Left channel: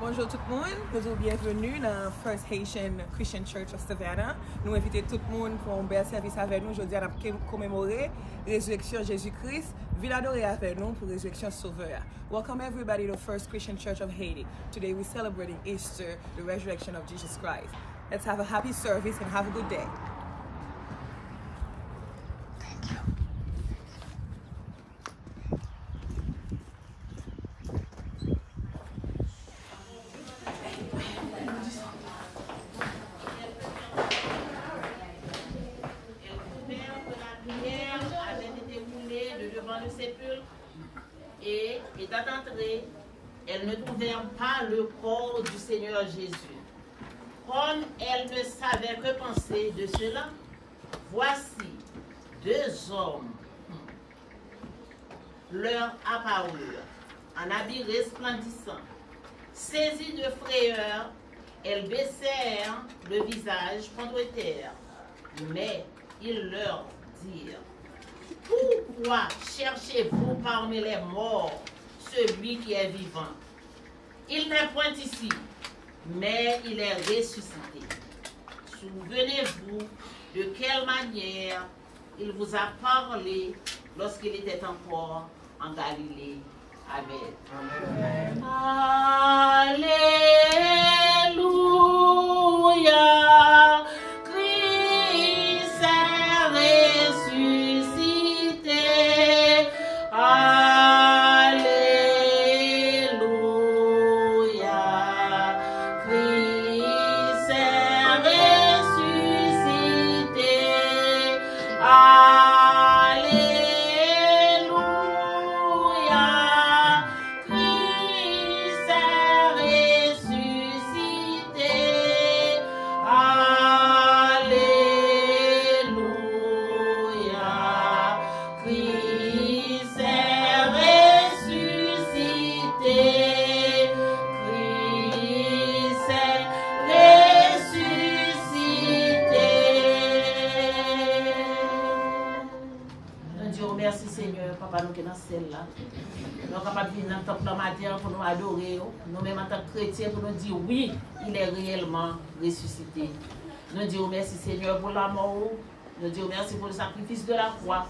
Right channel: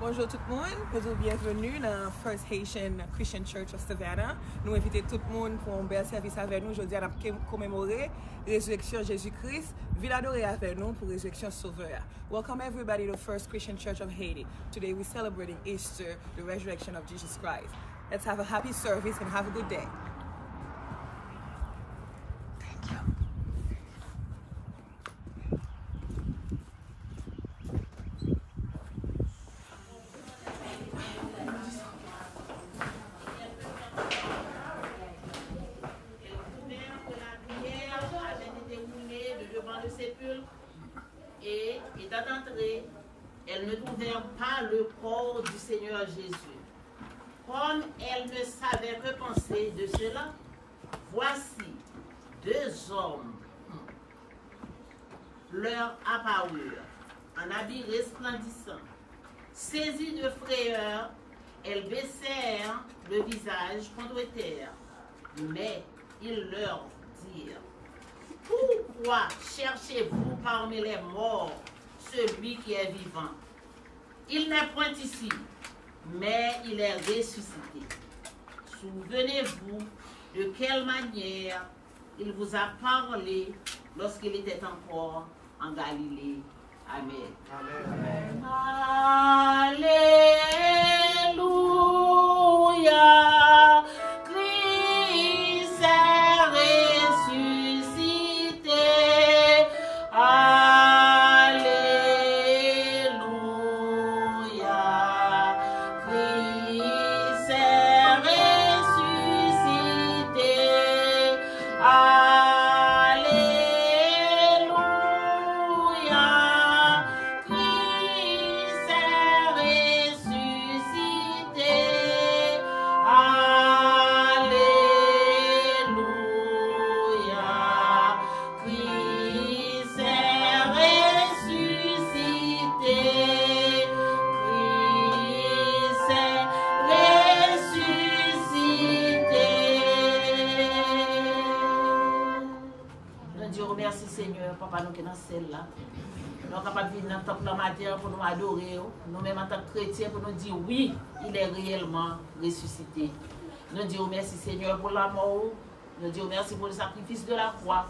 Bonjour tout le monde, bonjour, bienvenue dans la First Haitian Christian Church of Savannah. Nous invitons tout le monde pour un bel service avec nous. Aujourd'hui, on a commémoré la résurrection Jésus-Christ, ville adorée avec nous pour la résurrection sauveur. Welcome everybody to First Christian Church of Haiti. Today we're celebrating Easter, the resurrection of Jesus Christ. Let's have a happy service and have a good day. Thank you. Le sépulcre et étant entrée, elles ne trouvèrent pas le corps du Seigneur Jésus. Comme elles ne savaient que penser de cela, voici deux hommes leur apparurent en habits resplendissants. Saisies de frayeur, elles baissèrent le visage contre terre, mais ils leur dirent: pourquoi cherchez-vous parmi les morts celui qui est vivant? Il n'est point ici, mais il est ressuscité. Souvenez-vous de quelle manière il vous a parlé lorsqu'il était encore en Galilée. Amen. Amen. Alléluia. Christ est ressuscité. Alléluia. Christ est ressuscité. Alléluia. Christ est ressuscité. Alléluia. Christ est ressuscité. Christ est ressuscité. Nous disons merci Seigneur, Papa, nous qui sommes dans celle-là. Nous sommes capables de venir dans le temple matin pour nous adorer. Nous-mêmes en tant que chrétiens pour nous dire oui, il est réellement ressuscité. Nous disons merci Seigneur pour la mort. Nous disons merci pour le sacrifice de la croix.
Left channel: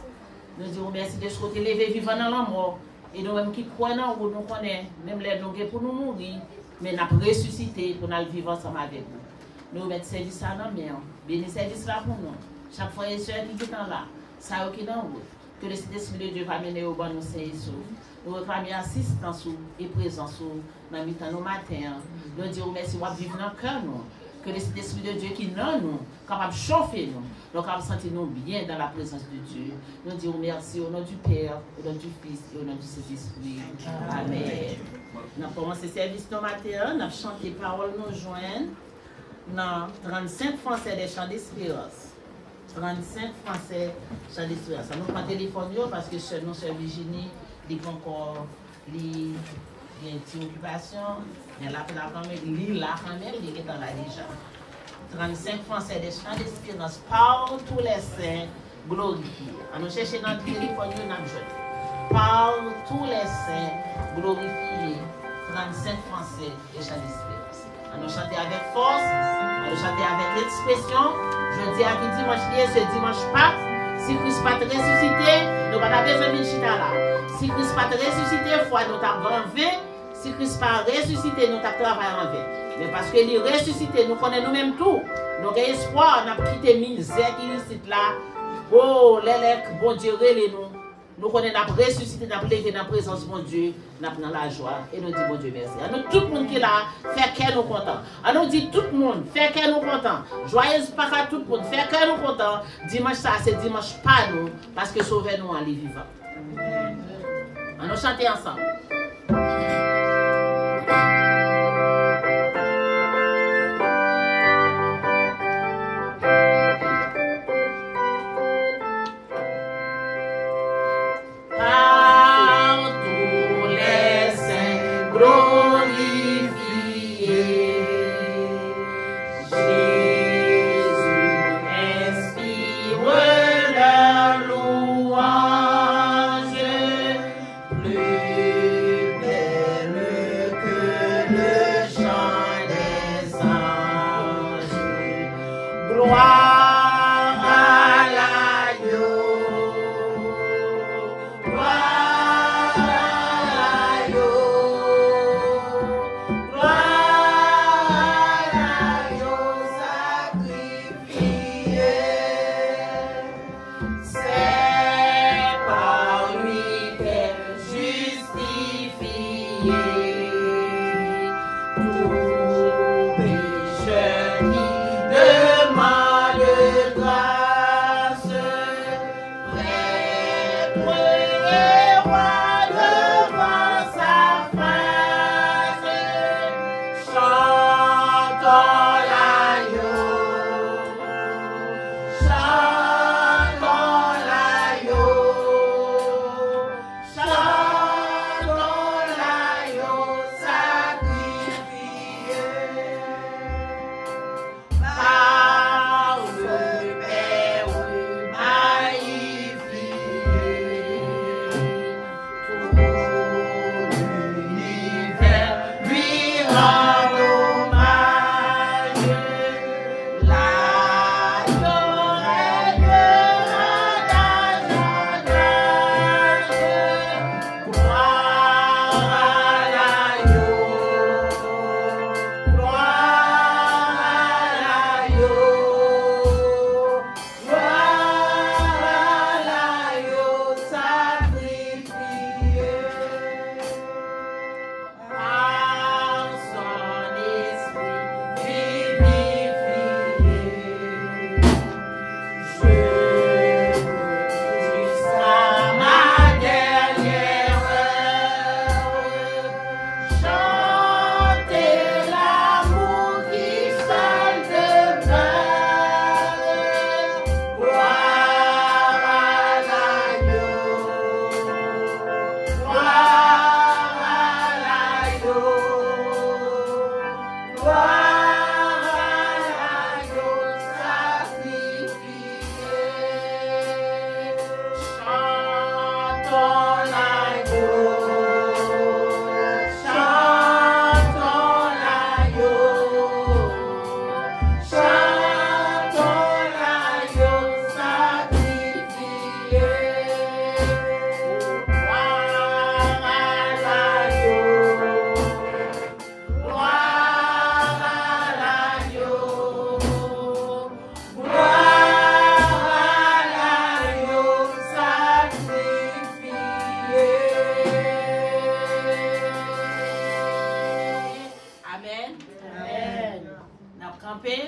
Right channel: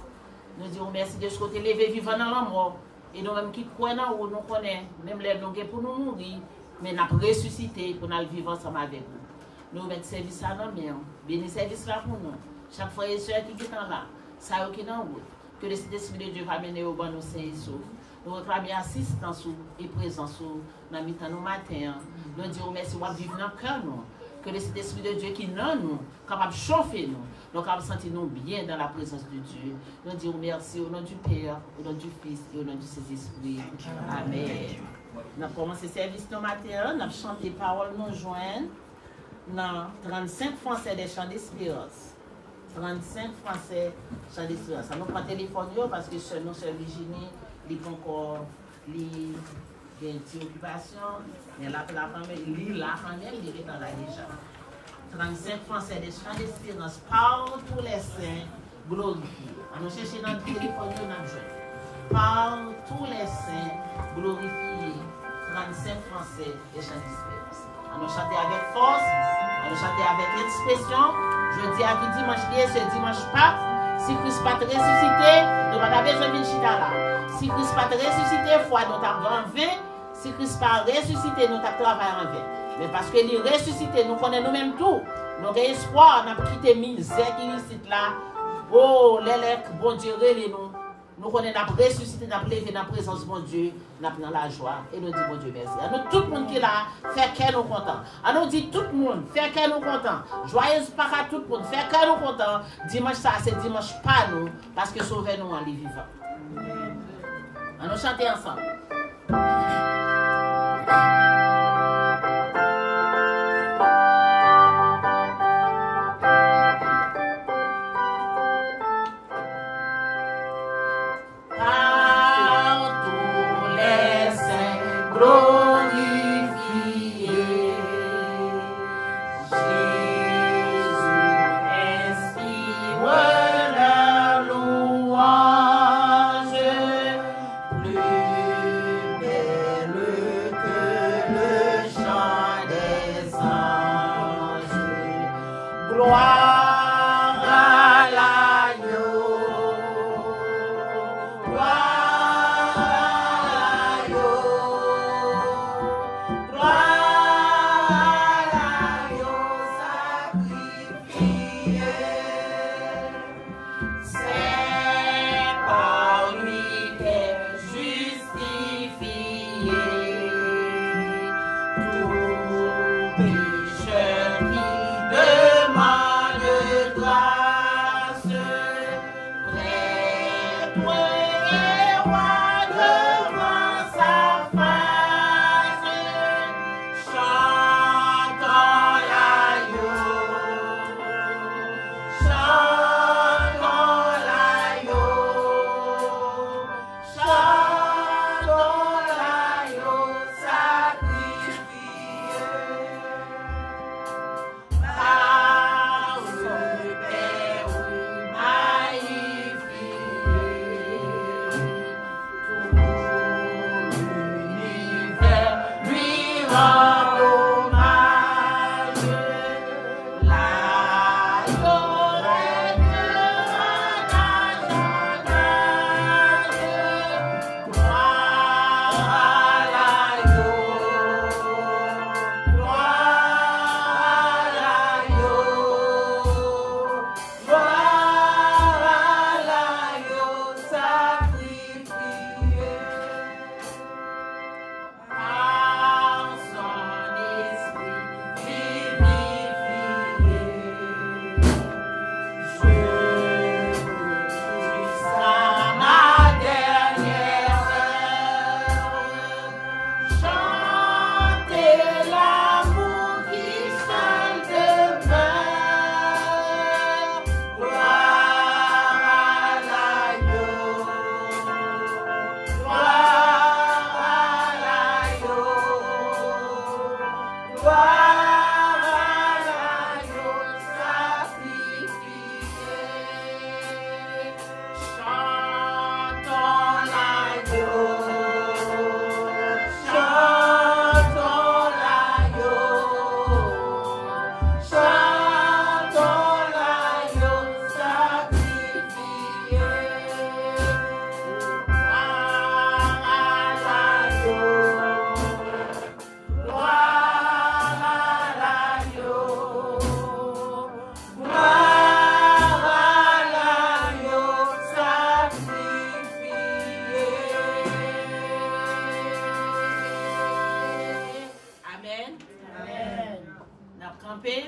Nous disons merci de ce côté levé vivant dans la mort. Et nous-mêmes qui croyons en vous, nous connaissons, même les nous pour nous mourir, mais nous avons ressuscité pour nous vivre ensemble avec vous. Nous mettons service à nos mains. Bénis service là pour nous. Chaque frère et soeur qui est là, ça qui est dans vous. Que le Saint-Esprit de Dieu va mener au bon nous saints et saufs. Nous réclamons assistance et présence dans le temps nos matins. Nous disons merci pour vivre dans le cœur nous. Que le Saint-Esprit de Dieu qui est dans nous, capable de chauffer nous, nous capable de sentir nous bien dans la présence de Dieu. Nous disons merci au nom du Père, au nom du Fils et au nom du Saint-Esprit. Amen. Nous avons commencé le service ce matin, nous avons chanté paroles nous joindre dans 35 Français des chants d'espérance. 35 Français chants d'espérance. Nous prenons le téléphone parce que nous sommes Virginie, il y a encore une petite occupation, il y a la quand même, il est dans la déjà. 35 Français des chants d'espérance par tous les saints glorifiés. Nous cherchons notre téléphone, nous avons joué. Par tous les saints glorifiés, 35 Français des chants d'espérance. Nous chantons avec force, nous chantons avec expression. Je dis à qui dimanche ce dimanche pas, si Christ pas ressuscité, nous n'avons pas besoin de chita là. Si Christ pas ressuscité, foi nous avons enlevé. Si Christ pas ressuscité, nous avons travaillé en vain. Mais parce que il est ressuscité, nous connaissons nous-mêmes tout. Nous avons espoir, nous avons quitté misère qui est ici là. Oh, les bon Dieu, nous. Nous connaissons nous ressuscité, nous avons levé dans la présence de mon Dieu, nous avons dans la joie. Et nous disons, bon Dieu, merci. À nous, tout le monde qui est là, fait qu'elle nous content. À nous dit tout le monde, fait qu'elle nous content. Joyeuse Pâques à tout le monde, fait qu'elle nous content. Dimanche, ça, c'est dimanche pas nous, parce que sauvez-nous en les vivant. À nous chanter ensemble. Par tous les saints glorifiés, Jésus inspire la louange, plus belle que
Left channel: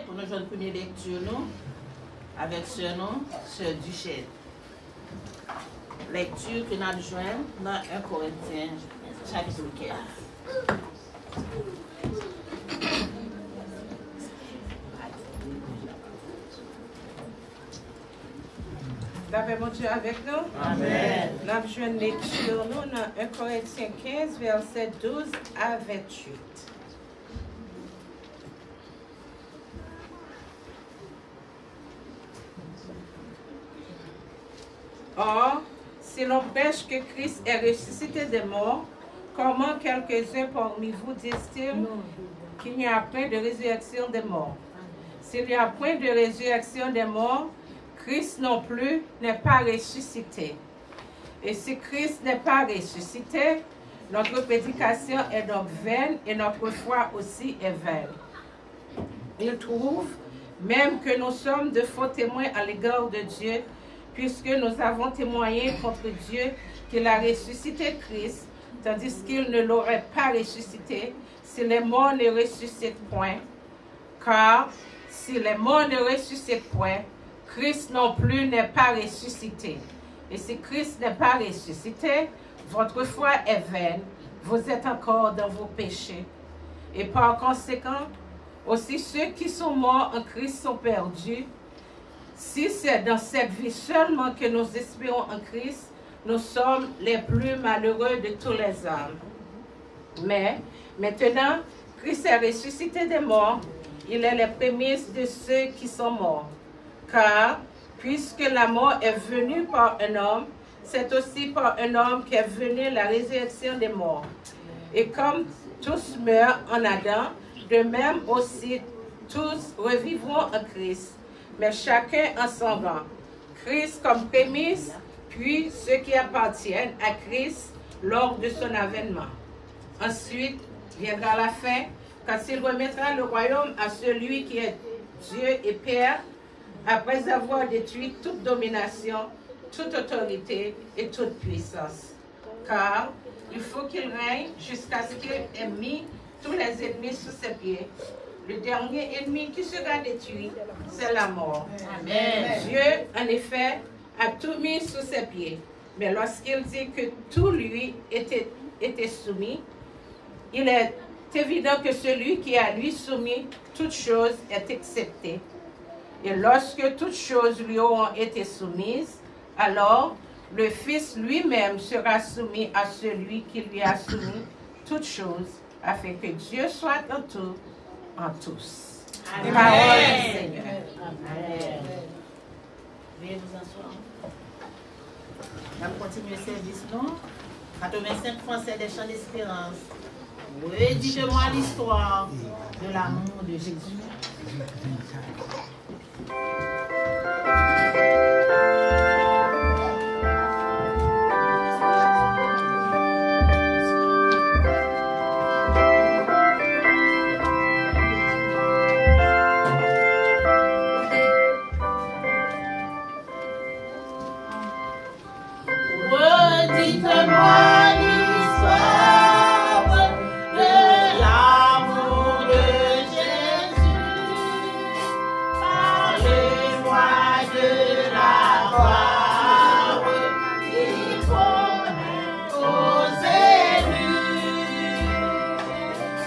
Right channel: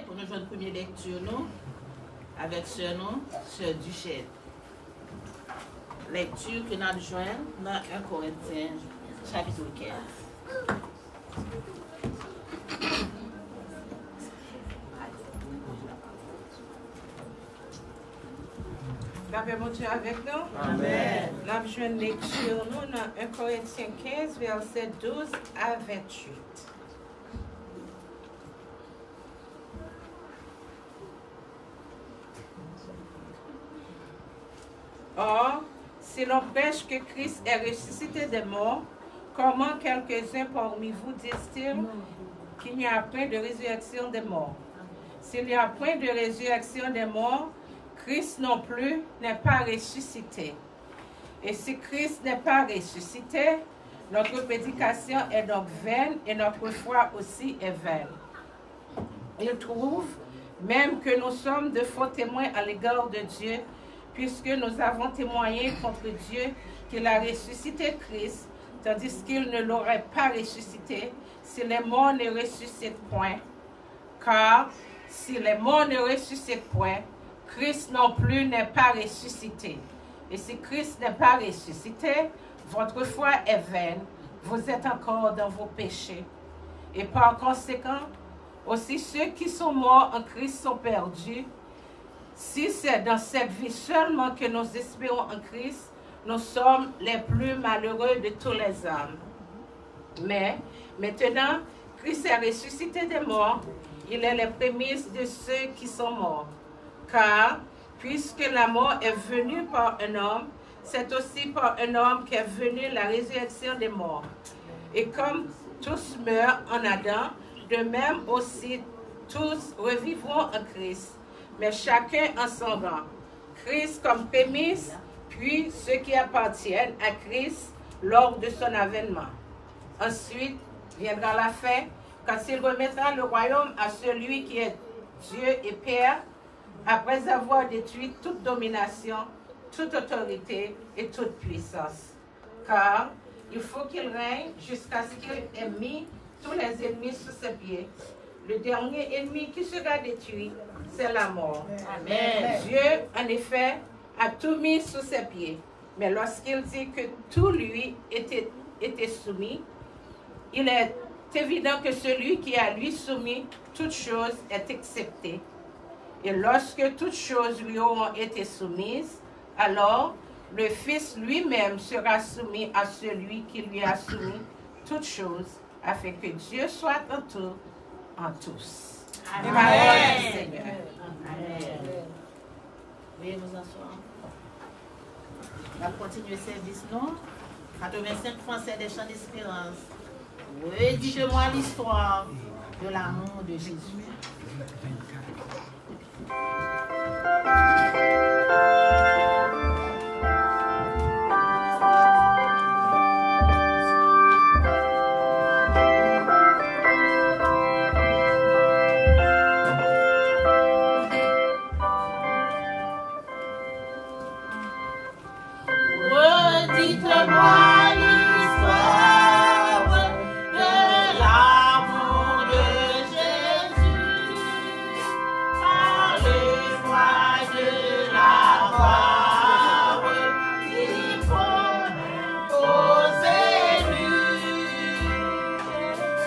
Pour nous jouer une première lecture nous, avec sœur nous, sœur Duchette. Lecture que nous avons joint dans 1 Corinthiens, chapitre 15. La paix, mon Dieu, avec nous. Amen. Nous avons joint une lecture nous dans 1 Corinthiens 15, verset 12 à 28. Or, si l'on prêche que Christ est ressuscité des morts, comment quelques-uns parmi vous disent-ils qu'il n'y a point de résurrection des morts? S'il n'y a point de résurrection des morts, Christ non plus n'est pas ressuscité. Et si Christ n'est pas ressuscité, notre prédication est donc vaine et notre foi aussi est vaine. Il trouve même que nous sommes de faux témoins à l'égard de Dieu, puisque nous avons témoigné contre Dieu qu'il a ressuscité Christ, tandis qu'il ne l'aurait pas ressuscité si les morts ne ressuscitent point. Car si les morts ne ressuscitent point, Christ non plus n'est pas ressuscité. Et si Christ n'est pas ressuscité, votre foi est vaine, vous êtes encore dans vos péchés. Et par conséquent, aussi ceux qui sont morts en Christ sont perdus. Si c'est dans cette vie seulement que nous espérons en Christ, nous sommes les plus malheureux de tous les hommes. Mais maintenant, Christ est ressuscité des morts, il est les prémices de ceux qui sont morts. Car, puisque la mort est venue par un homme, c'est aussi par un homme qu'est venue la résurrection des morts. Et comme tous meurent en Adam, de même aussi tous revivront en Christ, mais chacun en son rang. Christ comme prémisse, puis ceux qui appartiennent à Christ lors de son avènement. Ensuite viendra la fin, quand il remettra le royaume à celui qui est Dieu et Père, après avoir détruit toute domination, toute autorité et toute puissance. Car il faut qu'il règne jusqu'à ce qu'il ait mis tous les ennemis sous ses pieds. Le dernier ennemi qui sera détruit, c'est la mort. Amen. Dieu, en effet, a tout mis sous ses pieds. Mais lorsqu'il dit que tout lui était soumis, il est évident que celui qui a lui soumis toute chose est accepté. Et lorsque toutes choses lui auront été soumises, alors le Fils lui-même sera soumis à celui qui lui a soumis toutes choses, afin que Dieu soit en tout, en tous. Amen. Parole du Seigneur. Amen. Veuillez vous asseoir. On va continuer le service, non? 85 Français des Champs d'Espérance. Redites-moi l'histoire de l'amour de Jésus. Redites-moi l'histoire de l'amour de Jésus. Parlez-moi de la croix qu'il faut aux élus.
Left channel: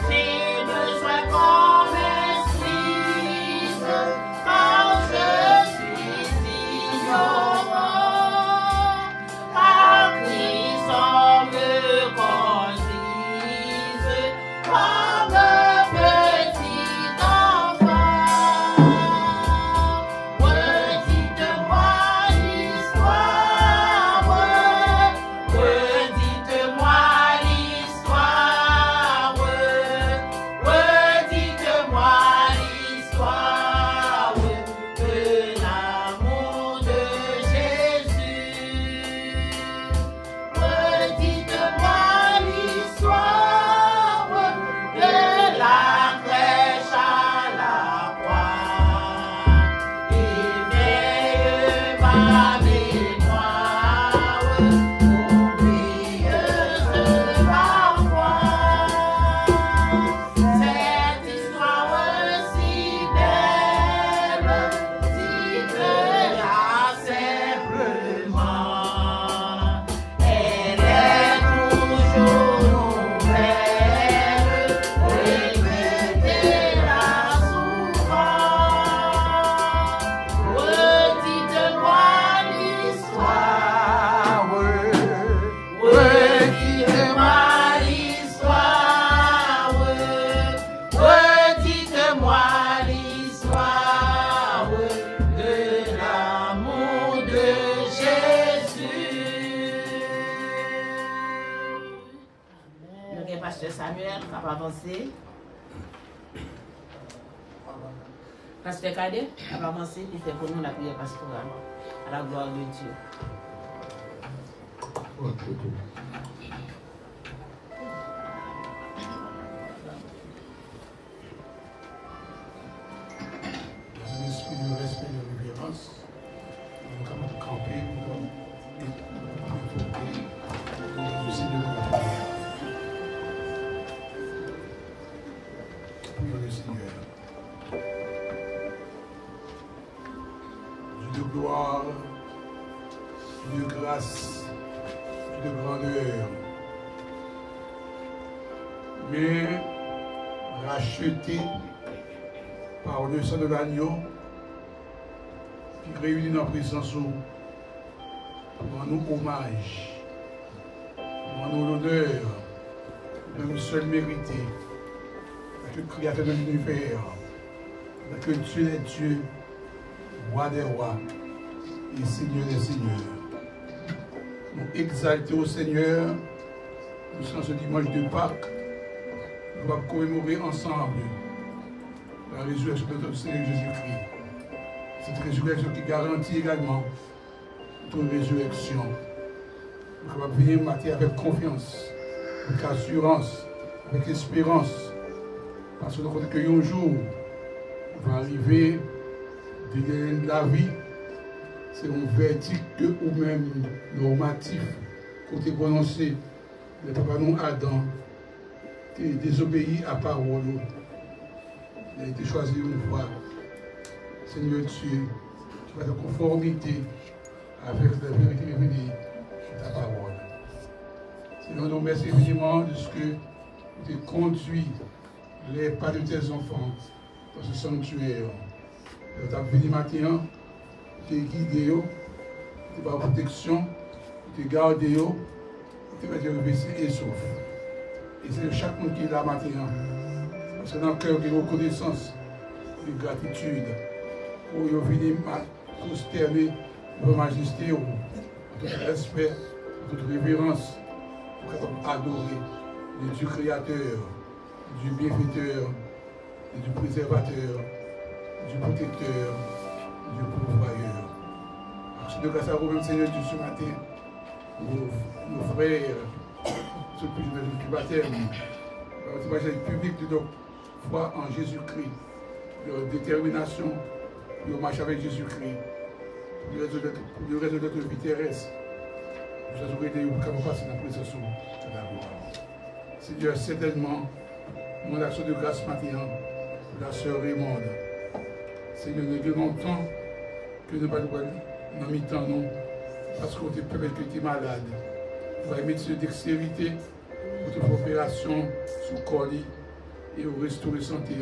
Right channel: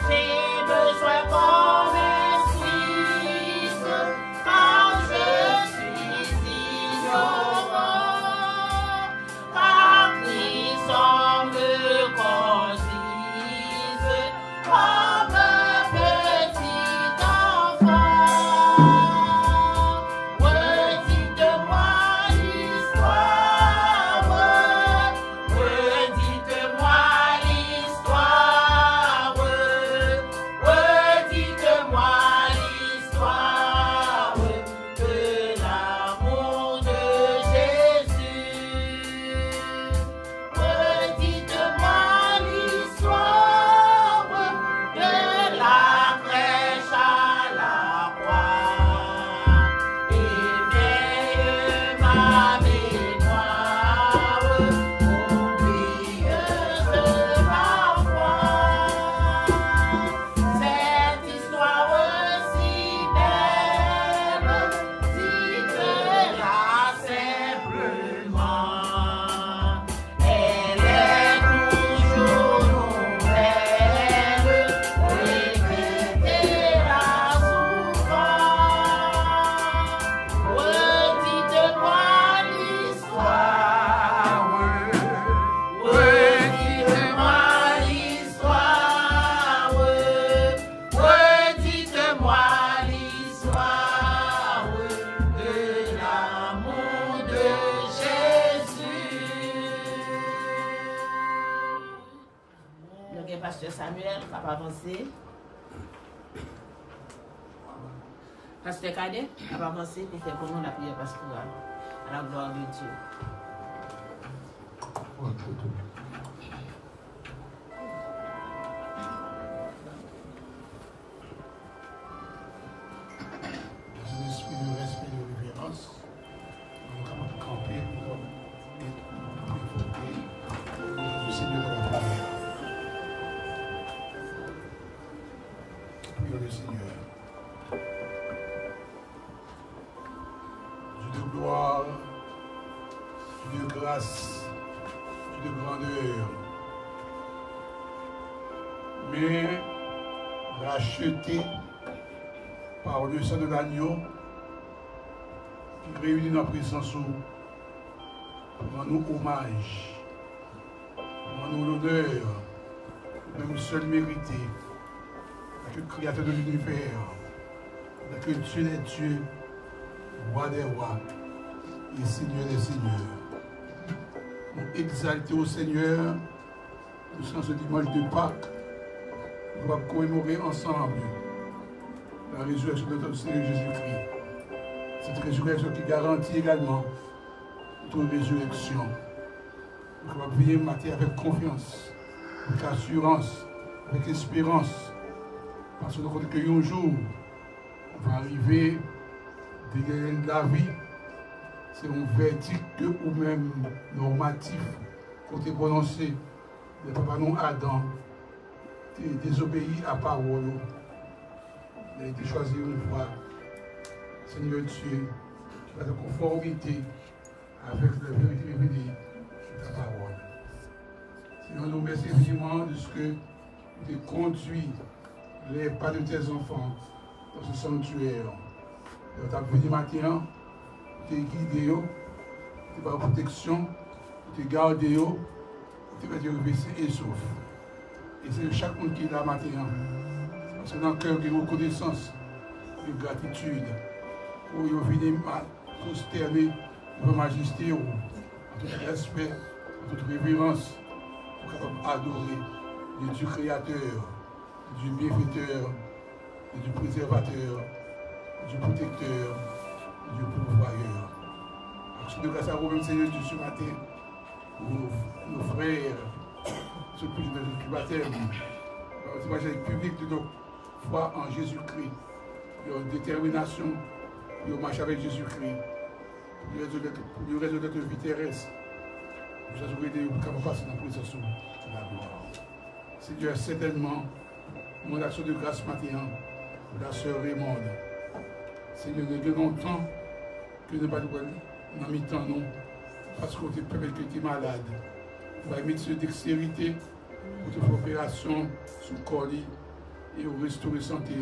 J'ai besoin qu'on m'explique quand je suis ignorant. Car Christ en me conduise comme un petit enfant. Redites-moi l'histoire. Redites-moi l'histoire. Redites-moi l'histoire de l'amour de Jésus. Redites-moi l'histoire de la crèche à la croix. Éveille ma mémoire, oublieuse parfois. Cette histoire si belle, dites-la simplement. Elle est toujours nouvelle, répétez-la souvent. Redites-moi l'histoire. Redites-moi l'histoire. Redites-moi l'histoire de l'amour de Jésus. Le pasteur Samuel, ça va avancer. Pasteur Cadet, ça va avancer, puis c'est pour nous la prière pastorale. À la gloire de Dieu. Dans un esprit de respect et de révérence, nous sommes capables de camper pour évoquer le Seigneur de la prière. Prions le Seigneur. Dieu de gloire, Dieu de grâce, Dieu de grandeur, mais racheté par le sang de l'agneau qui réunit dans la présence où rend-nous hommage, rend-nous l'honneur, même seul mérité, avec le Créateur de l'univers, avec le Dieu des dieux, Roi des rois et Seigneur des seigneurs. Nous exaltons au Seigneur, nous sommes ce dimanche de Pâques, nous allons commémorer ensemble la résurrection de notre Seigneur Jésus-Christ. Cette résurrection qui garantit également notre résurrection. Nous allons venir matin avec confiance, avec assurance, avec espérance, parce que nous connaissons qu'un jour va arriver de la vie, c'est un verdict ou même normatif côté prononcé de papa non Adam qui désobéit à parole. Il a été choisi une fois, Seigneur Dieu, qui va être en conformité avec la vérité révélée de ta parole. Seigneur, nous remercions infiniment de ce que tu as conduit les pas de tes enfants dans ce sanctuaire. Tu as venu matin, tu as guidé, tu as protection, tu as gardé, tu as revêtu et sauf. Et c'est chaque monde qui est là matin. Parce que dans le cœur, il y a une reconnaissance, une gratitude. Pour venir prosterner devant majesté, en tout respect, en toute révérence, pour adorer le Dieu créateur. du bienfaiteur, et du préservateur, du protecteur, du pourvoyeur. Action de grâce à vous, même Seigneur Dieu, ce matin, pour nos frères, ceux qui sont dans le baptême, par le témoignage public de leur foi en Jésus-Christ, leur détermination, leur marche avec Jésus-Christ, pour le reste de notre vie terrestre. Nous avons aidé pour passer dans la présence de la gloire. Seigneur, certainement, mon action de grâce matin, pour la sœur Raymonde. Seigneur, nous avons longtemps que nous ne pas dans mi-temps, non, parce qu'on te permet que tu es malade. Vous allez mettre dextérité pour te faire opération sous colis et au restaurer santé.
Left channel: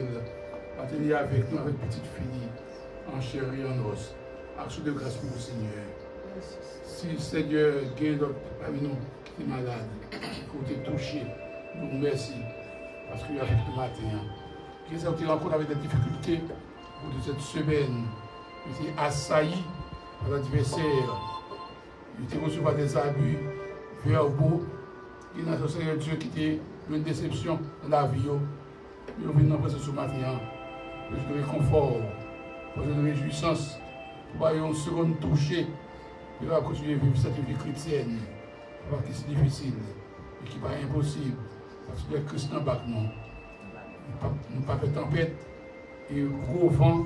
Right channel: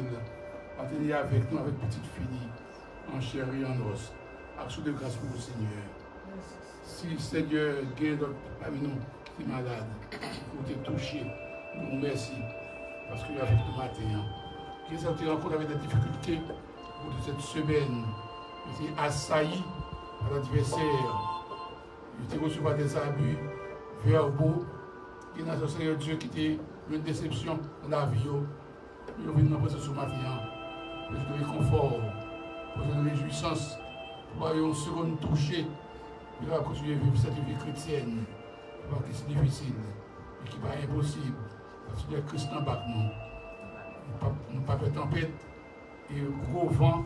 Attendez avec nous, avec petite fille, en chair et en os. Action de grâce pour le Seigneur. Si Seigneur gagne d'autres parmi nous qui est malade, pour te toucher, nous merci. Parce qu'il y a avec le matin. Qui est sorti rencontre avec des difficultés pour cette semaine. Il était assailli par l'adversaire. Il était reçu par des abus verbaux. Il y a un Seigneur Dieu qui était une déception dans la vie. Il est venu dans ce matin. Je te réconfort, pour une réjouissance, pour avoir une seconde touchée. Il va continuer à vivre cette vie chrétienne. Parce que c'est difficile et qui n'est pas impossible. Parce que le Christ en bas nous. Nous ne pas faire tempête et gros vent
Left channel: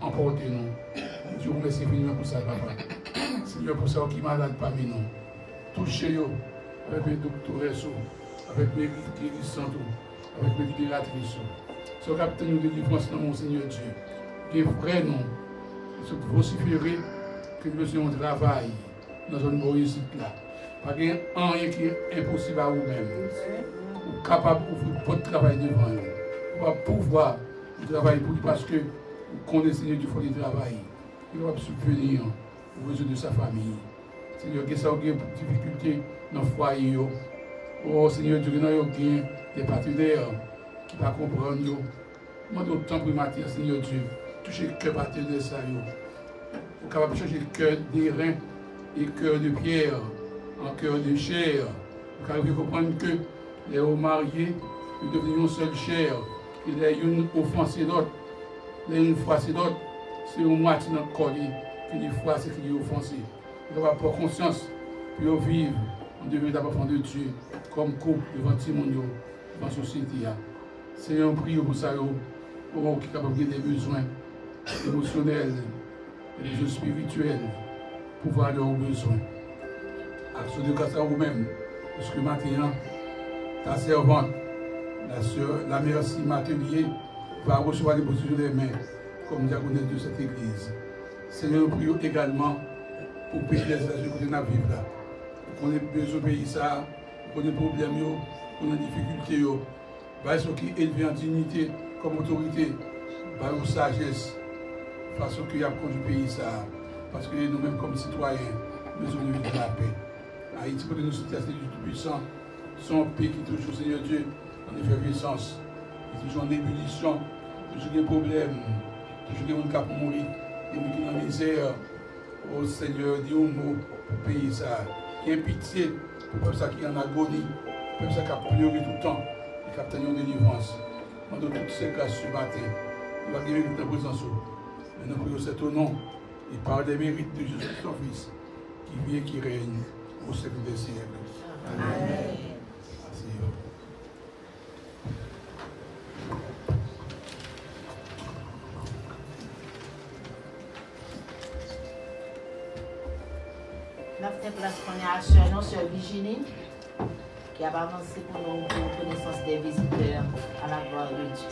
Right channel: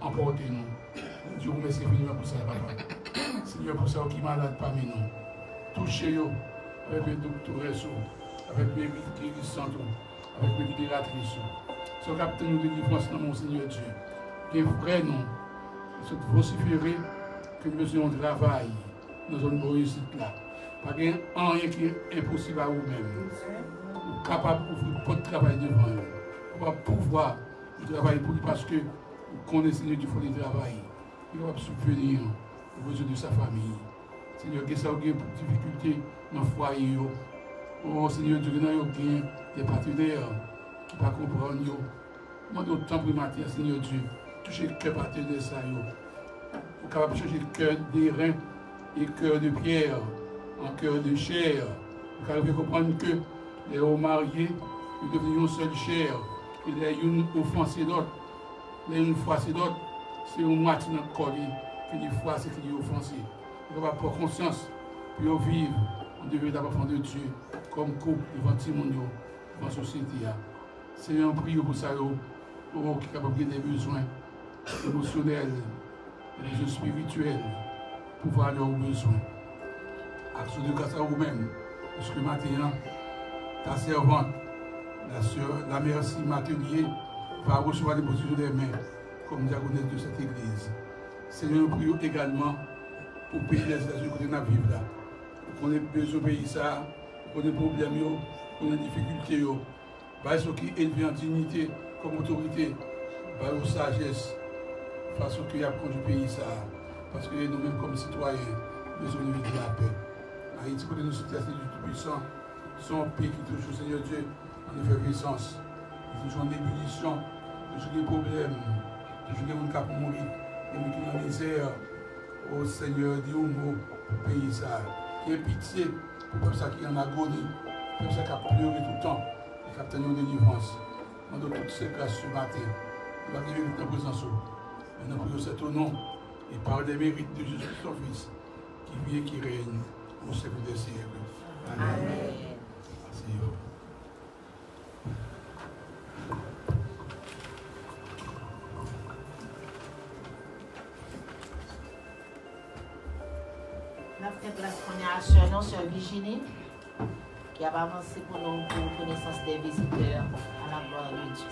emporter nous. Dieu vous remercie infiniment pour ça, papa. Seigneur, pour ça qui est malade parmi nous. Touchez-vous avec mes docteurs, avec mes guérissants, avec mes libératrices. Ce capitaine de délivrance dans mon Seigneur Dieu. Qui est vrai, non. Se vociférer que nous besoin de travail dans une réussite là. Pas rien qui est impossible à vous-même. Vous êtes capable d'ouvrir votre travail devant vous. Vous allez pouvoir travailler pour lui parce que vous connaissez Seigneur du fond du travail. Il va subvenir aux besoins de sa famille. Seigneur, que ça a des difficultés dans le foyer. Oh Seigneur, Dieu, nous avons des partenaires qui ne comprennent pas. Demandez autant pour matin, Seigneur Dieu, toucher le cœur partenaire ça. Vous êtes capable de changer le cœur des reins et le cœur de pierre en cœur de chair. Vous êtes capable de comprendre que les hauts mariés, ils deviennent une seule chair. Il y a une offense et l'autre. Il y a une fois c'est l'autre. C'est une moitié dans le corps qui est fois c'est qui est offensé. Vous avez pas conscience pour vivre en devenir d'abord de Dieu comme couple devant tout le monde, devant la société. Seigneur, on prie pour ça, qui est capable de des besoins émotionnels, des besoins spirituels, pour voir leurs besoins. Action de grâce à vous-même, parce que maintenant, ta servante, la merci Matelier, va recevoir des positions des mains comme diaconesse de cette église. Seigneur, nous prions également pour payer les situations que nous vivons là. Pour qu'on ait besoin de payer ça, pour qu'on ait des problèmes, pour qu'on ait des difficultés. Par ce qui est élevé en dignité comme autorité, par la sagesse, face au qui a conduit le pays ça. Parce que nous-mêmes comme citoyens, nous avons besoin de la paix. Haïti, pour que nous soyons du Tout-Puissant, son pays qui touche le Seigneur Dieu en effervescence, qui touche en ébullition, toujours des problèmes, toujours des gens qui ont mourir, des gens qui ont la misère. Au Seigneur, dis un mot pour le pays ça. Qui ait pitié pour ça qui est en agonie, pour ça qui a pleuré tout le temps. Qui a obtenu une délivrance. Pendant toutes ces grâces ce matin, nous allons guérir notre présence. Et nous prions cet au nom et par les mérites de Jésus son Fils, qui vit et qui règne au siècle des siècles. Amen. Merci. La fait place qu'on est à Sœur, non, Sœur Virginie, qui a avancé pour nous pour connaissance des visiteurs à la gloire de Dieu.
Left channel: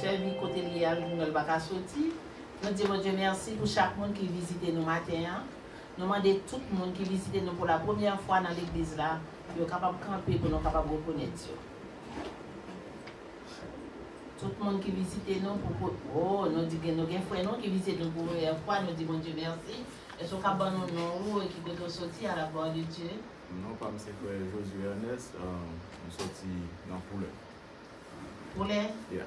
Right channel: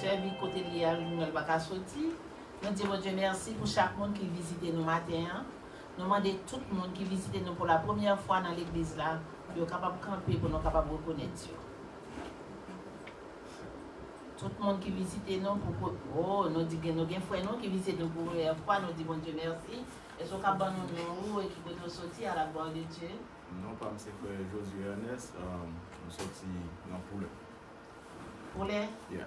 Servi côté lié, nous ne pas sortir. Nous disons Dieu merci pour chaque monde qui visite nous matin. Nous demandons tout le monde qui visite nous pour la première fois dans l'église là, de capable de camper pour nous capable de reconnaître Dieu. Tout le monde qui visite nous, nous disons nos frères qui visitent nous pour la première fois, nous disons bon Dieu merci. Est-ce qu'on a nous et qui nous sorti à la gloire de Dieu? Non, pas M. Frère Josué Ernest, nous sortis dans Poulet. Poulet? Yeah.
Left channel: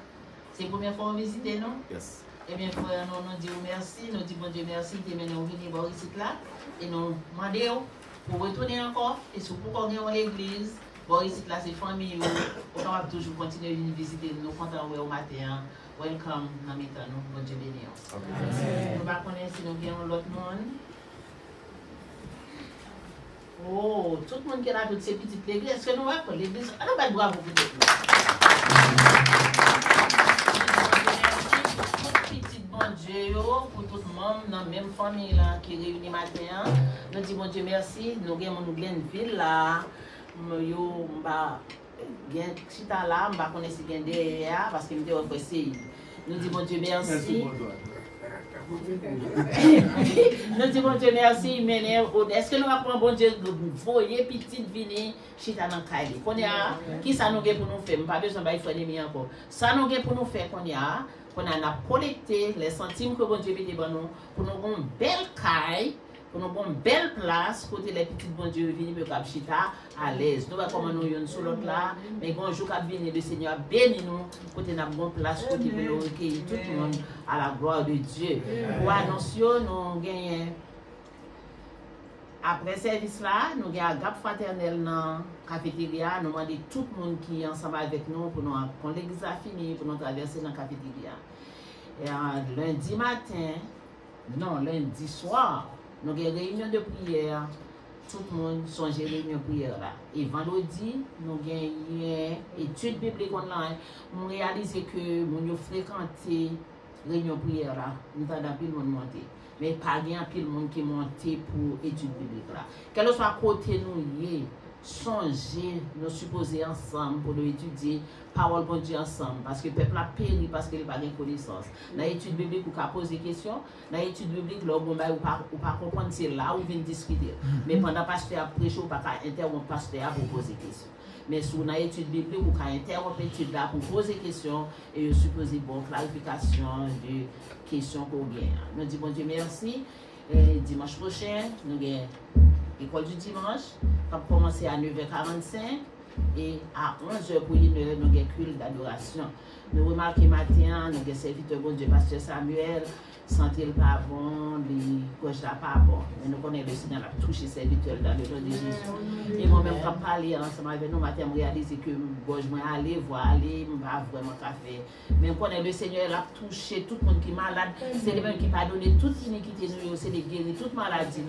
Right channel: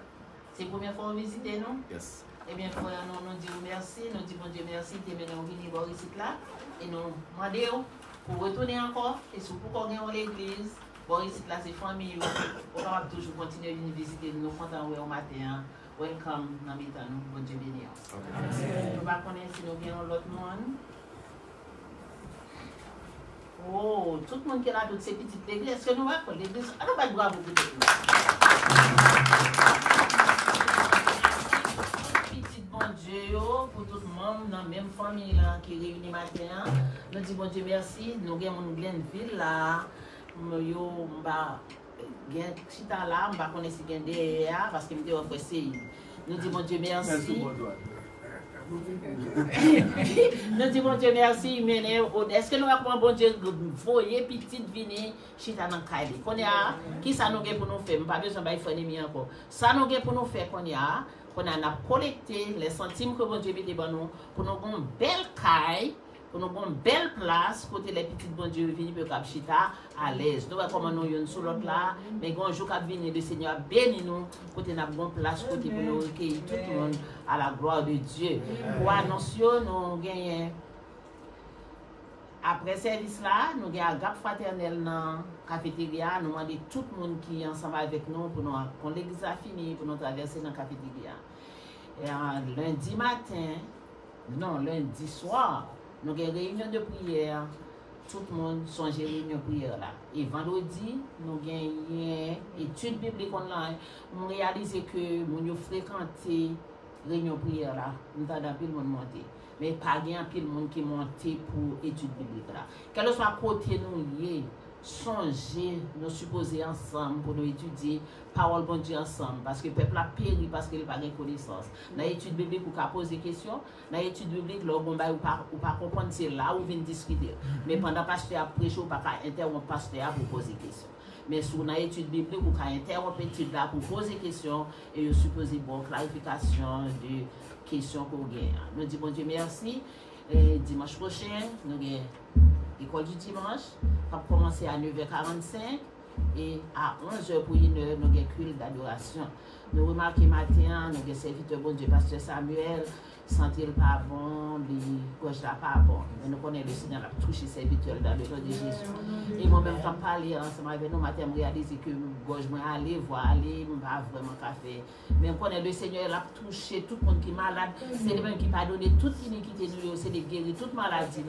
C'est la première fois que vous visitez nous? Yes. Eh bien, frère, nous disons merci, nous disons bon Dieu merci, de nous venir voir ici là, et nous demandons pour retourner encore, et si vous pouvez dans l'église, voir ici là, c'est famille, vous pouvez toujours continuer à venir visiter, nous comptons au matin, welcome dans mes temps, nous, bon Dieu béni. Ok, merci. Nous ne connaissons si nous avons l'autre monde. Oh, tout le monde qui a toutes ces petites églises, est-ce que nous avons l'église? Alors, ben, bravo pour tout le monde. Petit bon Dieu, pour tout le monde, dans la même famille là, qui réunit matin. Nous disons bon Dieu merci. Nous avons une ville là. Yo, gen chita là, on va connaître si gen derrière parce que nous avons fait. Nous disons bon Dieu merci. Nous disons bon Dieu merci, mais est-ce que nous avons bon Dieu voyer petite vini chita dans Kaili? Qu'on y a qui ça nous a pour nous faire? Pas besoin de faire les encore. Ça nous a pour nous faire qu'on a collecté les centimes que bon Dieu met devant nous pour nous avoir une belle caille, pour nous avoir une belle place côté les petites bon Dieu venir pour cap chita à l'aise. Nous va comment nous yon sur l'autre là, mais quand jour cap venir le Seigneur béni nous côté n'a bonne place côté pour nous recueillir tout le monde à la gloire de Dieu. Pour annoncer nous gagnons après service là, nous avons un gap fraternel dans la cafétéria. Nous demandons tout le monde qui est ensemble avec nous pour nous, quand l'église a fini, pour nous traverser dans la cafétéria. Et lundi matin, non, lundi soir, nous avons une réunion de prière. Tout le monde songe réunion de prière là. Et vendredi, nous avons une étude biblique online. Nous avons réalisé que nous avons fréquenté la réunion de prière là. Nous avons plus le monde monter. Mais pas bien pile monde qui monte pour études bibliques là. Quel que soit côté nous y songer, nous supposer ensemble pour nous étudier parole bon Dieu ensemble parce que le peuple a péri parce qu'il n'a pas de connaissance. Dans l'étude biblique, vous pouvez poser des questions. Dans l'étude biblique, vous ne pouvez pas comprendre c'est là où vous venez discuter. Mais pendant le pasteur a prêché, vous ne pouvez pas interrompre le pasteur pour poser des questions. Mais sur une étude biblique, vous pouvez interrompre l'étude là pour poser des questions et vous supposez bonne clarification de questions qu'on gagne. Nous disons bon Dieu merci. Et dimanche prochain, nous avons l'école du dimanche. On va commencer à 9h45 et à 11h pour une heure, nous avons culte d'adoration. Nous remarquons matin, nous avons serviteur bon Dieu, pasteur Samuel, santé le pas bon, les gauche là pas bon. Mais nous connaissons le Seigneur a touché serviteur dans le nom de Jésus. Et moi-même, quand je parlais ensemble avec nous, matin, je réalisais que gauche, je aller voir, aller, je ne vais pas vraiment café. Mais je connais le Seigneur a touché tout le monde qui est malade. C'est lui-même qui m'a donné toute iniquité, c'est de guérir toute maladie.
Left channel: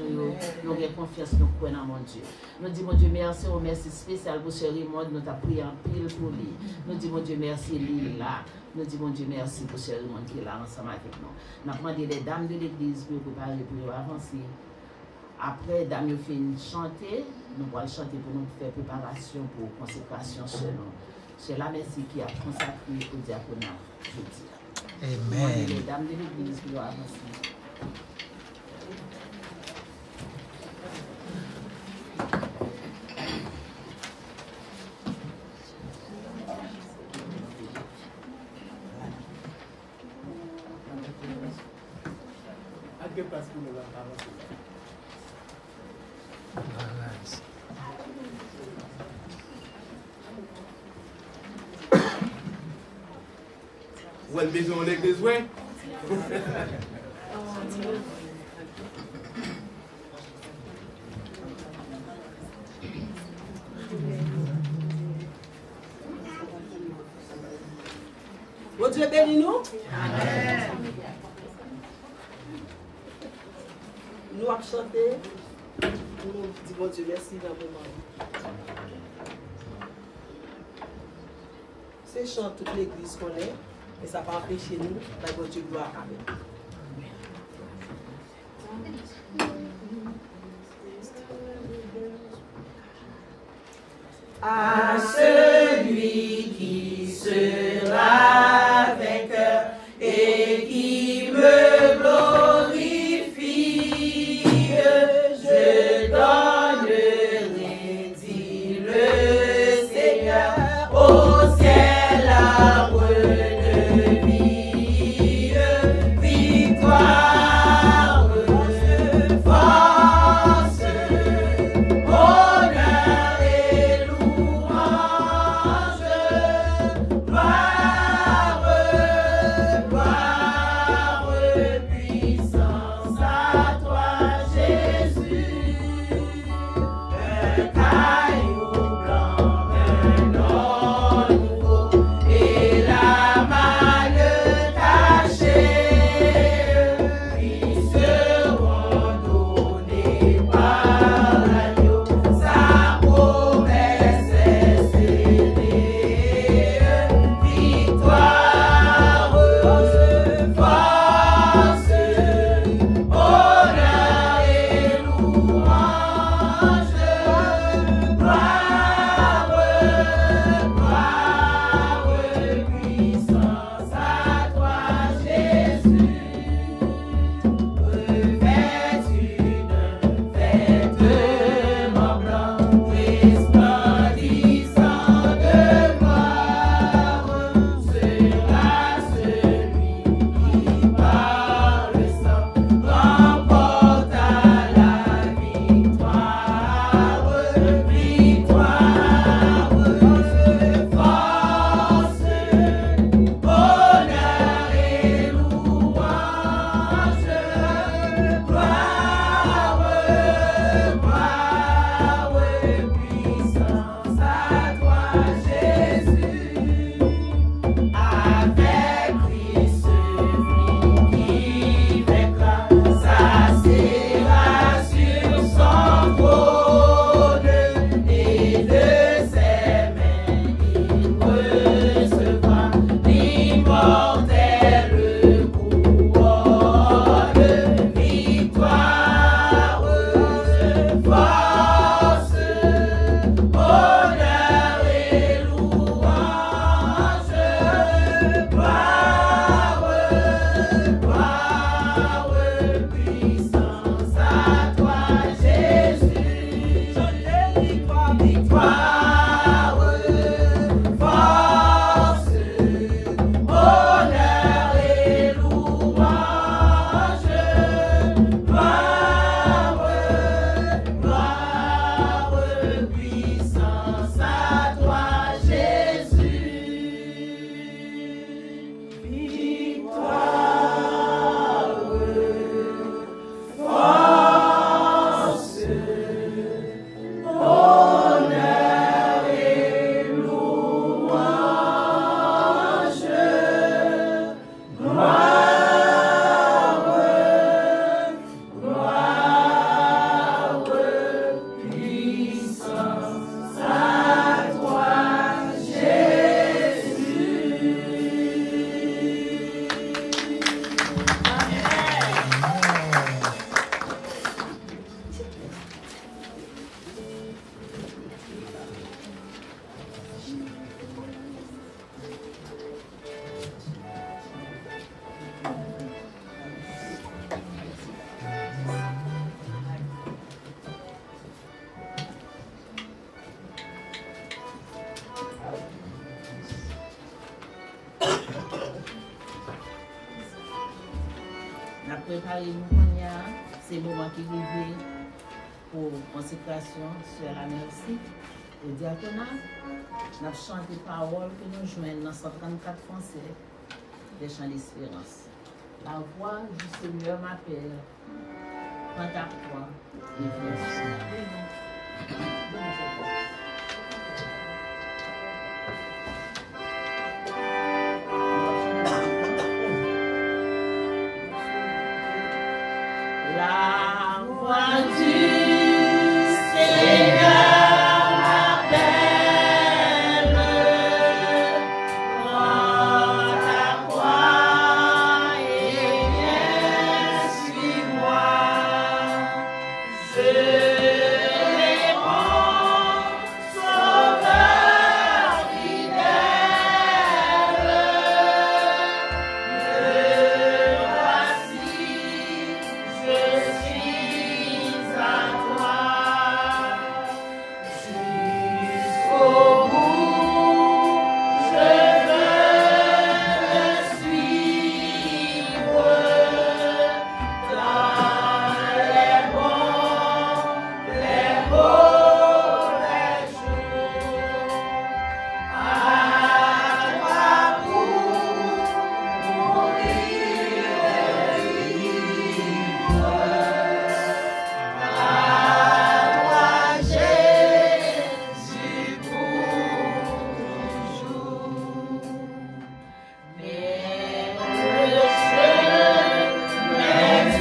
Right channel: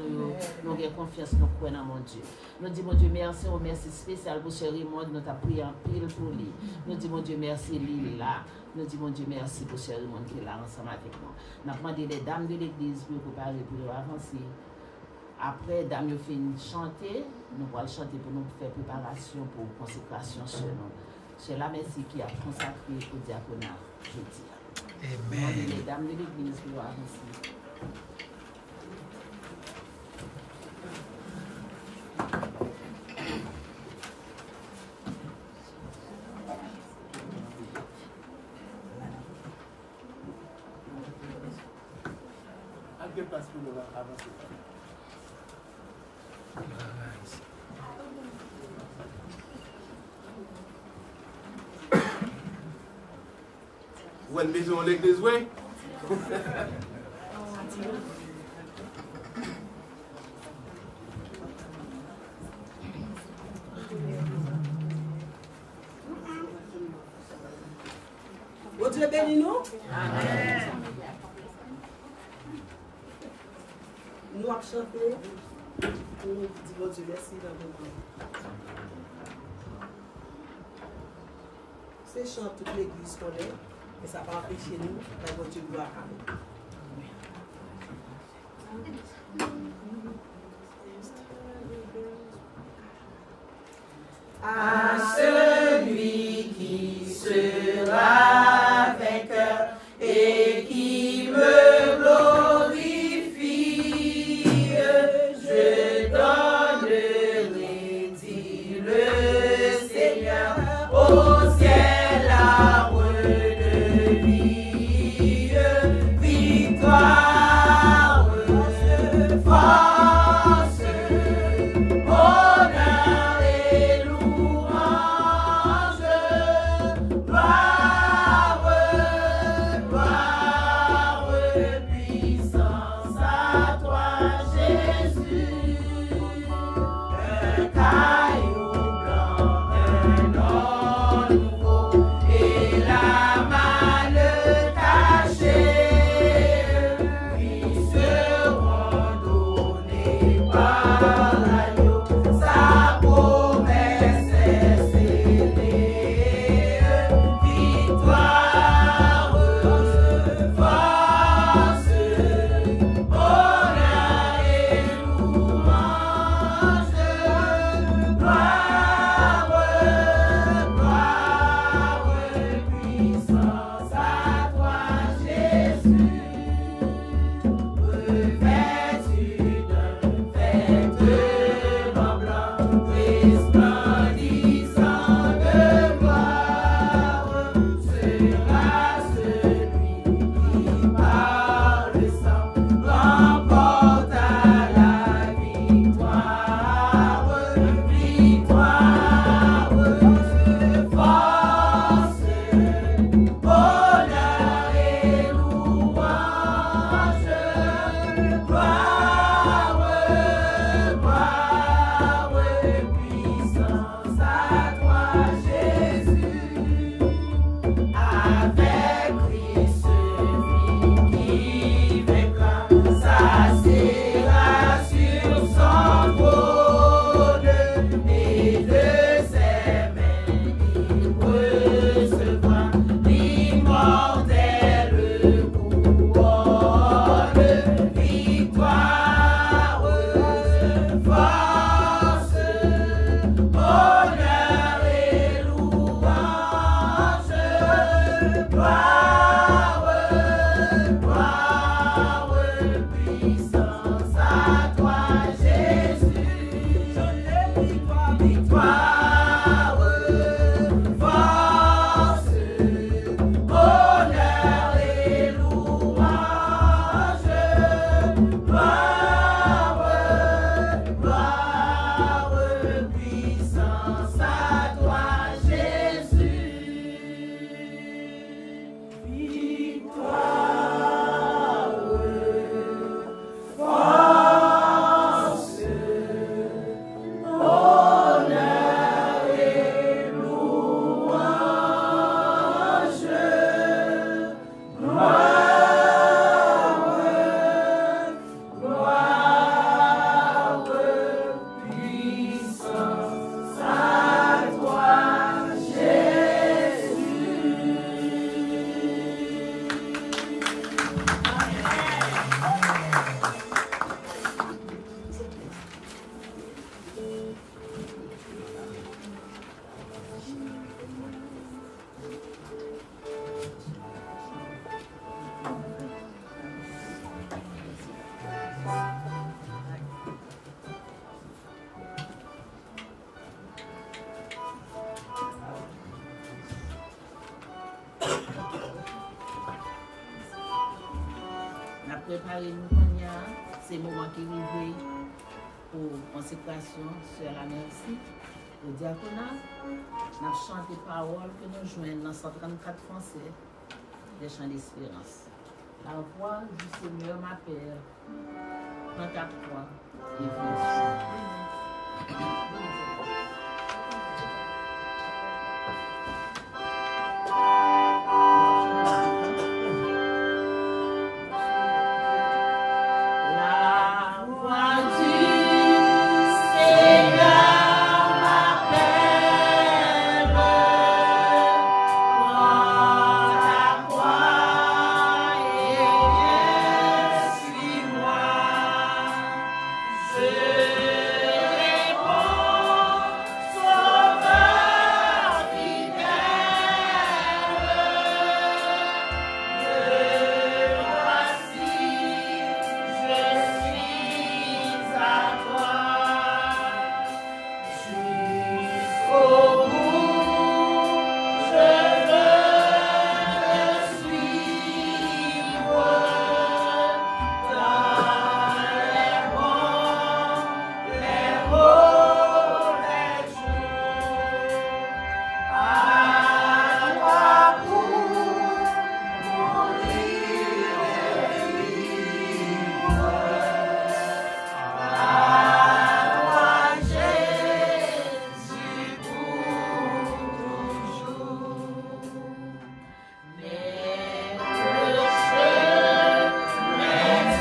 Nous avons confiance, nous croyons dans mon Dieu. Nous disons, mon Dieu, merci, un merci spécial pour ce Raymond, nous avons prié en pile pour lui. Nous disons, mon Dieu, merci, lui là. Nous disons, mon Dieu, merci pour ce Raymond qui est là ensemble avec nous. Nous avons demandé les dames de l'église pour préparer pour avancer. Après, dames ont fini chanter, nous allons chanter pour nous faire préparation pour consécration selon. C'est la merci qui a consacré au diaconat jeudi. Amen. Les dames de l'église pour avancer. Vous avez besoin de l'église, oui? Bon Dieu bénis nous. Amen. Nous allons chanter. Nous disons bon Dieu merci dans le moment. C'est chant toute l'église qu'on est. Et ça va empêcher nous d'avoir Dieu gloire avec. À celui qui sera vainqueur et qui me glorifie, je donnerai, dit le Seigneur, au ciel l'arbre de préparez-nous qu'on y a ces moments qui arrivent pour consécration sur la merci. Au diaconat, nous avons chanté paroles que nous joignons dans 134 français des chants d'espérance. La voix du Seigneur m'appelle. Prends ta croix et viens. La voix du Seigneur m'appelle. Prends ta croix et viens, suis-moi. Je réponds, Sauveur fidèle. Me voici, je suis à toi. Jusqu'au bout, je veux te suivre dans les bons, les mauvais jours. À toi pour mourir et vivre. À toi, Jésus, pour toujours. Mais le chemin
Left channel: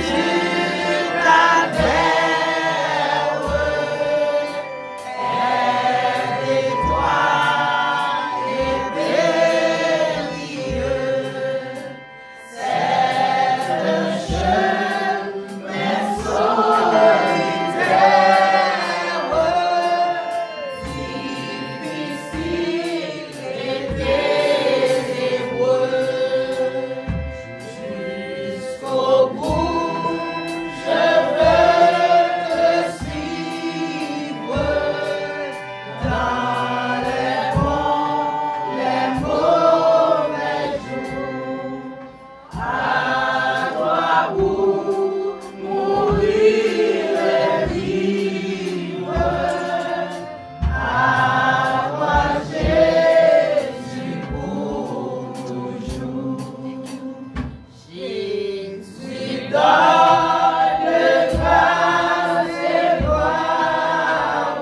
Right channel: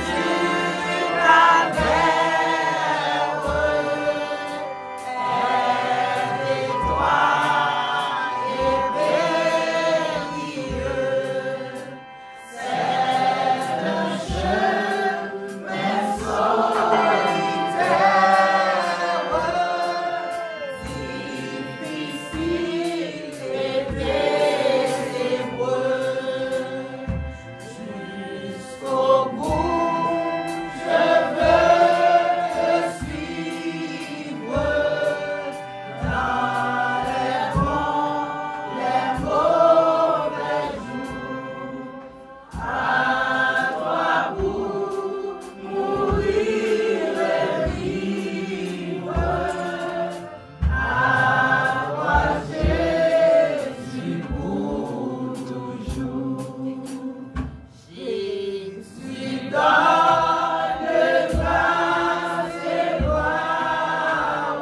du calvaire est étroit et périlleux. C'est un chemin solitaire, difficile et ténébreux. Jusqu'au bout, je veux te suivre dans les bons, les mauvais jours. À toi pour mourir et vivre. À toi, Jésus, pour toujours. Jésus donne grâce et gloire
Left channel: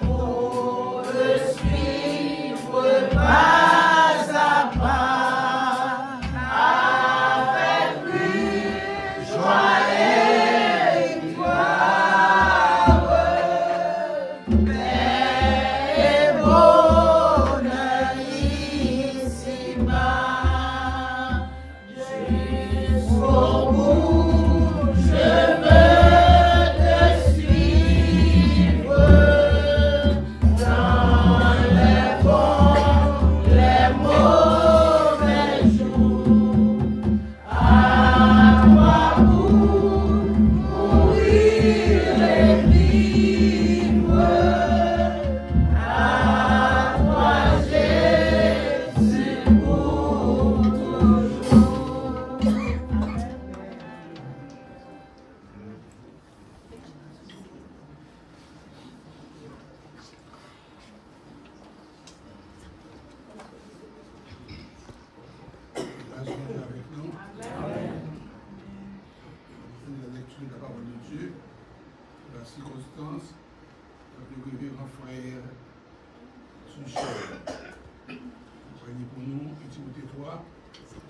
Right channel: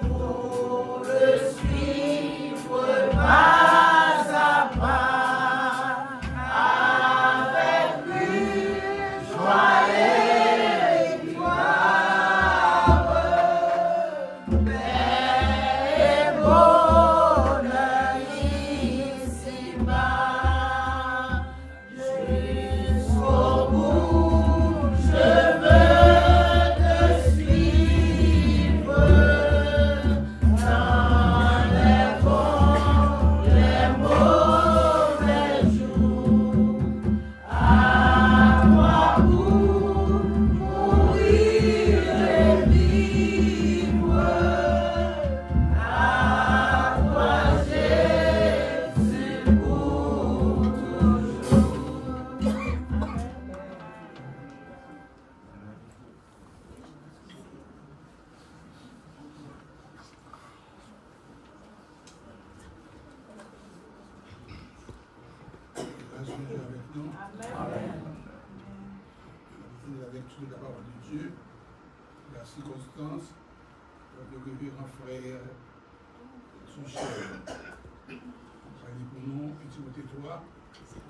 pour le suivre pas à pas. Avec lui, joie et victoire. Paix et bonheur ici-bas. Jusqu'au bout, je veux te suivre dans les bons, les mauvais jours. À toi pour mourir et vivre. À toi, Jésus, pour toujours. Grâce soit avec nous. La lecture de la parole de Dieu, la circonstance de révérend frère Suchel. Prenez pour nous, et Timothée 3,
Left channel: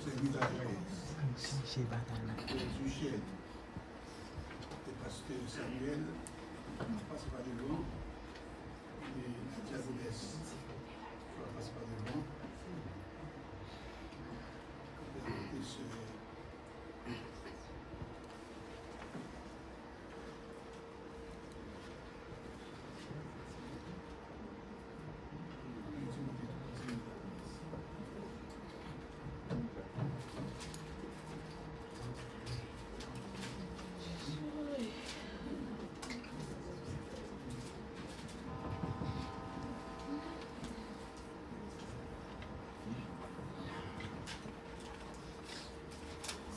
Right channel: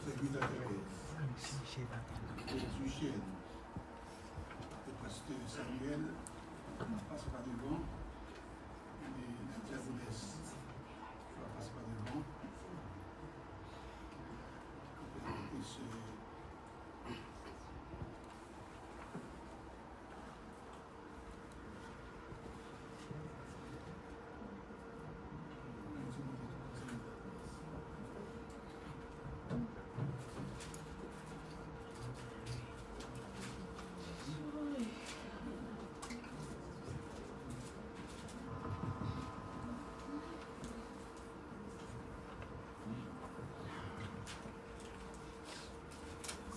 serviteur 13. Frère Suchel, le pasteur Samuel, passe par devant, et la diaconesse, passe par devant. Et ce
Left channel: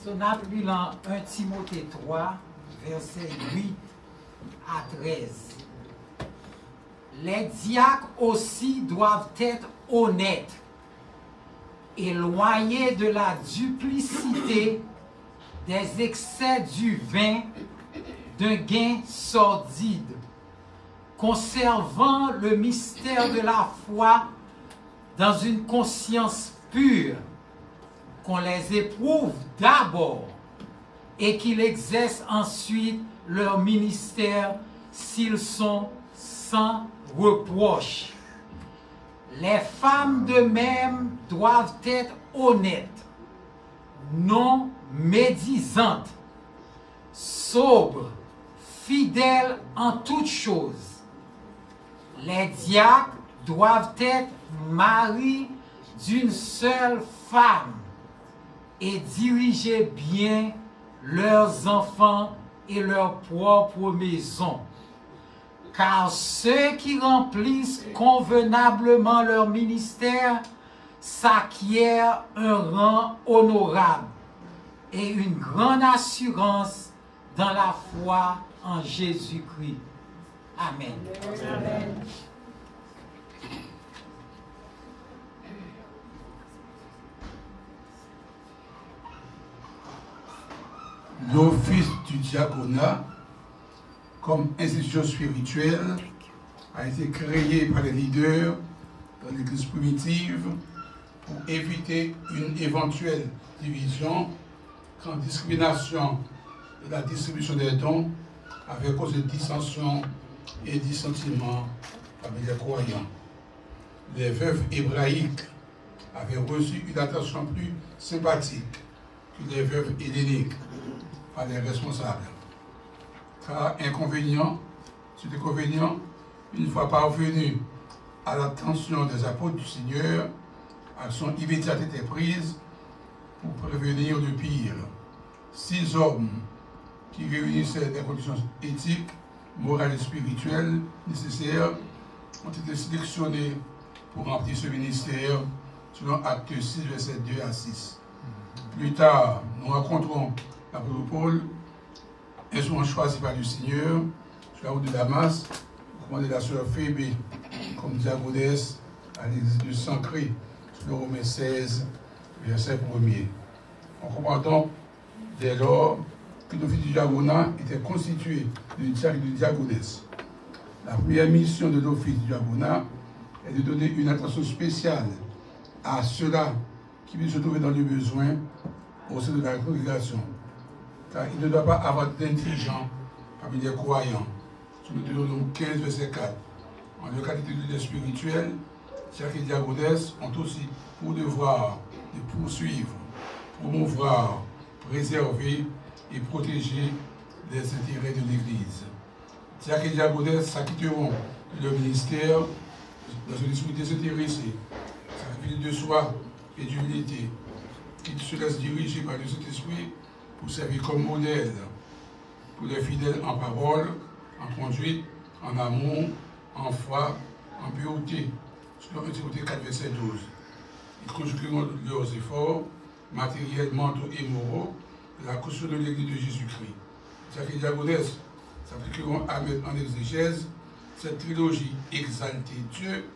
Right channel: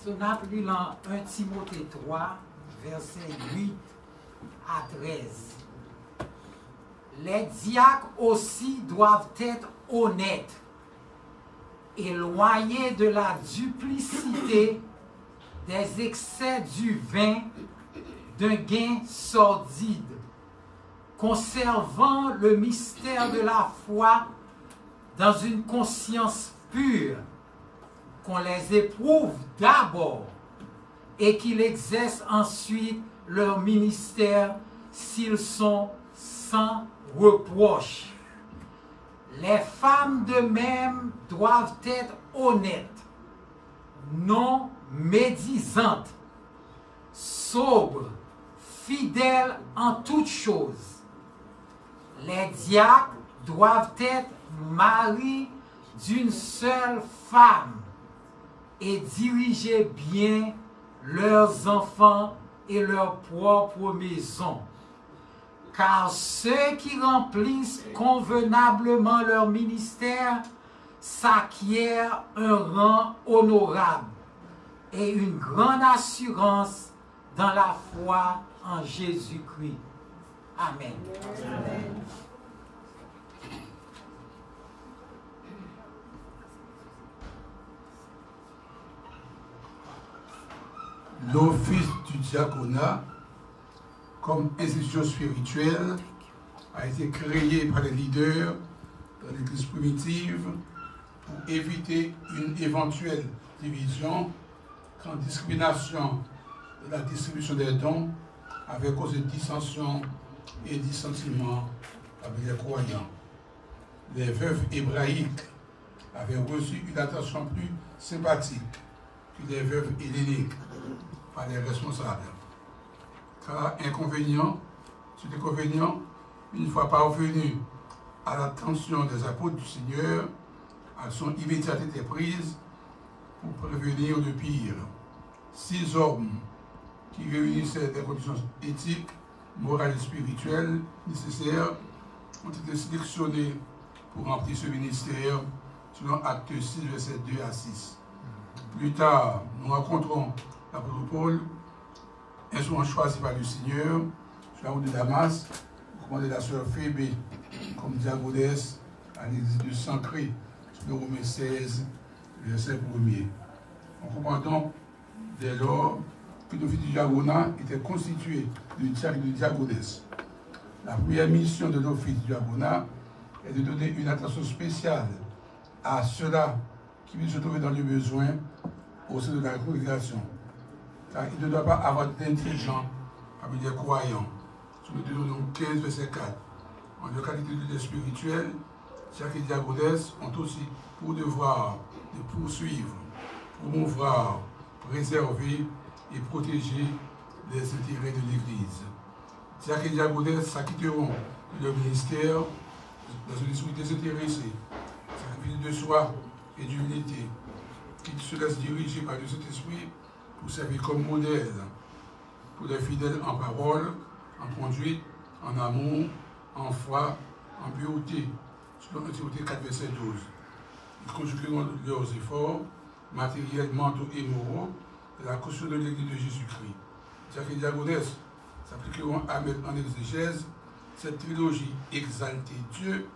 So, n'a plus dans 1 Timothée 3, versets 8 à 13. Les diacres aussi doivent être honnêtes, éloignés de la duplicité, des excès du vin, d'un gain sordide, conservant le mystère de la foi dans une conscience pure, qu'on les éprouve d'abord et qu'ils exercent ensuite leur ministère s'ils sont sans reproche. Les femmes de même doivent être honnêtes, non médisantes, sobres, fidèles en toutes choses. Les diacres doivent être maris d'une seule femme et diriger bien leurs enfants et leur propre maison. Car ceux qui remplissent convenablement leur ministère s'acquièrent un rang honorable et une grande assurance dans la foi en Jésus-Christ. Amen. Amen. L'office du diaconat, comme institution spirituelle, a été créé par les leaders dans l'Église primitive pour éviter une éventuelle division quand discrimination de la distribution des dons avait causé dissensions et dissentiments parmi les croyants. Les veuves hébraïques avaient reçu une attention plus sympathique que les veuves helléniques par les responsables. Car inconvénient sur inconvénient, une fois parvenu à l'attention des apôtres du Seigneur, action immédiate était prise pour prévenir le pire. 6 hommes qui réunissaient des conditions éthiques, morales et spirituelles nécessaires ont été sélectionnés pour remplir ce ministère selon Acte 6, versets 2 à 6. Plus tard, nous rencontrons l'apôtre Paul, instrument choisi par le Seigneur, sur la route de Damas, commandé la sœur Phébé comme diaconesse à l'église de Sancré, sur le Romains 16, verset 1er. On comprend donc dès lors que l'office du diaconat était constitué de diacres et de diaconesses. La première mission de l'office du diaconat est de donner une attention spéciale à ceux-là qui puissent se trouver dans le besoin au sein de la congrégation. Car il ne doit pas avoir d'intelligents parmi les croyants. Sur le Deutéronome 15, verset 4. En leur qualité de leader spirituel, diacres et diaconesses ont aussi pour devoir de poursuivre, promouvoir, préserver et protéger les intérêts de l'Église. Diacres et diaconesses s'acquitteront de leur ministère dans un esprit désintéressé, sacrifice de soi et d'humilité, qu'ils se laissent diriger par le Saint-Esprit pour servir comme modèle pour les fidèles en parole, en conduite, en amour, en foi, en pureté, selon 1 Timothée 4, verset 12. Ils conjugueront leurs efforts matériels, mentaux et moraux de la caution de l'Église de Jésus-Christ. Diacres et diaconesses s'appliqueront à mettre en exégèse cette trilogie: exalter Dieu,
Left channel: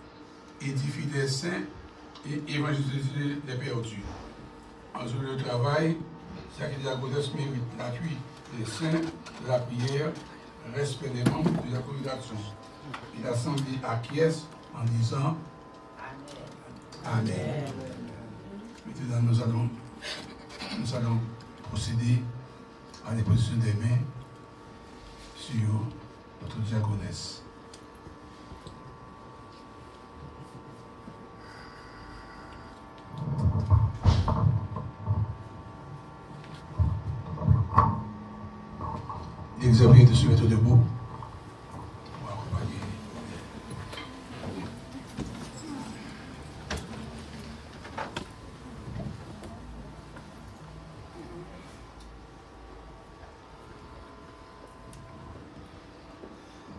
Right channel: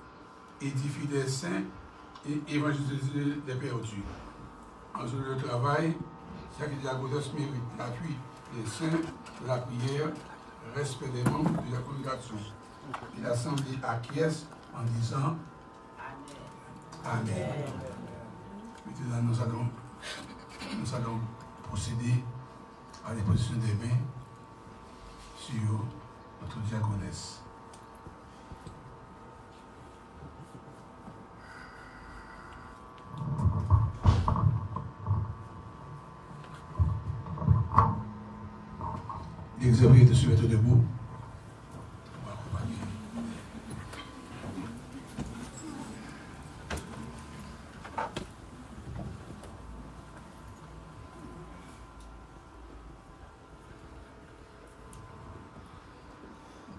édifier les saints et évangéliser les perdus. En faisant le travail, diacres et diaconesses méritent l'appui des saints, de la prière, respect des membres de la congrégation. Et l'Assemblée acquiesce en disant Amen. Amen. Maintenant, nous allons procéder à l'imposition des mains sur notre diaconesse. L'examen de se mettre debout.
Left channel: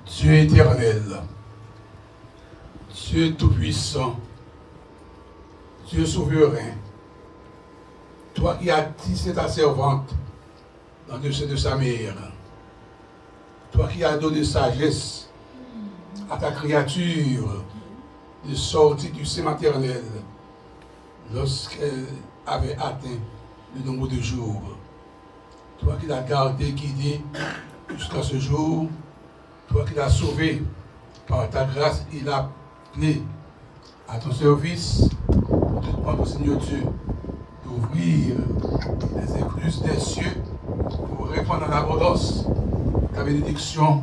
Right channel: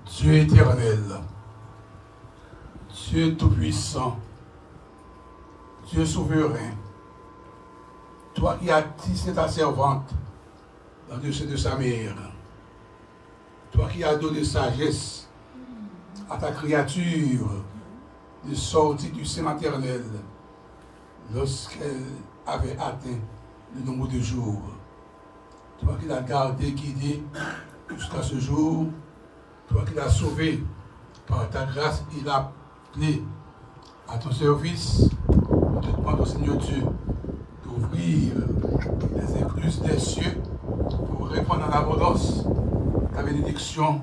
Dieu éternel, Dieu tout-puissant, Dieu souverain, Toi qui as tissé ta servante dans le sein de sa mère, toi qui as donné sagesse à ta créature de sortir du sein maternel lorsqu'elle avait atteint le nombre de jours. Toi qui l'as gardé, guidé jusqu'à ce jour, toi qui l'as sauvé par ta grâce, il a appelé à ton service. Nous te demandons, Seigneur Dieu, d'ouvrir les écluses des cieux pour répondre à l'abondance ta bénédiction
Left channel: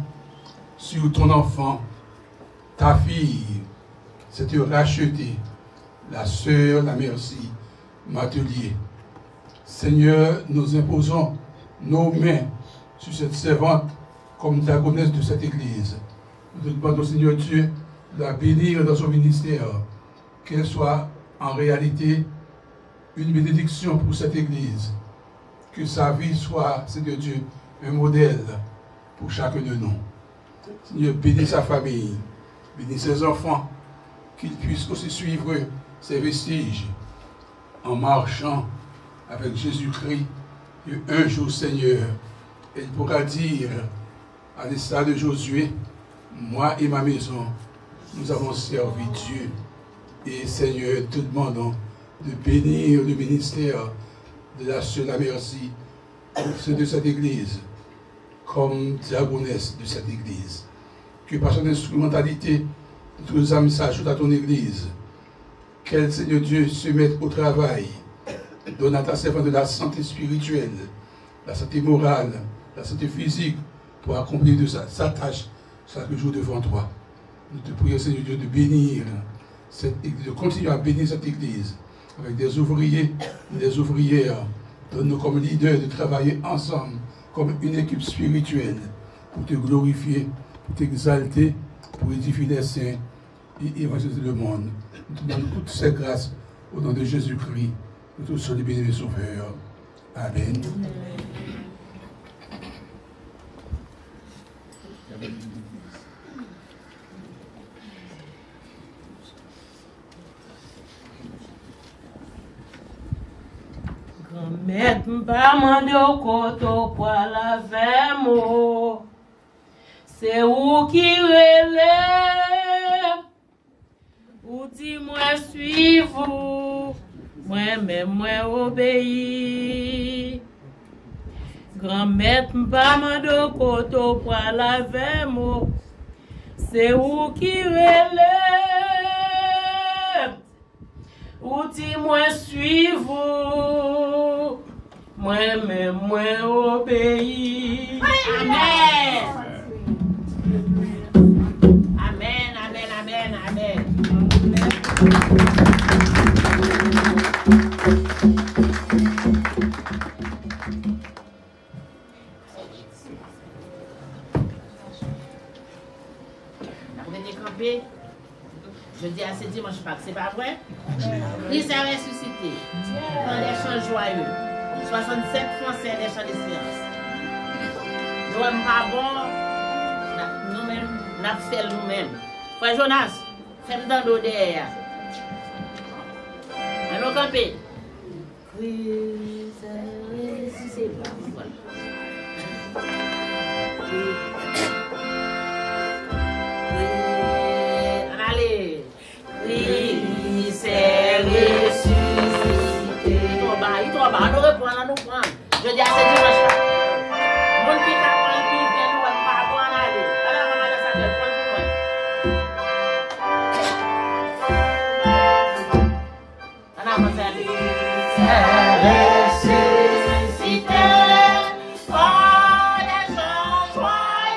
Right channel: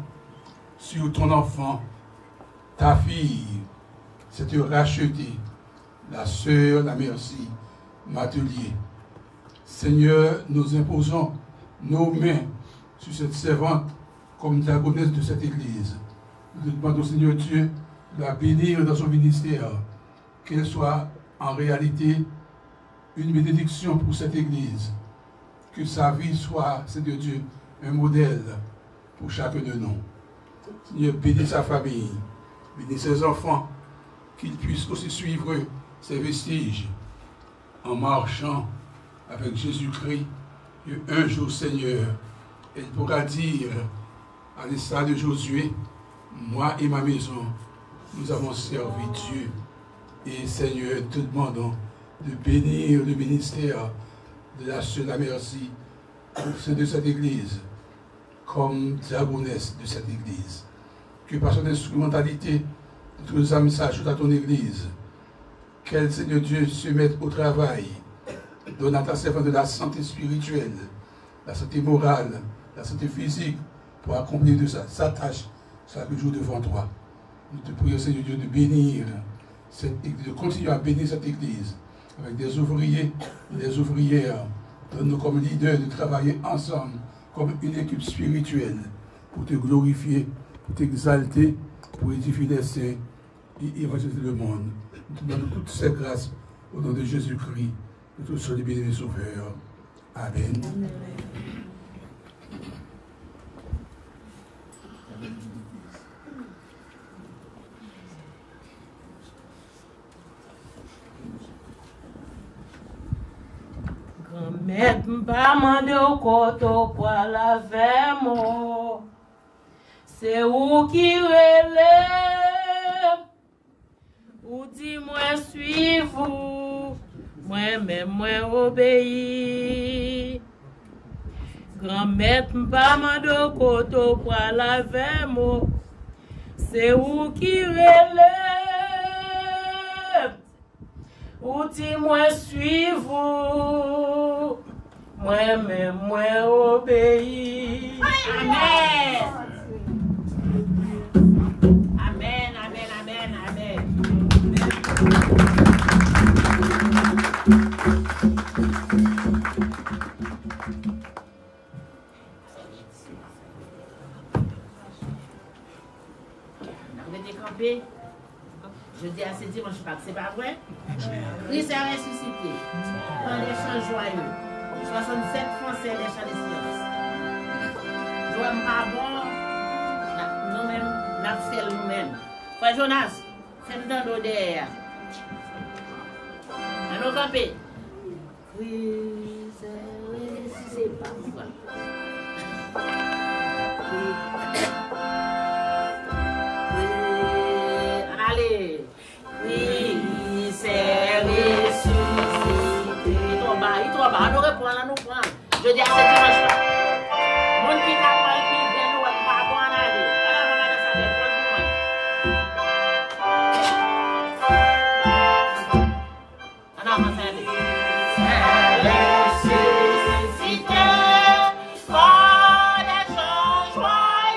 sur ton enfant, ta fille, cette rachetée, la sœur, la merci, Matelier. Seigneur, nous imposons nos mains sur cette servante comme diaconesse de cette église. Nous te demandons, Seigneur Dieu, de la bénir dans son ministère, qu'elle soit en réalité une bénédiction pour cette église, que sa vie soit, Seigneur Dieu, un modèle pour chacun de nous. Seigneur, bénis sa famille, bénis ses enfants, qu'ils puissent aussi suivre ses vestiges en marchant avec Jésus-Christ. Et un jour, Seigneur, elle pourra dire, à l'instar de Josué, moi et ma maison, nous avons servi Dieu. Et Seigneur, te demandons de bénir le ministère de la sœur la merci, ceux de cette église, comme diaconesse de cette église. Que par son instrumentalité, toutes les âmes s'ajoutent à ton église. Qu'elle, Seigneur Dieu, se mette au travail. Donne à ta servante de la santé spirituelle, la santé morale, la santé physique, pour accomplir de sa tâche chaque jour devant toi. Nous te prions, Seigneur Dieu, de bénir cette église, de continuer à bénir cette église avec des ouvriers et des ouvrières. Donne-nous comme leaders de travailler ensemble comme une équipe spirituelle pour te glorifier, pour t'exalter, pour édifier les saints et évangéliser le monde. Nous te demandons toutes ces grâces au nom de Jésus-Christ, notre seul et béni Sauveur. Amen. Grand-mère m'a demandé au koto pour la vermo. C'est où qui relève, ou dis-moi suivez-vous, moi-même moi obéis. Grand-mère m'a demandé au koto pour la vermo. C'est où qui relève, ou dis-moi suivez-vous, moi-même moi obéis. Amen. Amen, amen, amen, amen. Vous venez camper. Je dis à ce dimanche Pâques, c'est pas vrai? Christ est ressuscité. Dans les champs joyeux. 67 Français des champs de sciences. Nous sommes pas bons. Nous-mêmes, nous faisons nous-mêmes. Frère Jonas, fais-nous dans l'eau derrière. Allons camper. Christ est ressuscité. C'est pas bon. Allez. Christ est ressuscité. Il tombe bas, on nous reprend là, nous prend. Je dis à ce dimanche là. Mon qui n'a pas le pied, nous va pas bon en aller. Alors, maman, ça fait pour le moment. Alors, maman, ça fait. Ressuscité par les gens joyeux.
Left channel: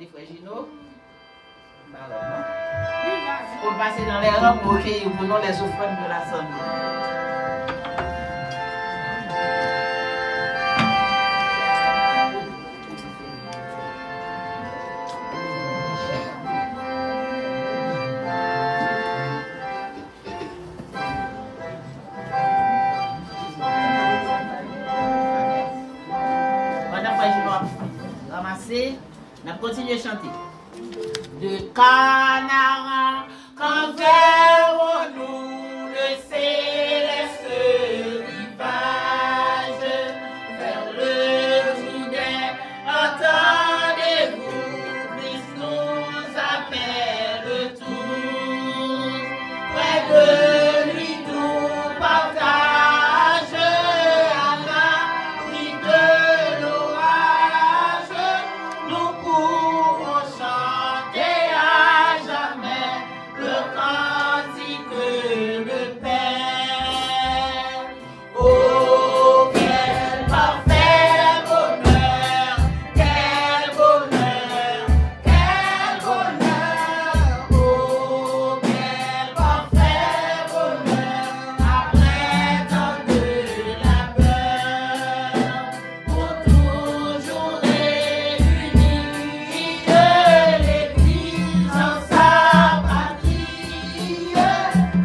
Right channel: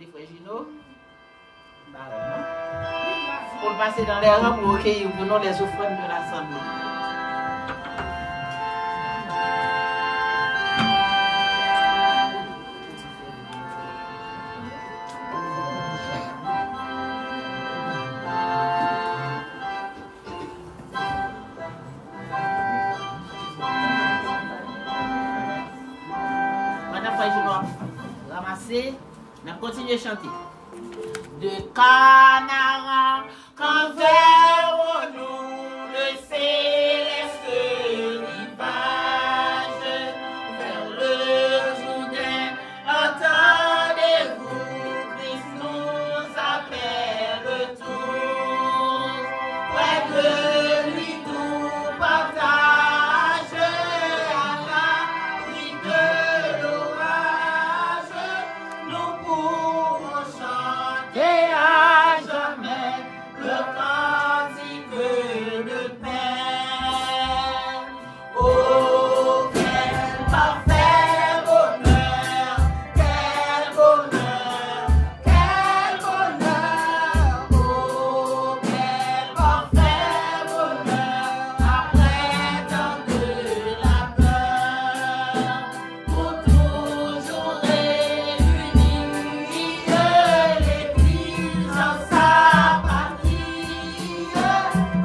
demander frère Gino. Pour passer dans les rangs pour recueillir pour nous les offrandes de l'Assemblée. Madame frère Gino a ramassé, on a continué à chanter. De Canara, quand verrons-nous le céleste rivage vers le Jourdain? Attendez-vous, Christ nous appelle tous. Près de lui nous partage à l'abri de l'orage. Nous pourrons chanter à jamais le cantique de paix. Oh, quel parfait bonheur, quel bonheur, quel bonheur. Oh, quel parfait bonheur, après tant de labeur, pour toujours réunis, l'Église en sa patrie,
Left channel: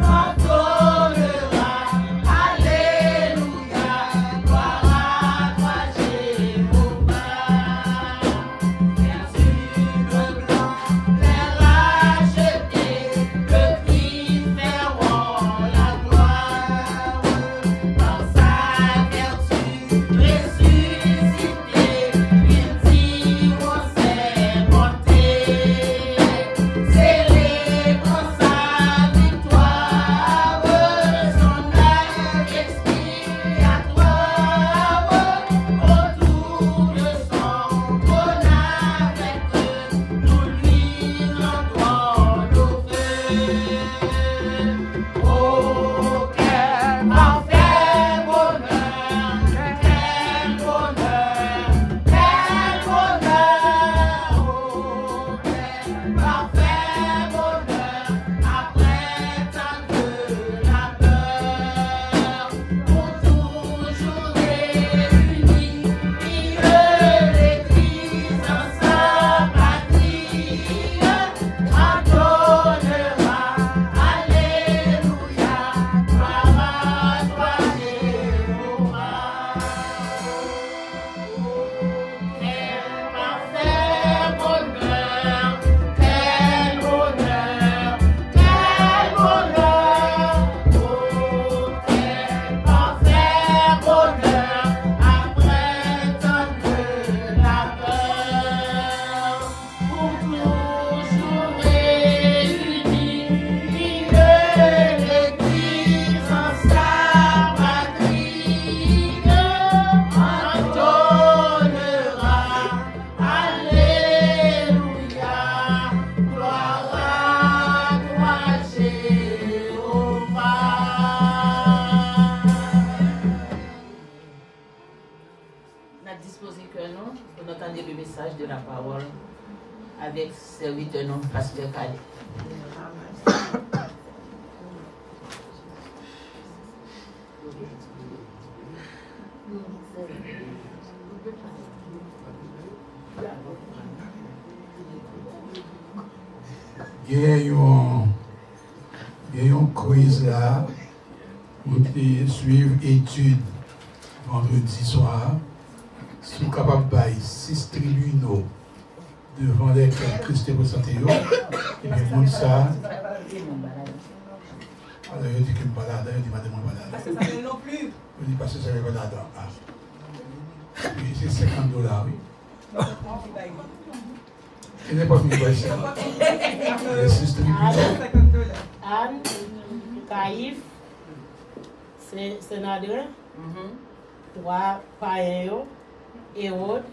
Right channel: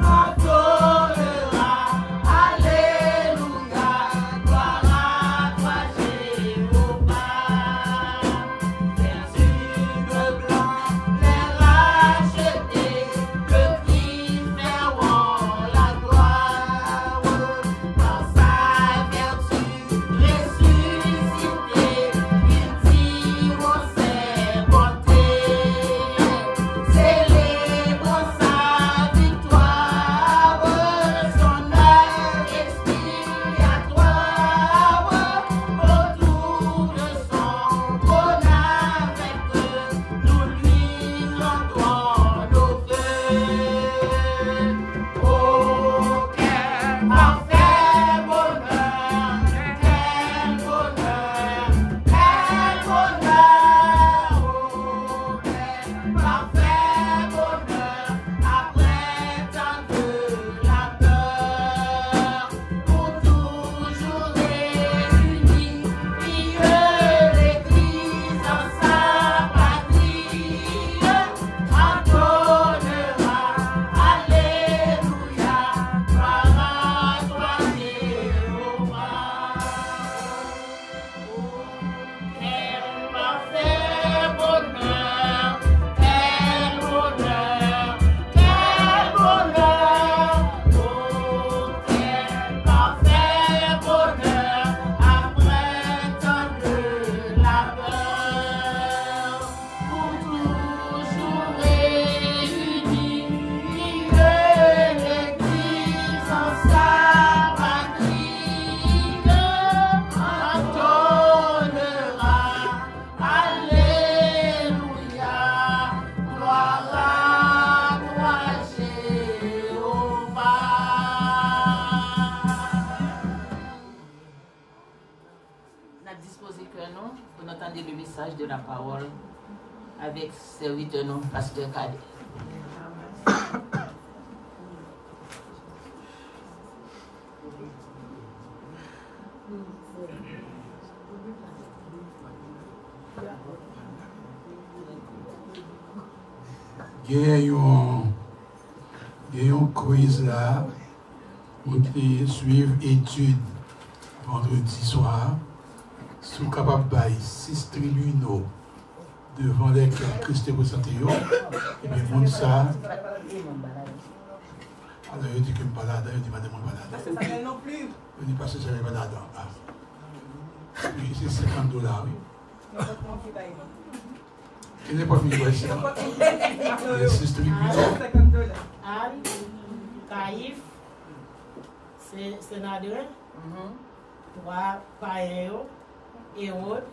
entonnera, alléluia, gloire à toi Jéhovah. Vertu de blanc, les rachetés, le Christ feront la gloire, par sa vertu ressuscité, ils diront ses bontés, célébrant sa victoire, son œuvre expiatoire, autour de son trône avec eux, nous lui rendrons nos vœux. Oh, quel parfait bonheur, quel bonheur, quel bonheur. Oh, quel parfait bonheur, après tant de labeur, pour toujours réunis, l'Église en sa patrie, entonnera, alléluia, gloire à toi Jéhovah. Quel parfait bonheur, quel bonheur, quel bonheur. Oh, quel parfait bonheur, après tant de labeur, pour toujours réunis, l'Église en sa patrie, entonnera, alléluia, gloire à toi Jéhovah. On a disposé que nous pour entendre le message de la parole avec serviteur non pasteur Cadet. Il y a une quiz là, où tu suivre étude vendredi soir, si vous êtes capable de 6 tribunaux devant lesquels Christ est représenté, et bien, monde ça. Alors, il dit que je ne balade, il dit madame balade. Ça s'appelle non plus. Il dit parce que ça veut balade. Oui, c'est $50, oui. Il n'est pas fini quoi ici. Les 6 tribunaux. Anne, Caïphe, sénateur, 3 païens, Hérode,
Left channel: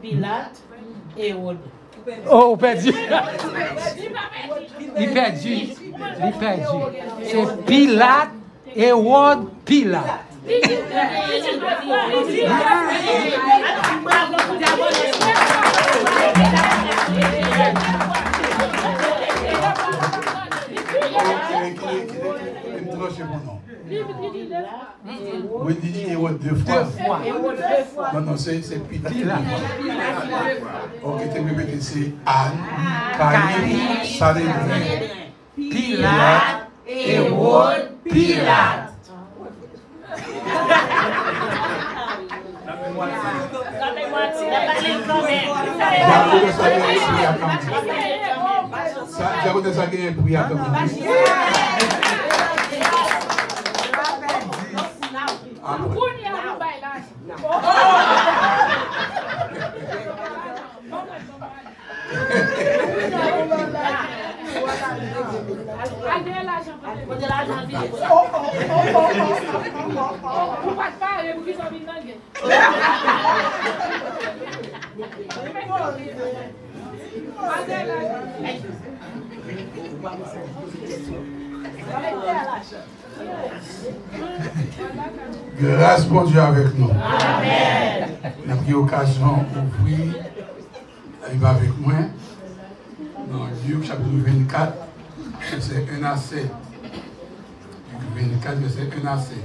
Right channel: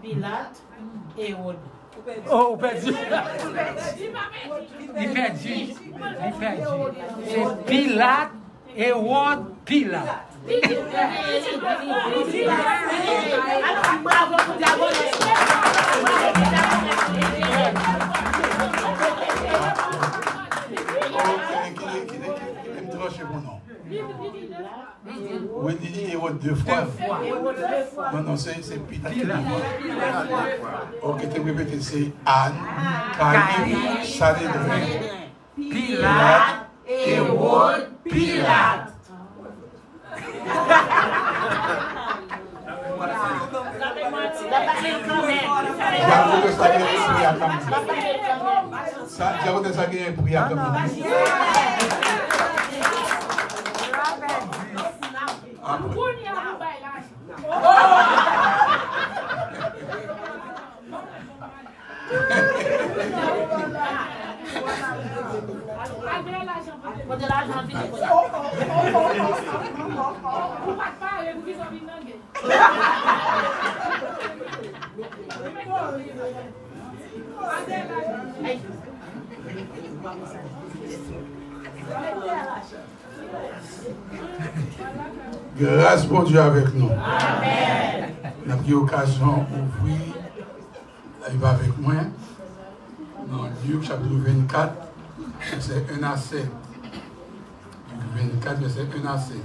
Pilate, Hérode. Oh, perdu. Il perdu. C'est Pilate, Hérode, Pilate. Bravo, Deux fois. fois. Non, c'est Pilate. Ok, tu peux répéter, c'est Anne, Caïn, Sanhédrin, Pilate, Hérode, Pilate. Grâce pour Dieu avec nous. Amen. Nous avons l'occasion d'ouvrir avec moi dans Luc chapitre 24, verset 1 à 7. Luc 24, verset 1 à 7.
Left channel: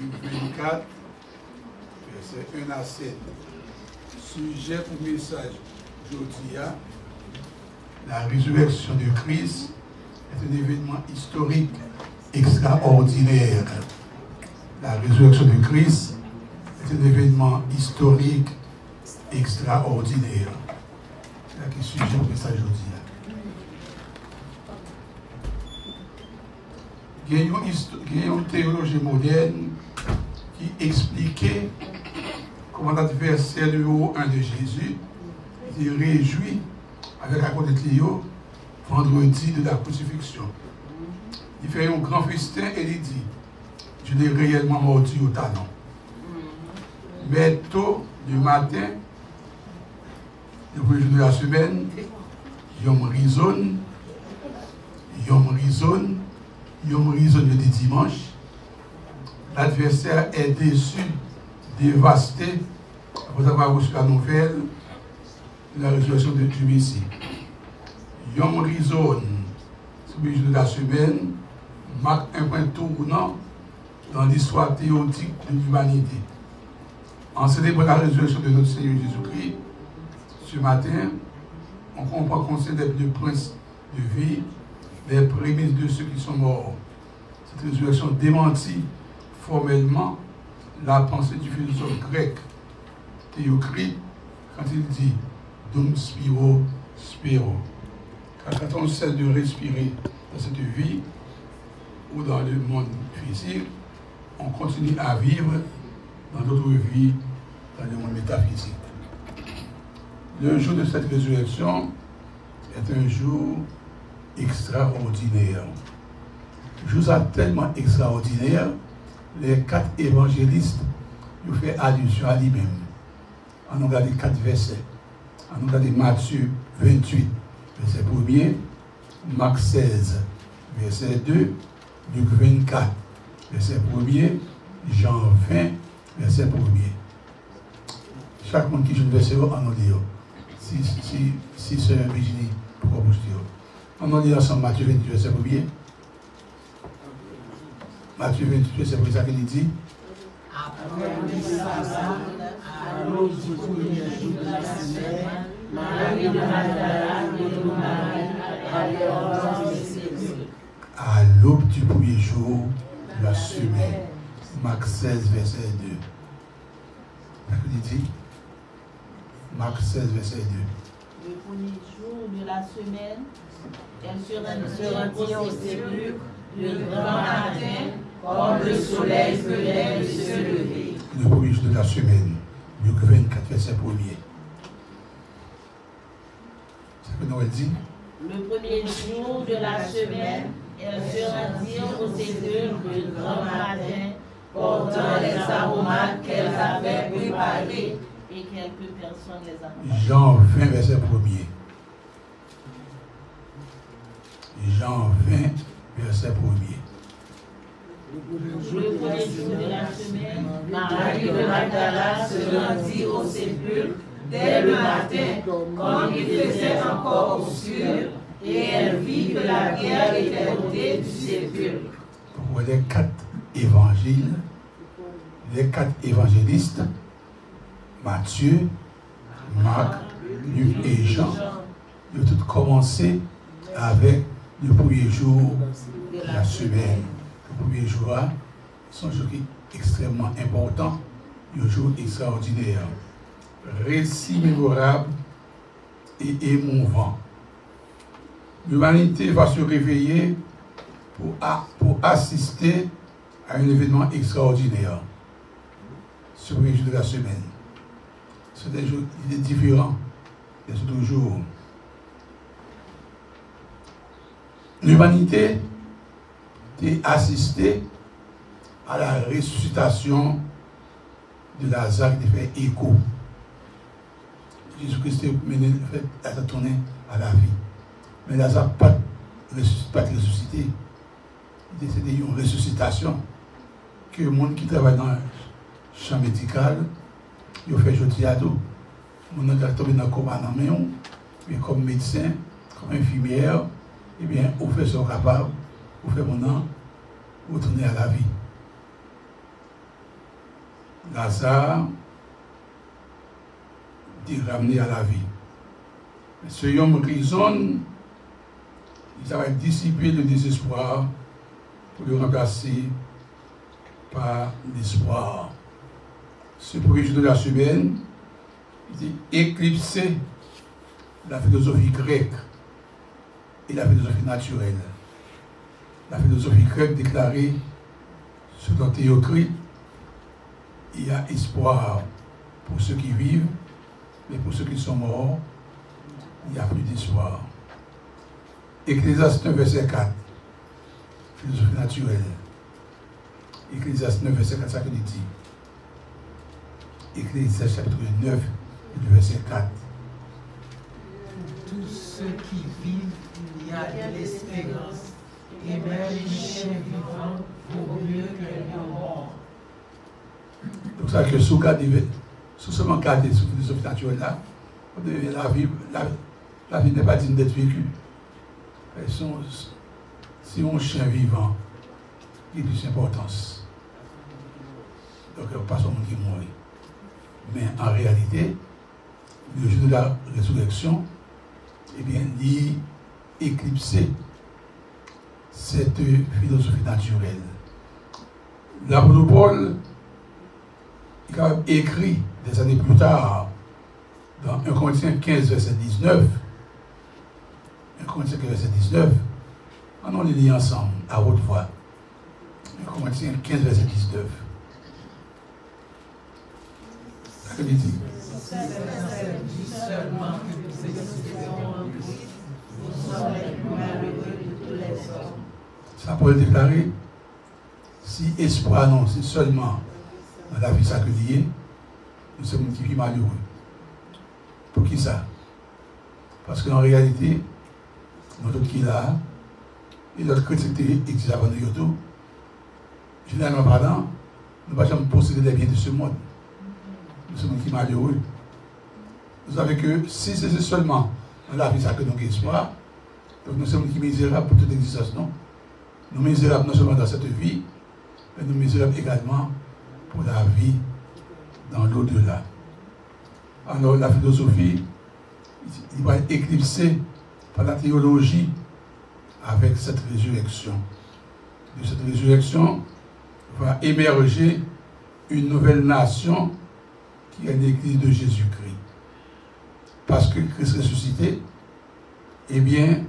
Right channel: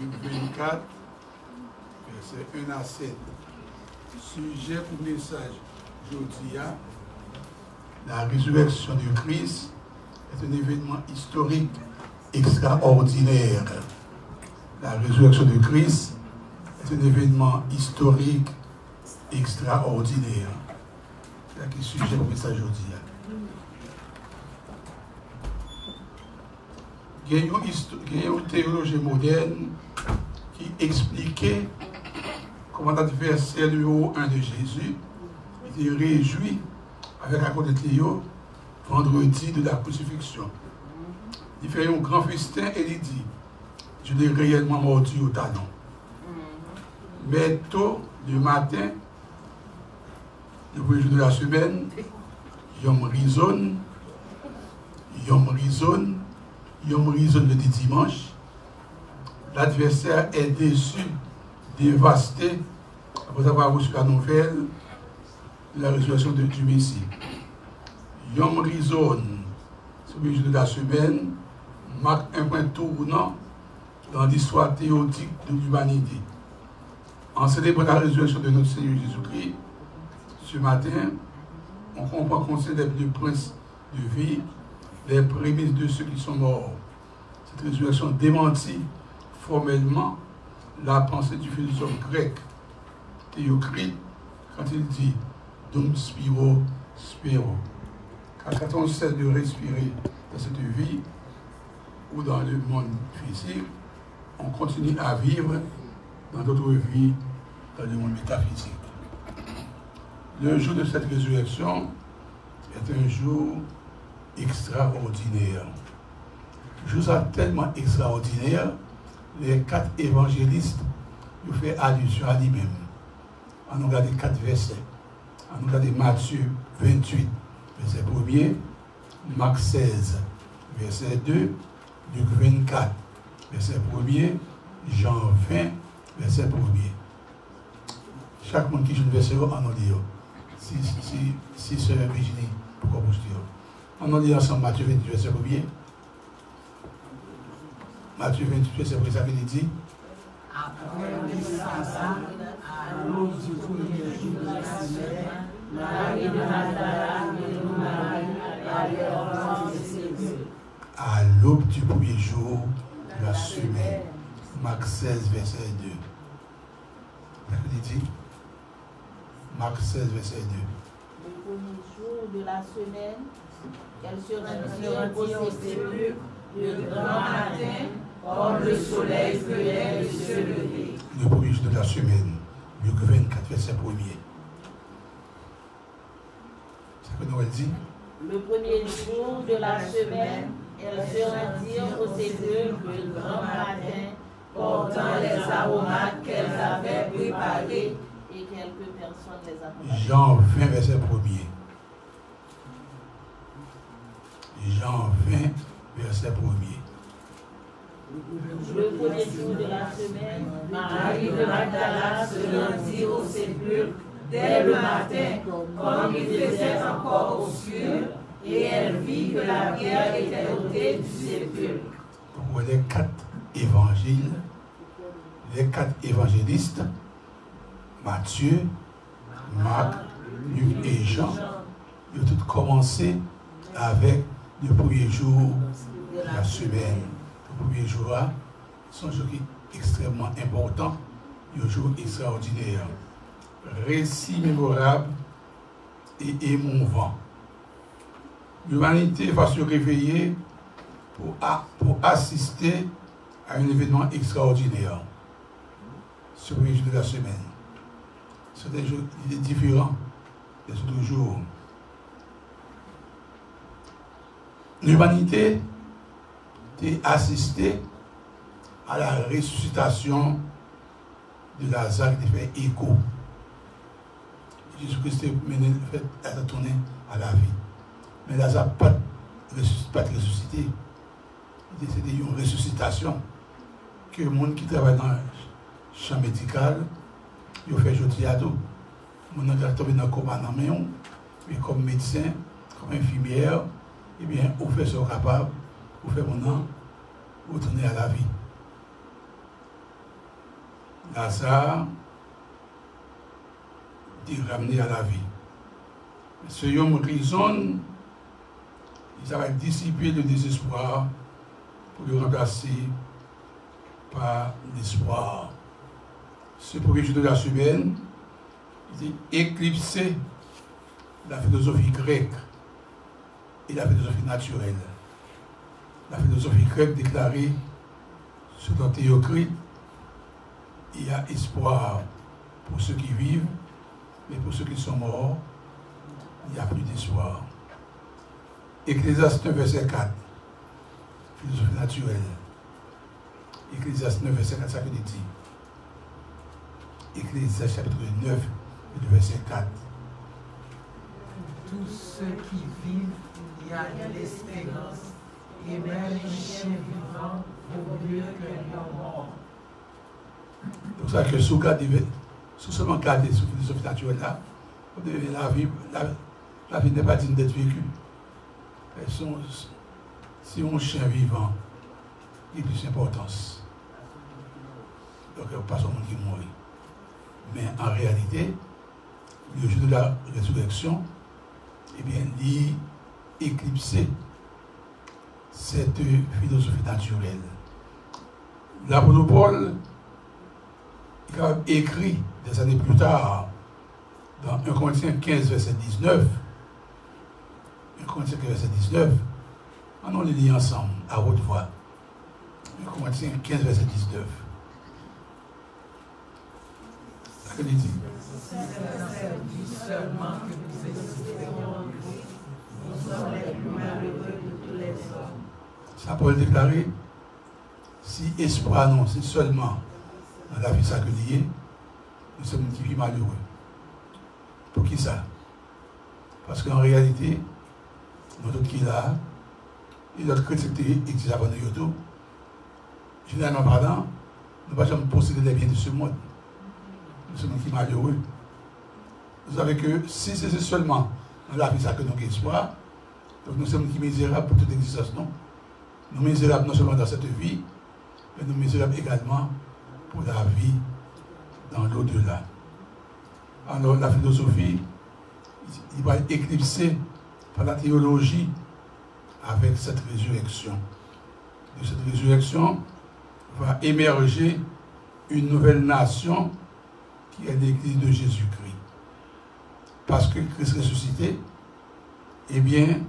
Luc 24, verset 1 à 7. Sujet pour message aujourd'hui, la résurrection de Christ est un événement historique extraordinaire. La résurrection de Christ est un événement historique extraordinaire. C'est le sujet pour message aujourd'hui. Il y a une théologie moderne qui expliquait comment l'adversaire numéro 1 de Jésus était réjoui avec la côté de Léo vendredi de la crucifixion. Il fait un grand festin et il dit, je l'ai réellement mordu au talon. Mais tôt le matin, le premier jour de la semaine, Yom Rizon le dimanche, l'adversaire est déçu, dévasté, après avoir reçu la nouvelle de la résurrection du Messie. Yom Rizon, ce jour de la semaine, marque un point tournant dans l'histoire théotique de l'humanité. En célébrant la résurrection de notre Seigneur Jésus-Christ, ce matin, on comprend qu'on célèbre le prince de vie, les prémices de ceux qui sont morts. Cette résurrection démentit formellement la pensée du philosophe grec Théocrite quand il dit Dum spiro spero. Car quand on cesse de respirer dans cette vie ou dans le monde physique, on continue à vivre dans notre vie dans le monde métaphysique. Le jour de cette résurrection est un jour extraordinaire. Jour tellement extraordinaire, les 4 évangélistes ont fait allusion à lui-même. On a regardé 4 versets. On a regardé Matthieu 28, verset 1er, Marc 16, verset 2, Luc 24, verset 1er, Jean 20, verset 1er. Chaque monde qui joue le verset, on a dit. Si Sœur Virginie, pourquoi vous dites? On a dit ensemble Matthieu 28, verset 1er. Matthieu 28, verset 1er, c'est ça qu'il dit. Après le sabbat, à l'aube du premier jour de la semaine, Marie de Magdala et Marie allaient au de Jésus. À l'aube du premier jour de la semaine. Marc 16, verset 2. Qu'est-ce qu'il dit? Marc 16, verset 2. Le premier jour de la semaine, elle se rendit au sépulcre le grand matin, comme le soleil venait de se lever. Le premier jour de la semaine, Luc 24, verset 1er. C'est ce que Noël dit. Le premier jour de la semaine, elles se rendirent au sépulcre le grand matin, portant les aromates qu'elles avaient préparés, et quelques personnes les accompagnaient. Jean 20, verset 1er. Jean 20, verset 1er. Le premier jour de la semaine, Marie de Magdala se rendit sépulcre dès le matin, comme il faisait encore obscur, et elle vit que la pierre était ôtée du sépulcre. Les 4 évangiles, les 4 évangélistes, Matthieu, Marc, Luc et Jean, ils ont tous commencé avec le premier jour de la semaine. Le premier jour, c'est un jour qui est extrêmement important, un jour extraordinaire, récit mémorable et émouvant. L'humanité va se réveiller pour assister à un événement extraordinaire. Ce premier jour de la semaine. C'est des jours différents des autres jours. L'humanité a assisté à la ressuscitation de Lazare qui fait écho. Jésus-Christ a tourné à la vie. Mais Lazare n'a pas ressuscité. C'était une ressuscitation que le monde qui travaille dans le champ médical, il fait jeter à dos. On a tombé dans le coma dans la main, mais comme médecin, comme infirmière, eh bien, on fait ce capable, on fait mon nom, on retourne à la vie. Lazare est ramené à la vie. Ce homme raisonne, il va dissiper le désespoir pour le remplacer par l'espoir. Ce premier jour de la semaine, il est éclipsé la philosophie grecque et la philosophie naturelle. La philosophie grecque déclarait, selon Théocrite, il y a espoir pour ceux qui vivent, mais pour ceux qui sont morts, il n'y a plus d'espoir. Ecclésiaste 9, verset 4, philosophie naturelle. Ecclésiaste 9, verset 4, ça que dit. Ecclésiaste chapitre 9, et le verset 4. Pour tous ceux qui vivent, il y a de l'espérance, et même un chien vivant vaut mieux qu'un lion mort. C'est pour ça que sous seulement garder sur la philosophie naturelle là, la vie n'est pas digne d'être vécue. Si mon chien vivant, il a plus d'importance. Donc, pas seulement qui mourit. Mais en réalité, le jour de la résurrection, eh bien, il éclipsé cette philosophie naturelle. L'apôtre Paul, il a écrit des années plus tard, dans 1 Corinthiens 15, verset 19, 1 Corinthiens 15, verset 19, on les lit ensemble, à haute voix. 1 Corinthiens 15, verset 19. Ça veut dire. C'est dans cette vie seulement que nous existons. Nous sommes les plus malheureux de tous les hommes. Ça Paul déclaré, si espoir non, c'est seulement dans la vie sacrée, nous sommes qui vivent malheureux. Pour qui ça? Parce qu'en réalité, notre qui est là, et notre critique existe avant nous, généralement parlant, nous ne pouvons pas posséder les biens de ce monde. Nous sommes qui malheureux. Vous savez que si c'est seulement dans la vie sacrée que nous avons espoir, donc nous sommes qui misérables pour toute existence, non? Nous sommes misérables non seulement dans cette vie, mais nous sommes misérables également pour la vie dans l'au-delà. Alors la philosophie, il va être éclipsé par la théologie avec cette résurrection. De cette résurrection va émerger une nouvelle nation qui est l'Église de Jésus-Christ. Parce que Christ ressuscité, eh bien,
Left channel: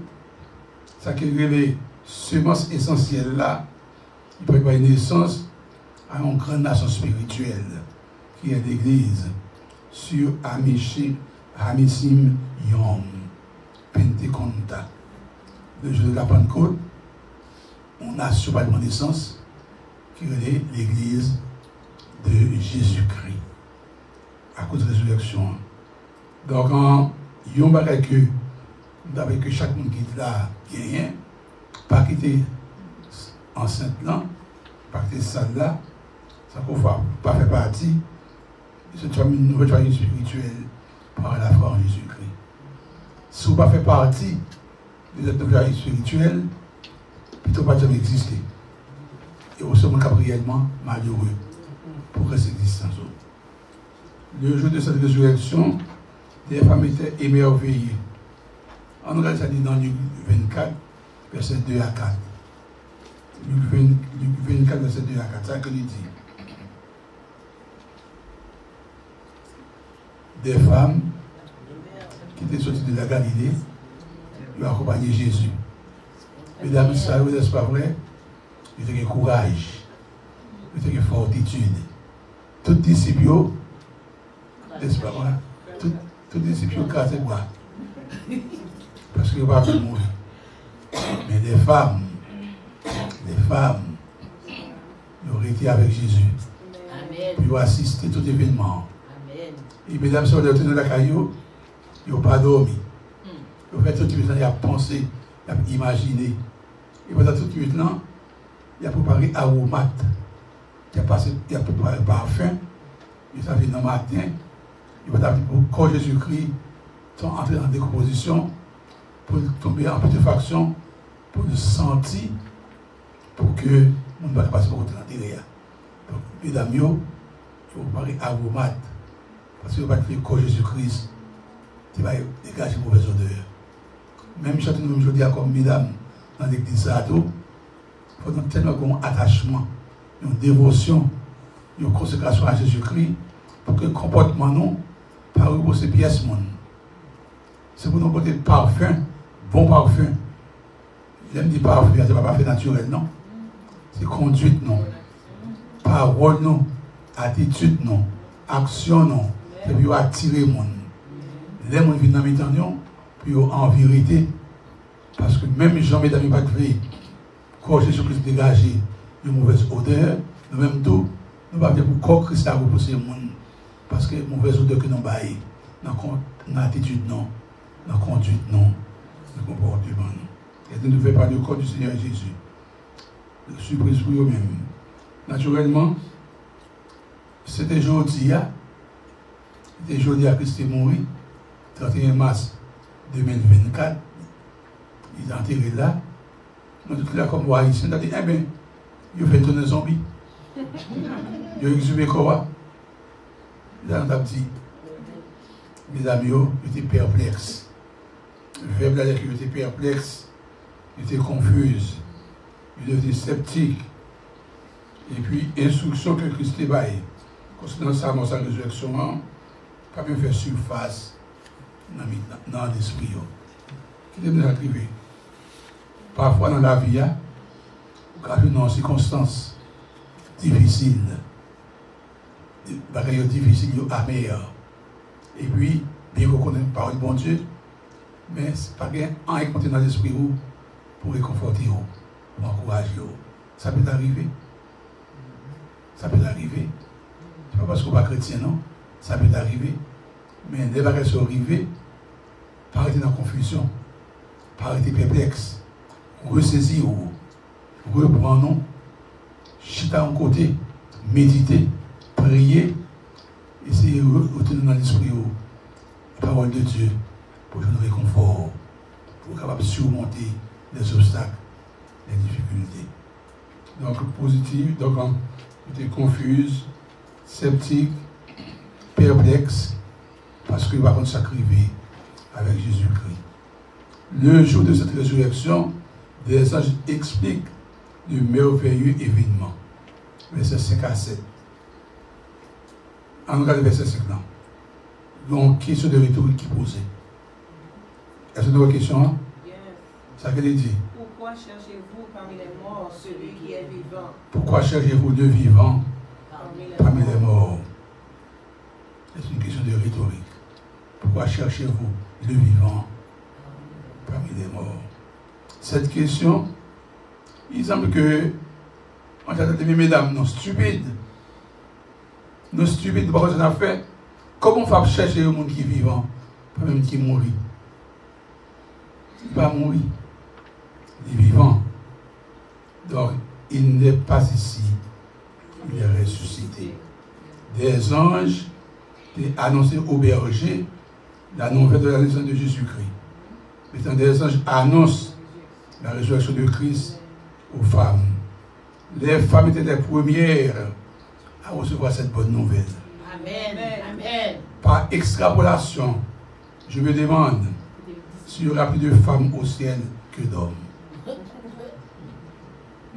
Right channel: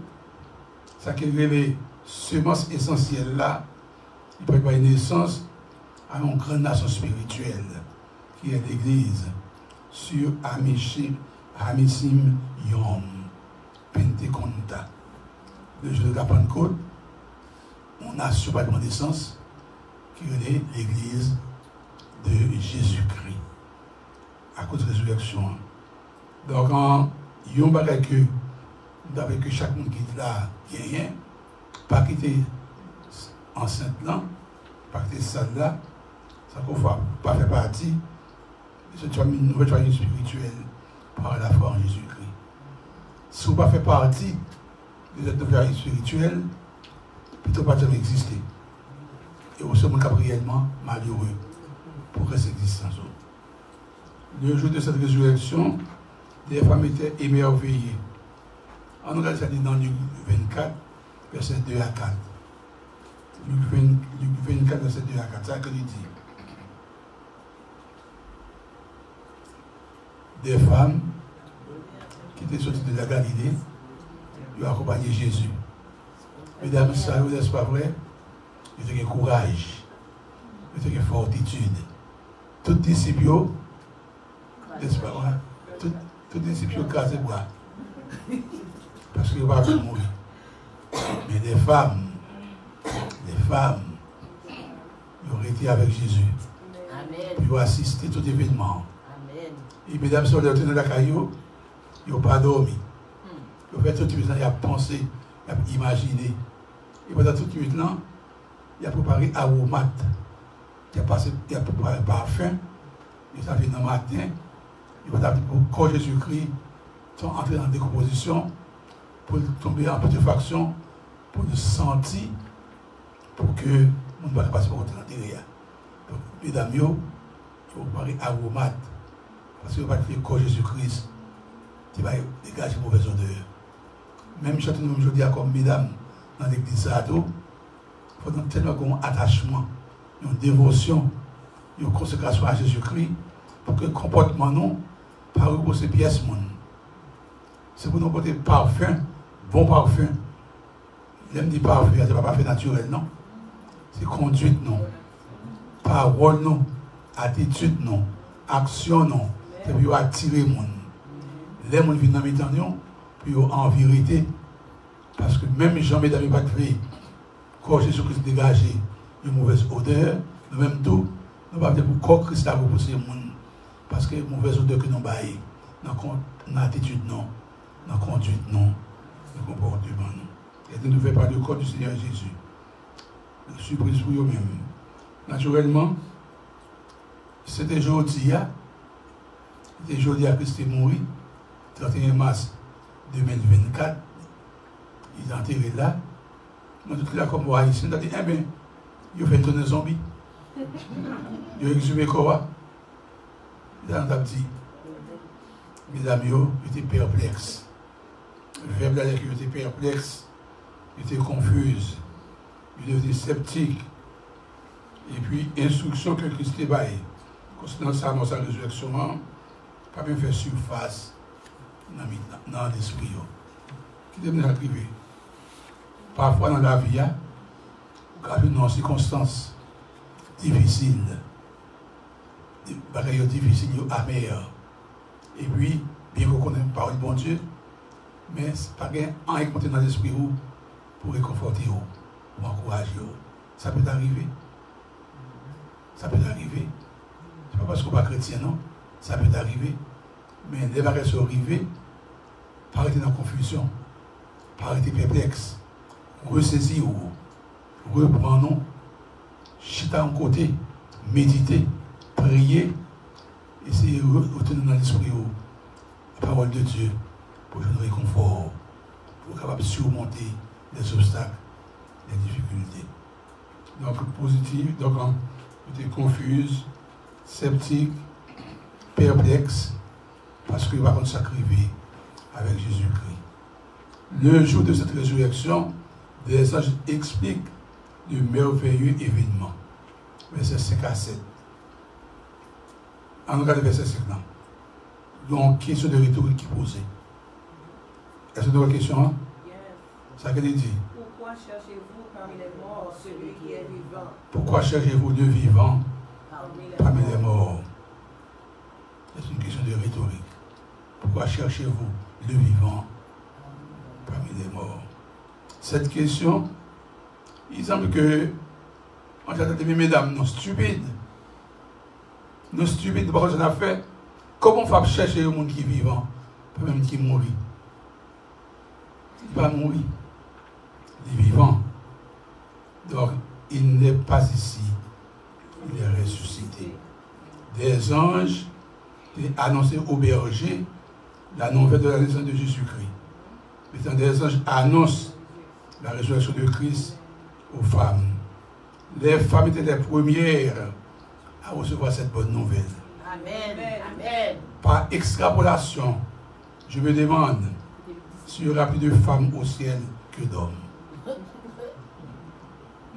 ça qui est les semences essentielles là, il peut avoir une naissance à une grande nation spirituelle qui est l'Église sur Amisim Yom Penteconta. Le jour de la Pentecôte, on a sur la naissance qui est l'Église de Jésus-Christ à cause de la résurrection. Donc, il y a un bagage que chaque monde qui est là, gagne, pas quitter enceinte là, pas quitter salle là, ça ne va pas faire partie C'est une nouvelle famille spirituelle par la foi en Jésus-Christ. Si vous ne faites pas partie de cette nouvelle famille spirituelle, plutôt pas jamais exister. Et vous serez réellement malheureux pour cette existence. Le jour de cette résurrection, les femmes étaient émerveillées. On regarde ça dit dans Luc 24, verset 2 à 4. Luc 24, verset 2 à 4. C'est ça que il dit. Des femmes qui étaient sorties de la Galilée, ils ont accompagné Jésus. Mesdames, ça, vous n'êtes pas vrai? Ils ont courage, ils ont fortitude. Tous les disciples, n'est-ce pas vrai? Tous les disciples crasent bras. Parce qu'ils ne vont pas mourir. Mais les femmes, ils ont été avec Jésus. Amen. Ils ont assisté à tout événement. Amen. Et mesdames, si on est retourné dans la caillou, ils n'ont pas dormi. Ils ont fait tout de suite, ils ont pensé, ils ont imaginé. Et pendant tout de suite, il a préparé aromate. Il a préparé parfum. Il a fait dans le matin. Il va quand Jésus-Christ sont entrés en décomposition pour tomber en putréfaction, pour nous sentir, pour que nous ne passions pas pour l'intérieur. Donc, mesdames, il faut préparer aromate. Parce que vous ne pouvez pas faire Jésus-Christ, tu vas dégager une mauvaise odeur. Même si nous aujourd'hui, comme mesdames, dans l'église, il faut tellement un attachement, une dévotion, une consécration à Jésus-Christ, pour que le comportement nous, par pour ces pièces, c'est pour nous porter parfum, bon parfum. J'aime dire parfum, ce n'est pas parfum naturel, non. C'est conduite, non. Parole, non. Attitude, non. Action, non. C'est pour attirer le monde. Les gens viennent dans mes temps, puis en vérité, parce que même Jean, mesdames, pas créé, quand Jésus-Christ dégagé une mauvaise odeur, nous-mêmes tout, nous ne pouvons pas pour corps Christ à repousser le monde. Parce que mauvaise odeur que nous baillons, dans l'attitude, non, dans la conduite, non, dans le comportement, non. Et nous ne faisons pas le corps du Seigneur Jésus. Surprise pour eux-mêmes. Naturellement, c'était jeudi, c'était jeudi à Christ est mort, 31 mars 2024. Il est enterré là. Nous tous là comme haïtiens, on a dit, eh bien, il fait tourner zombie. Il a exhumé quoi? Il a dit, mes amis, ils étaient perplexes. Le verbe d'ailleurs qu'ils étaient perplexes, ils étaient confus, ils étaient sceptiques. Et puis, instruction que Christ est baillé. Concernant sa résurrection, pas bien faire surface dans l'esprit. Qui est déjà arrivé? Parfois dans la vie, dans des circonstances difficiles, des bagailles difficiles, amères. Et puis, bien qu'on connaisse pas le bon Dieu, mais ce n'est pas un qui dans l'esprit pour réconforter, pour encourager. Ça peut arriver. Ça peut arriver. Ce n'est pas parce qu'on n'est pas chrétien, non. Ça peut arriver. Mais les bagailles sont arrivées, pas arrêter dans la confusion, pas arrêter perplexe, ressaisir, reprendre, chita en côté, méditer, prier, essayer de retourner dans l'esprit la parole de Dieu pour nous réconfort, pour être capable de surmonter les obstacles, les difficultés. Donc, positif, donc, on était confuse, sceptique, perplexe, parce qu'il va contre s'arriver avec Jésus-Christ. Le jour de cette résurrection, des anges expliquent le merveilleux événement. Verset 5 à 7. On regarde le verset 5 là. Donc, question de rhétorique qui posait. Est-ce que vous avez une question? Ça qu'elle dit. Pourquoi cherchez-vous parmi les morts celui qui est vivant? Pourquoi cherchez-vous le vivant parmi les morts? C'est une question de rhétorique. Pourquoi cherchez-vous le vivant parmi les morts? Cette question, il semble que, on a dit, mesdames, non stupides. Nos stupides, parce qu'on a fait, comment on va chercher le monde qui est vivant, pas même qui est mort? Il va mourir. Il est vivant. Donc, il n'est pas ici. Il est ressuscité. Des anges annoncer aux bergers la nouvelle de la naissance de Jésus-Christ. L'étang des anges annonce la résurrection de Christ aux femmes. Les femmes étaient les premières à recevoir cette bonne nouvelle. Amen. Amen. Par extrapolation, je me demande s'il y aura plus de femmes au ciel que d'hommes.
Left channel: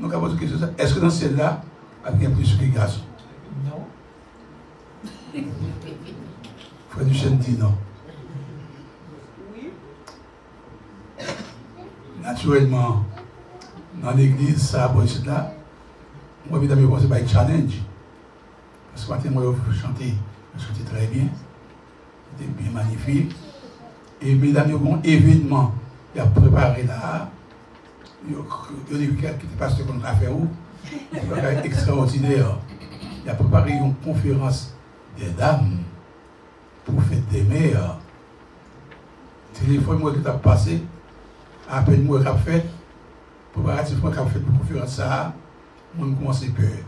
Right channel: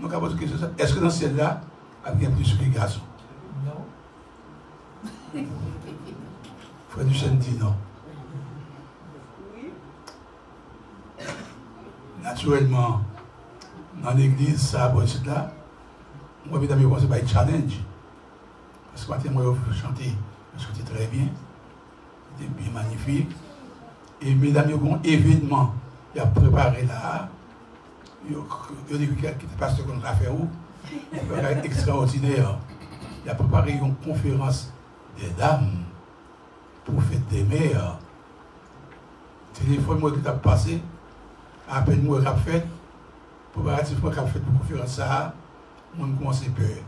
Donc, à votre question, est-ce que dans ce ciel-là, il y a plus que les garçons? Non. Frère Duchesne dit non. Oui. Naturellement, dans l'église, ça, pour ce là, moi, évidemment, c'est pas un challenge. Parce que matin, moi, je chantais très bien. C'était bien magnifique. Et mesdames, il y a un événement qui a préparé là. Il y a quelqu'un qui était pasteur qu'on a fait où. C'est extraordinaire. Il a préparé une conférence des dames pour fête des mères. Téléphone, moi, qui t'a passé, à peine moi, qui a fait, préparativement, qui a fait pour conférence ça, on commence à peur.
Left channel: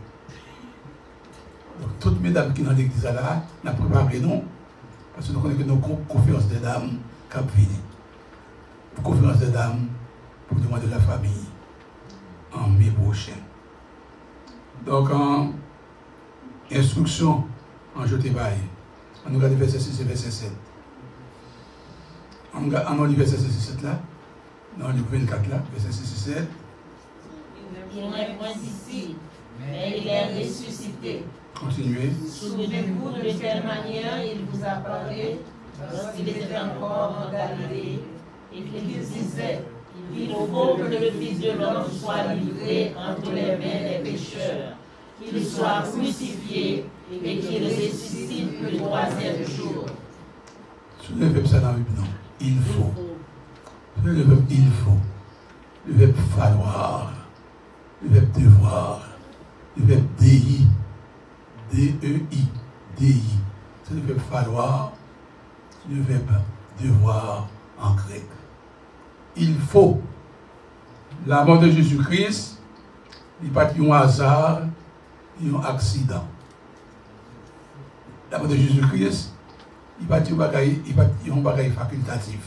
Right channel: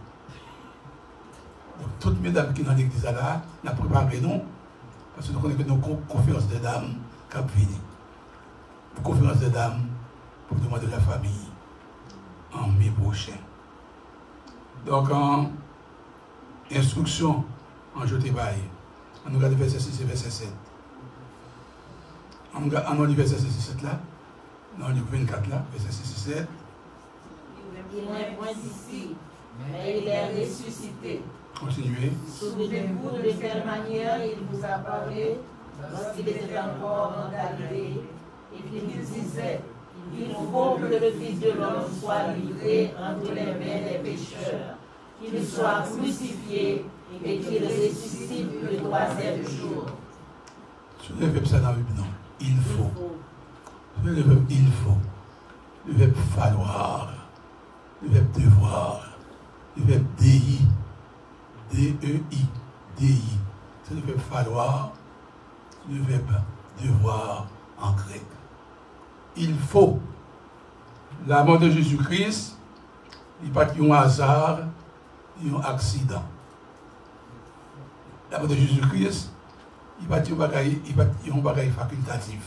Donc, toutes mesdames qui sont dans l'église là, nous avons préparé nous, parce que nous connaissons que nos conférences des dames qui ont fini. Conférence des dames pour le mois de la famille en mai prochain. Donc, en instruction, en jeté bail, on regarde verset 6 et verset 7. On regarde verset 6 et 7 là, dans le 24 là, verset 6 et 7. Il n'est point ici, mais il est ressuscité. Continuez. Souvenez-vous de quelle manière il vous a parlé lorsqu'il était encore en Galilée et qu'il disait: il faut que le Fils de l'homme soit livré entre les mains des pécheurs, qu'il soit crucifié et qu'il ressuscite le troisième jour. Ce n'est pas ça dans la Bible, non. Il faut. Ce n'est le verbe il faut. Le verbe falloir. Le verbe devoir. Le verbe dei. D-E-I. Dei. C'est le verbe falloir. C'est le verbe devoir en grec. Il faut. La mort de Jésus-Christ, il n'y a pas un hasard, il y a un accident. La mort de Jésus-Christ, il n'y a pas un bagage facultatif.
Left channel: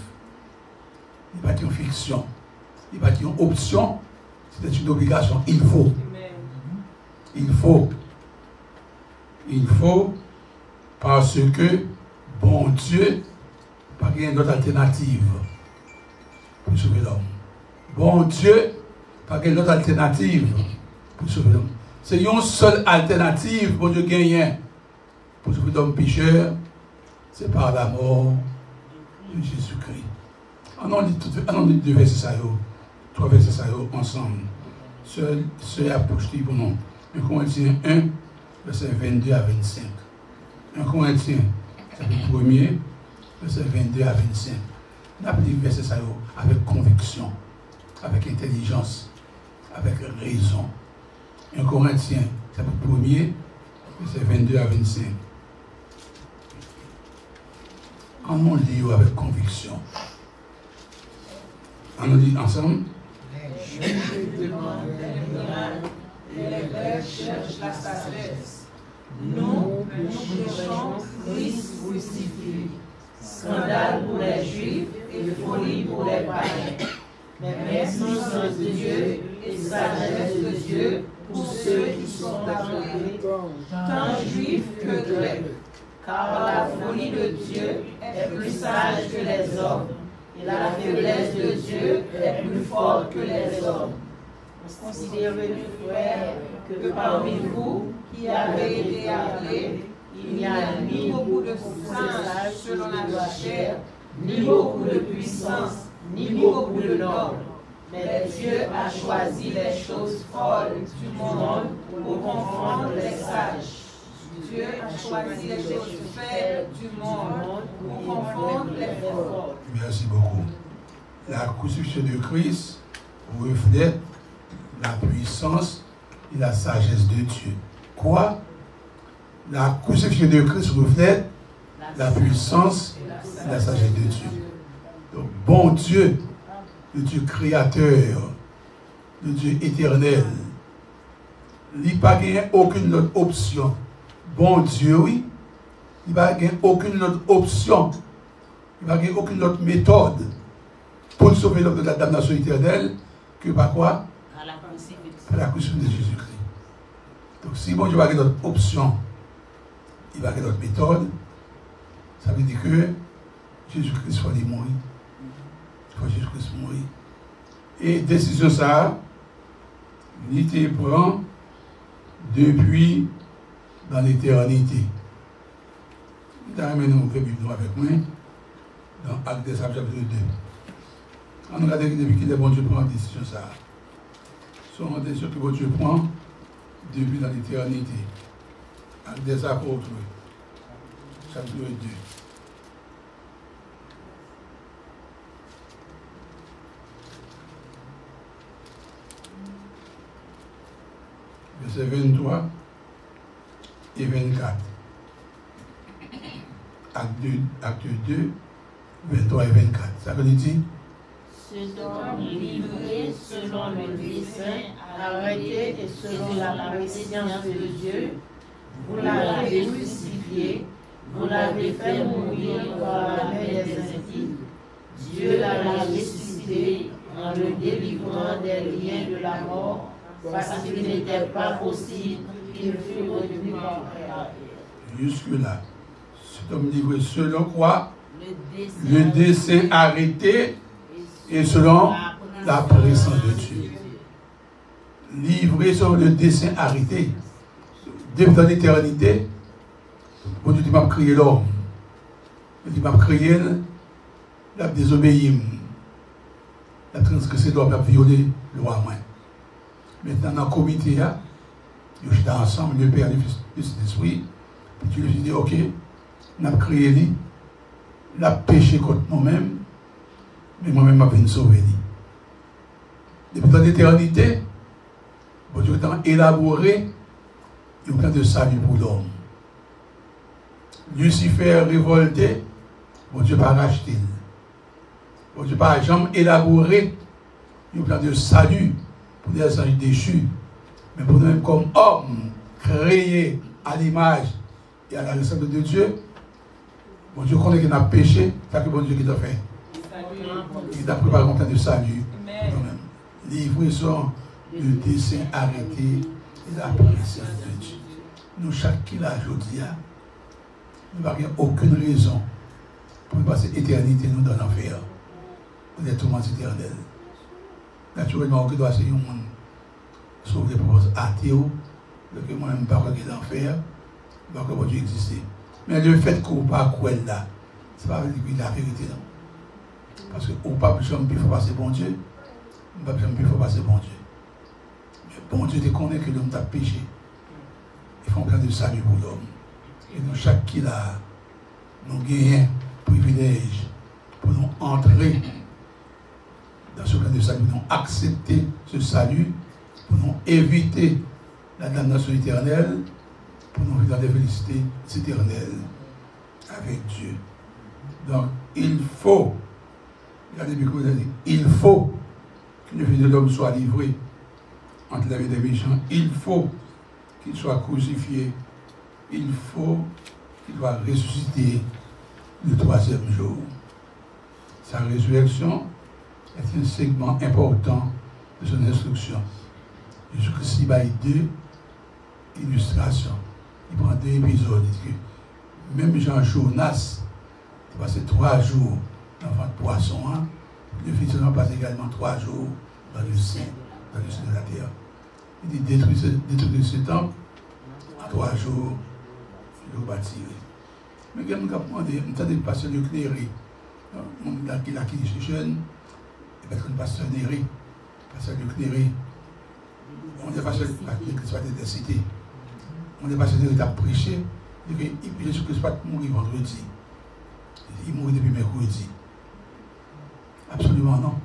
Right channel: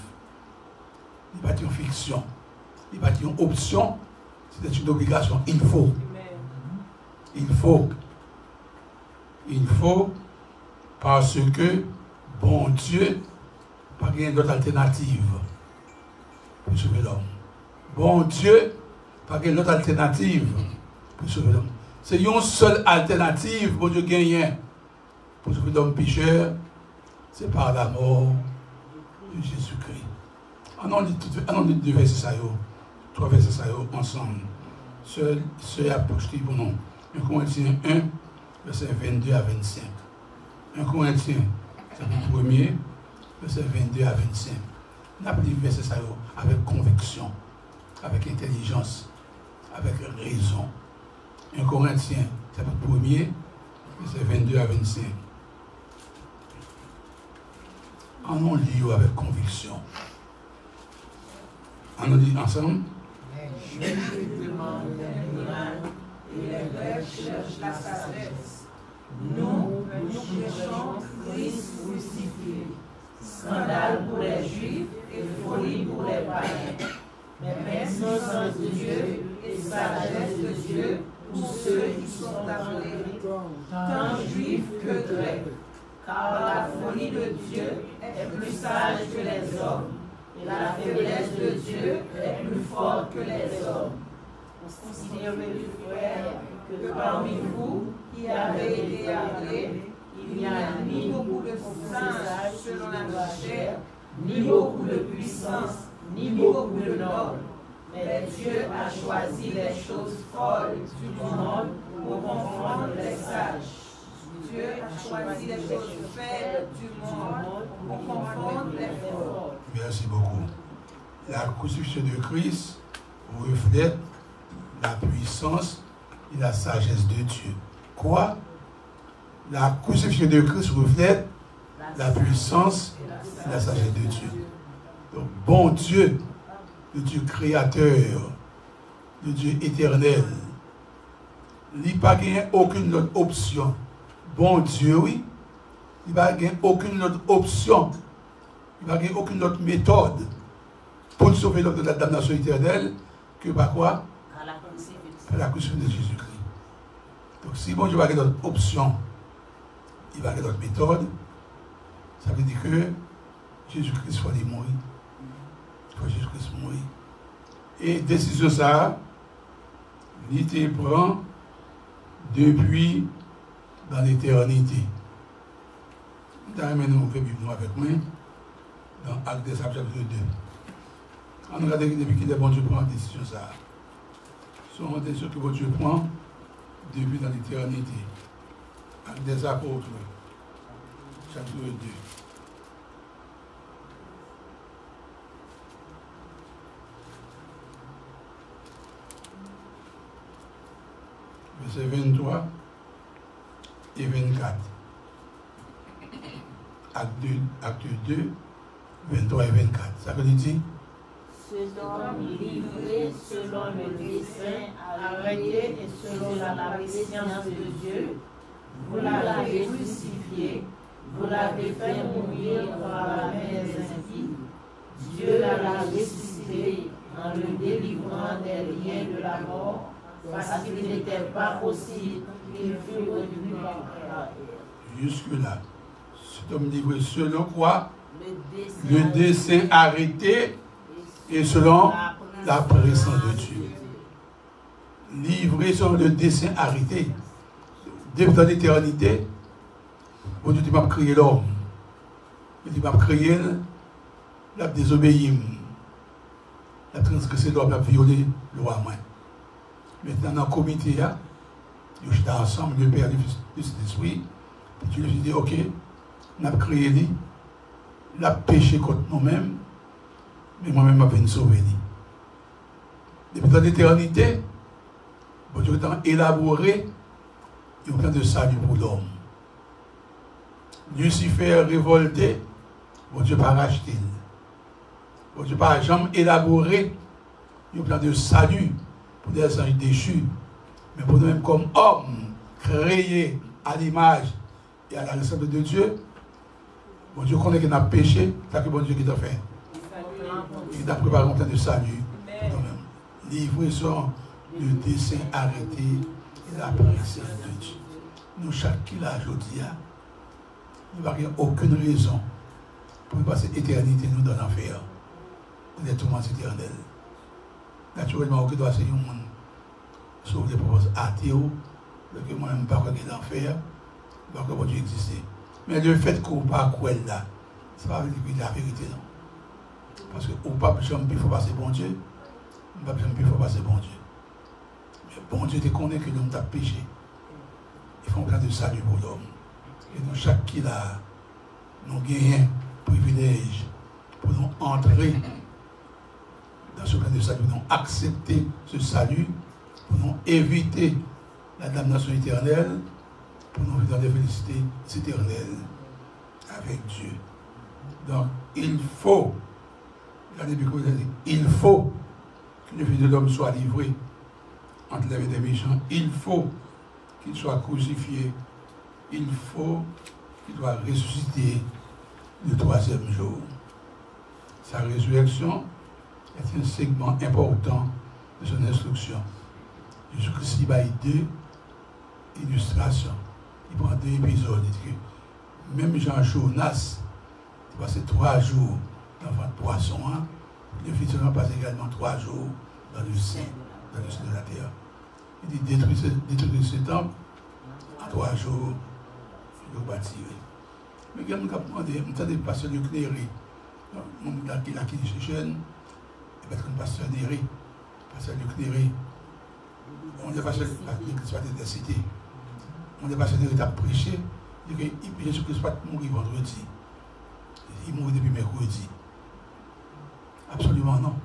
Il n'y a pas une fiction. Il n'y a pas une option. C'est une obligation. Il faut. Il faut. Il faut parce que bon Dieu n'a pas d'autre alternative pour sauver l'homme. Bon Dieu n'a pas d'autre alternative pour sauver l'homme. C'est une seule alternative pour Dieu gagner pour sauver l'homme pécheur, c'est par la mort de Jésus-Christ. On dit deux versets, trois versets ensemble. Ce approche pour nous. 1 Corinthiens 1, verset 22 à 25. 1 Corinthiens, chapitre 1er, verset 22 à 25. On a pris verset avec conviction, avec intelligence, avec raison. 1 Corinthiens, chapitre 1er, verset 22 à 25. On lit avec conviction. On nous dit ensemble. Je te demande un miracle, et les Grecs cherchent la sagesse. Nous cherchons Christ crucifié, scandale pour les Juifs et folie pour les païens. Mais puissance de Dieu et sagesse de Dieu pour ceux qui sont appelés, tant Juifs que Grecs. Car la folie de Dieu est plus sage que les hommes, et la faiblesse de Dieu est plus forte que les hommes. Considérez, frères, que parmi vous qui avez été appelés, il n'y a ni beaucoup de sages selon la chair, ni beaucoup de puissance, ni beaucoup de nobles. Mais Dieu a choisi les choses folles du monde pour confondre les sages. Dieu a choisi les choses faibles du monde pour confondre les forts. Merci beaucoup. La crucifixion de Christ reflète la puissance et la sagesse de Dieu. Quoi? La crucifixion de Christ reflète la puissance et la sagesse de Dieu. Donc, bon Dieu, le Dieu créateur, le Dieu éternel, il n'y a pas aucune autre option. Bon Dieu, oui, Il n'y a aucune autre option. Il n'y a aucune autre méthode pour sauver l'homme de la damnation éternelle que par quoi? À la crucifixion de Jésus-Christ. Donc si bon Dieu va avoir d'autres options, il va avoir d'autres méthodes, ça veut dire que Jésus-Christ faut aller mourir. Il faut Jésus-Christ mourir. Et décision ça, il te prend depuis dans l'éternité. Nous avons fait Bible avec moi dans Actes des Apôtres chapitre 2. On regarde depuis qu'il est bon Dieu prend la décision ça. Ce sont des décisions que bon Dieu prend depuis dans l'éternité. Actes des Apôtres, chapitre 2. Verset 23 et 24. Acte 2, 23 et 24. Ça veut dire? Ce dont livré selon le dessein arrêté et selon la préscience de Dieu, vous l'avez crucifié, vous l'avez fait mourir par la main des impies. Dieu l'a ressuscité en le délivrant des liens de la mort, parce qu'il n'était pas possible qu'il fût retenu par elle. Jusque-là, cet homme livré selon quoi? Le dessein arrêté et selon la présence de Dieu. Livré selon le dessein arrêté. Depuis dans l'éternité, Dieu m'a créé l'homme. Il m'a créé, il a désobéi, il a transgressé l'homme, il a violé le roi. Maintenant, dans le comité, je suis ensemble, le Père, le Fils, le Saint-Esprit. Tu lui dis, ok, on a créé lui, il a péché contre moi-même, mais moi-même, je vais sauver lui. Depuis dans l'éternité, Dieu a élaboré un plan de salut pour l'homme. Lucifer révolté, Dieu n'a pas racheté. Dieu n'a pas jamais élaboré un plan de salut pour les anges déchus, mais pour nous comme hommes créés à l'image et à la ressemblance de Dieu. Bon Dieu connaît qu'il a péché, c'est que bon Dieu qui t'a fait. Il t'a préparé un plan de salut. Livraison le dessein arrêté et la présence de Dieu. Nous, chaque qui l'a aujourd'hui, nous n'avons aucune raison pour passer l'éternité nous dans l'enfer. Les tourments éternels. Naturellement, on doit essayer un monde sur les propos athées, que moi-même, je ne sais pas quoi l'enfer, je ne sais pas comment Dieu existe. Mais le fait qu'on ne pas croire là, ce n'est pas la vérité, non. Parce qu'on ne peut pas jamais passer bon Dieu, on ne peut pas jamais passer bon Dieu. Mais bon Dieu te connaît que l'homme t'a péché. Il faut un plan de salut pour l'homme. Et nous, chaque qui là, nous gagnons privilège pour nous entrer dans ce plan de salut, nous accepter ce salut, pour nous éviter la damnation éternelle, pour nous vivre dans les félicités éternelles avec Dieu. Donc, il faut, regardez bien comment il a dit, il faut que le Fils de l'homme soit livré entre les mains des méchants. Il faut qu'il soit crucifié. Il faut qu'il soit ressuscité le troisième jour. Sa résurrection est un segment important de son instruction. Jésus-Christ il a deux illustrations. Il prend deux épisodes. Il dit que même Jean Jonas, il passe 3 jours dans le ventre de poisson. Le Fils de l'homme passe également 3 jours dans le sein de la terre. Il dit détruire ce temple en 3 jours, je le bâtirai. Mais quand on a demandé, on a dit pasteur de Cléry, on a qui dit jeune, il va être un pasteur Néré, pasteur de Cléry. On est pasteur de cité. On est pasteur de prêcher, il dit que Jésus-Christ va mourir vendredi. Il mourit depuis mercredi. Absolument non.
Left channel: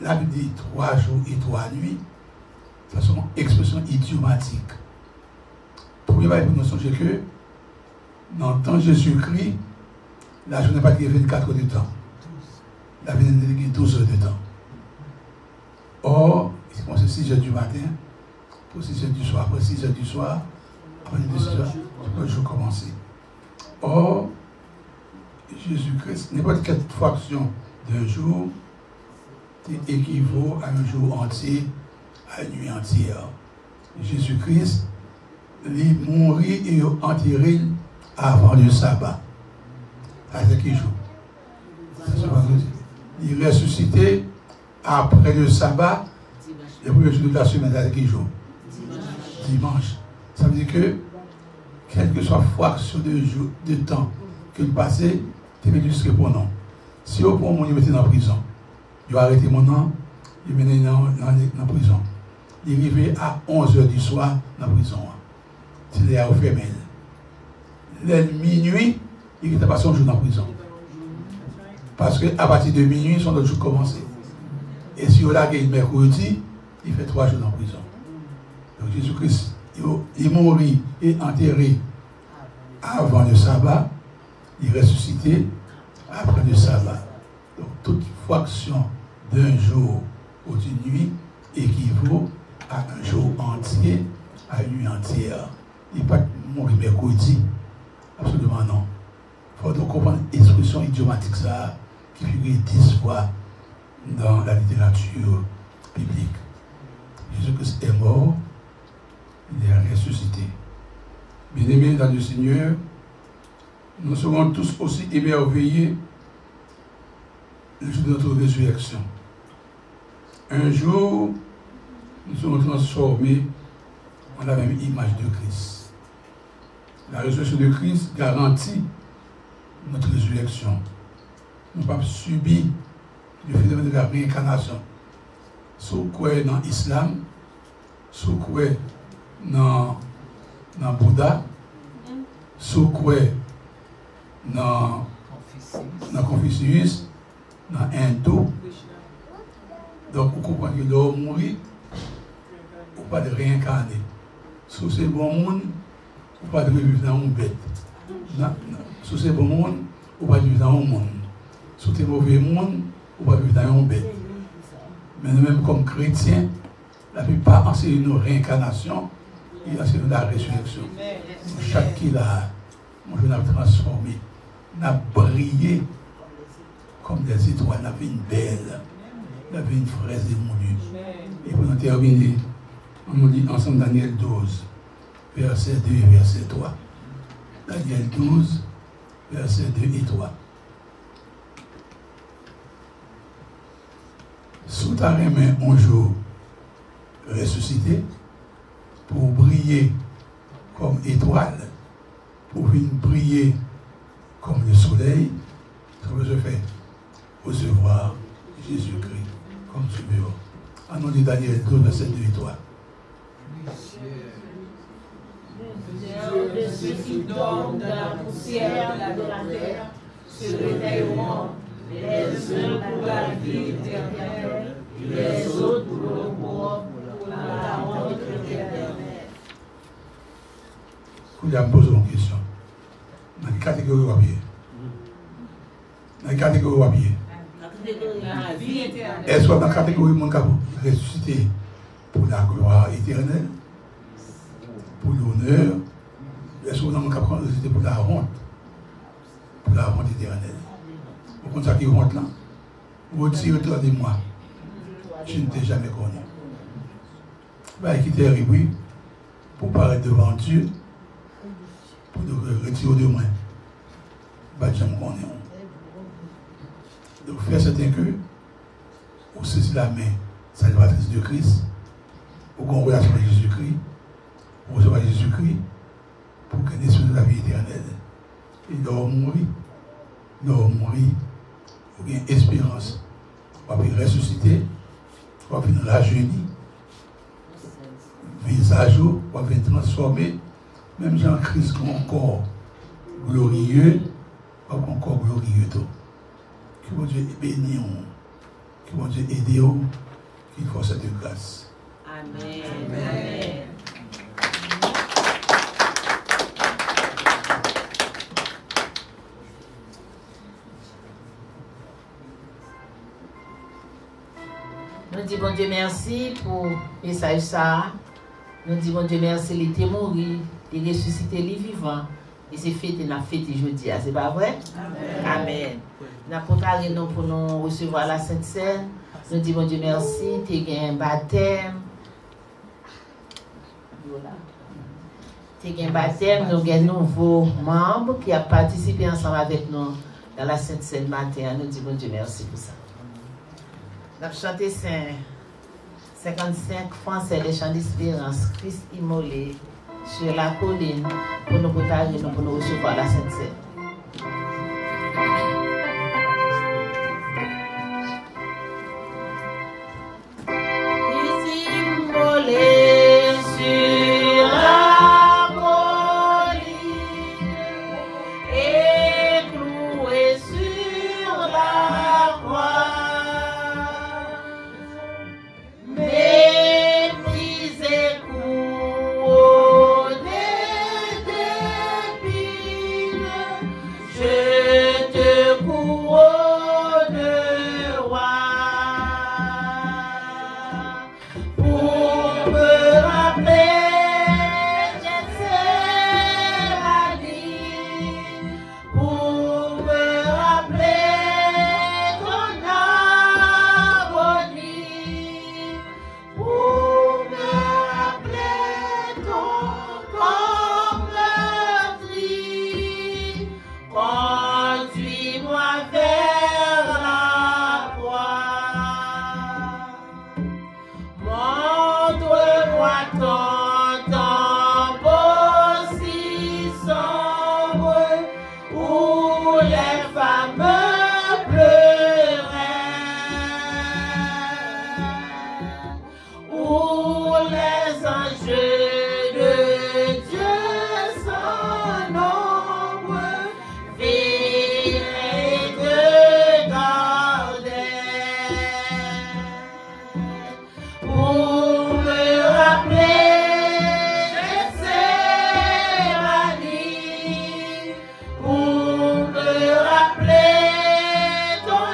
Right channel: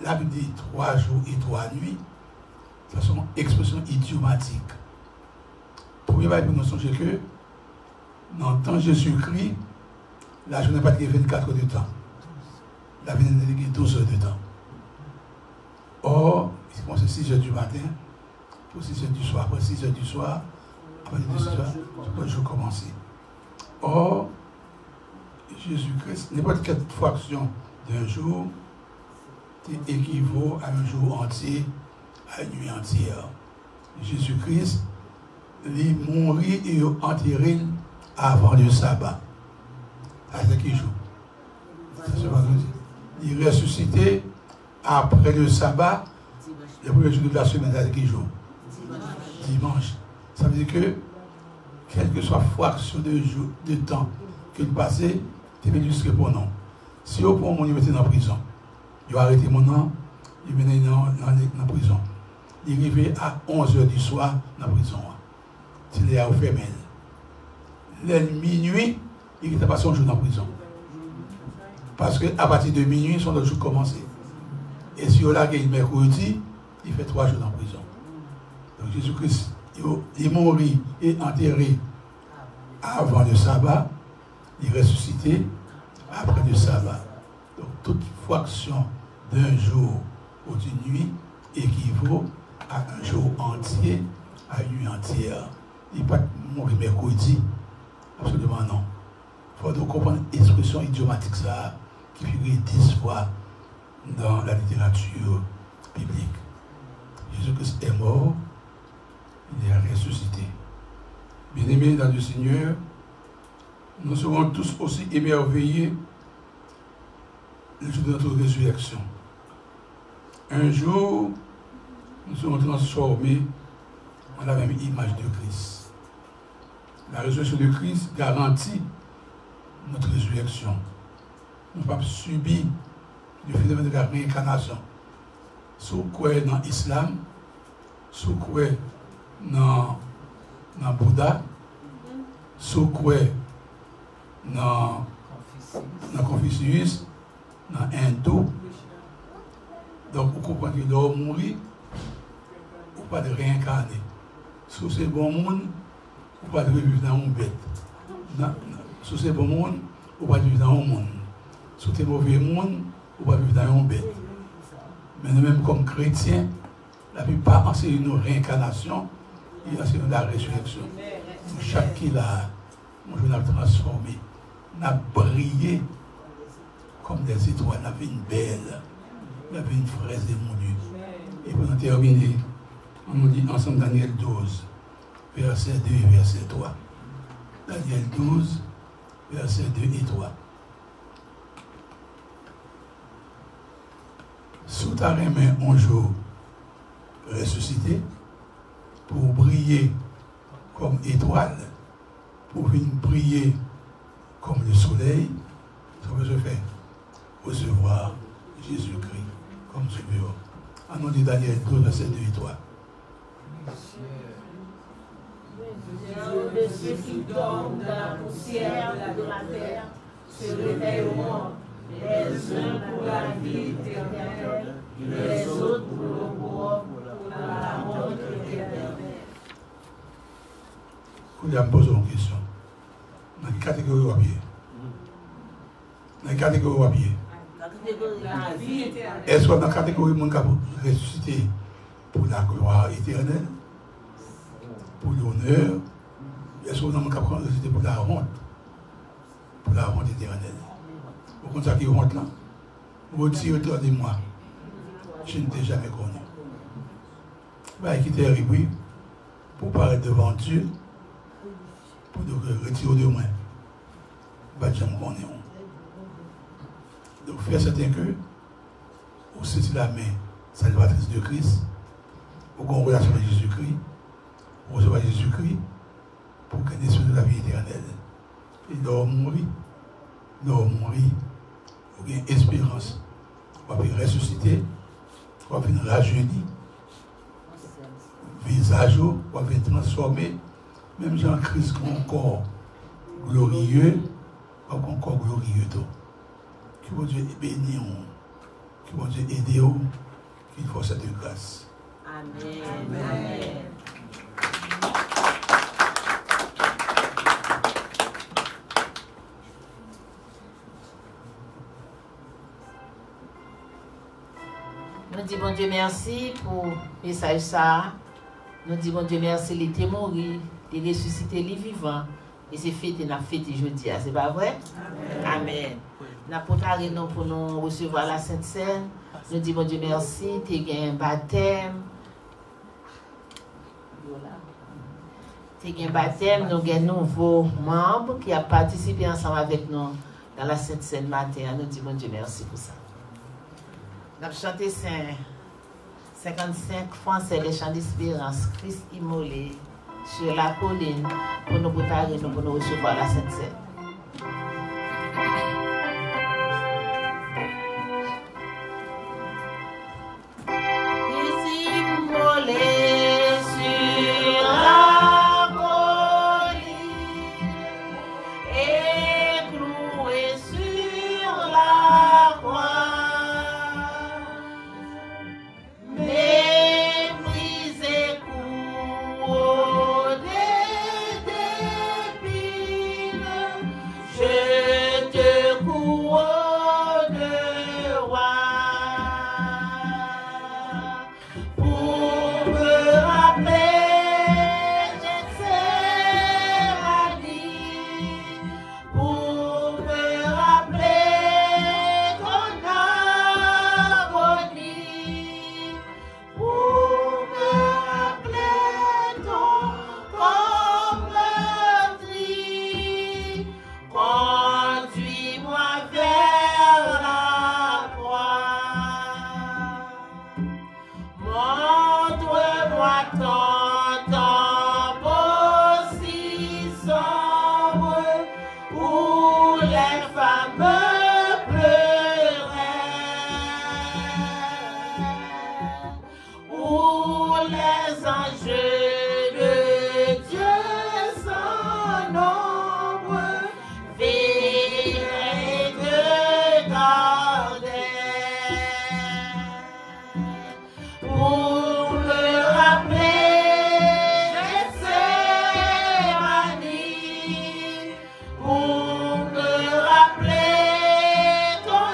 La Bible dit 3 jours et 3 nuits. Ce sont une expression idiomatique. Premier bail pour nous songer que dans le temps de Jésus-Christ, la journée n'a pas été 24 heures de temps. La journée n'a été 12 heures de temps. Or, c'est 6 heures du matin, pour 6 heures du soir. Après 6 heures du soir, le jour commencer. Or, Jésus-Christ, n'importe quelle fraction d'un jour équivaut à un jour entier, à une nuit entière. Jésus-Christ, il mourit et enterré avant le sabbat. Avec qui jour? Il est ressuscité après le sabbat, le premier jour de la semaine, avec qui jour? Dimanche. Ça veut dire que, quelle que soit fraction de temps qu'il passait, tu es jusqu'à pour non. Si au point où il mettait en prison, il a arrêté mon nom, il mené dans prison. Il est arrivé à 11h du soir dans la prison. Il est fermé. La minuit, il n'était pas son jour dans la prison. Parce qu'à partir de minuit, son autre jour commençait. Et si on a le mercredi, il fait 3 jours dans la prison. Donc Jésus-Christ, il mourit et enterré avant le sabbat, il est ressuscité après le sabbat. Donc toute fraction d'un jour ou d'une nuit équivaut à un jour entier, à une nuit entière. Il n'est pas mourir mercredi. Absolument non. Il faut donc comprendre l'expression idiomatique ça, qui figure 10 fois dans la littérature biblique. Jésus-Christ est mort, il est ressuscité. Bien-aimés dans le Seigneur, nous serons tous aussi émerveillés le jour de notre résurrection. Un jour, nous serons transformés en la même image de Christ. La résurrection de Christ garantit notre résurrection. Nous ne pouvons pas subir le phénomène de la réincarnation. Sous quoi dans l'islam, sous quoi dans Bouddha, sous quoi dans Confucius, dans Hindu. Donc, vous comprenez que l'homme mourit, ou pas de réincarner. Si c'est bon monde, ou pas de revivre dans une bête. Si c'est bon monde, ou pas de vivre dans un monde. Si c'est mauvais monde, ou pas de vivre dans une bête. Mais nous-mêmes, comme chrétiens, la plupart enseignent nos réincarnations et enseignent la résurrection. Chaque qui l'a, nous avons transformé, nous avons brillé comme des étoiles, la vie belle, la vie fraise et moulue. Et pour nous terminer, on nous dit ensemble Daniel 12, verset 2 et verset 3. Daniel 12, verset 2 et 3. Sous ta main un jour ressuscité pour briller comme étoile, pour venir briller comme le soleil, ça veut se faire recevoir Jésus-Christ comme tu veux. En nom de Daniel 12, verset 2 et 3. De ceux qui dorment dans la poussière de la terre se réveilleront, les uns pour la vie éternelle, les autres pour le mort, pour la honte éternelle. Vous allez me poser une question. Dans quelle catégorie vous pied? Dans quelle catégorie vous pied? La vie éternelle. Est-ce que dans la catégorie de mon ressuscité pour la gloire éternelle, pour l'honneur, est-ce que dans mon ressuscité pour la honte éternelle? Vous comprenez ça qui est honte là? Vous retirez-toi de moi. Je ne t'ai jamais connu. Bah, qui t'est arrivé pour paraître devant Dieu, pour te retirer de moi. Bah, je me connais. Donc, faire certain que vous saisissez la main salvatrice de Christ, vous avez une relation avec Jésus-Christ, vous recevez Jésus-Christ pour gagner sur la vie éternelle. Et nous mourir, vous avez une espérance. Vous avez ressuscité, vous avez une rajeuni, visage, vous avez transformé, même Jean-Christ comme un corps glorieux, pas un corps glorieux. Que mon Dieu bénisse, que mon Dieu aide, qu'il fasse cette grâce. Amen. Amen. Nous disons bon Dieu merci pour le message ça. Nous disons bon Dieu merci, il était mort il est ressuscité, il est vivant. Et c'est fêté, n'a fêté jeudi, c'est pas vrai? Amen. Amen. Nous avons préparé nous pour nous recevoir la Sainte Seine. Nous disons, mon Dieu, merci, tu as gagné un baptême. Voilà. Tu as gagné un baptême, nous avons un nouveau membre qui a participé ensemble avec nous dans la Sainte Seine matin. Nous disons, mon Dieu, merci pour ça. Nous avons chanté 55 Français, les chants d'espérance, Christ immolé sur la colline pour nous préparer, pour nous recevoir la Sainte Seine. Christ immolé sur la colline et cloué sur la croix. Méprisé, couronné d'épines, je te couronne roi. Pour me rappeler Gethsémani, pour me rappeler ton agonie, pour me rappeler ton corps meurtri, conduis-moi vers la croix. Montre-moi ton tombeau si sombre où les femmes pleuraient, où les anges de Dieu sans nombre veillaient et te gardaient. Pour me rappeler Gethsémani, pour me rappeler ton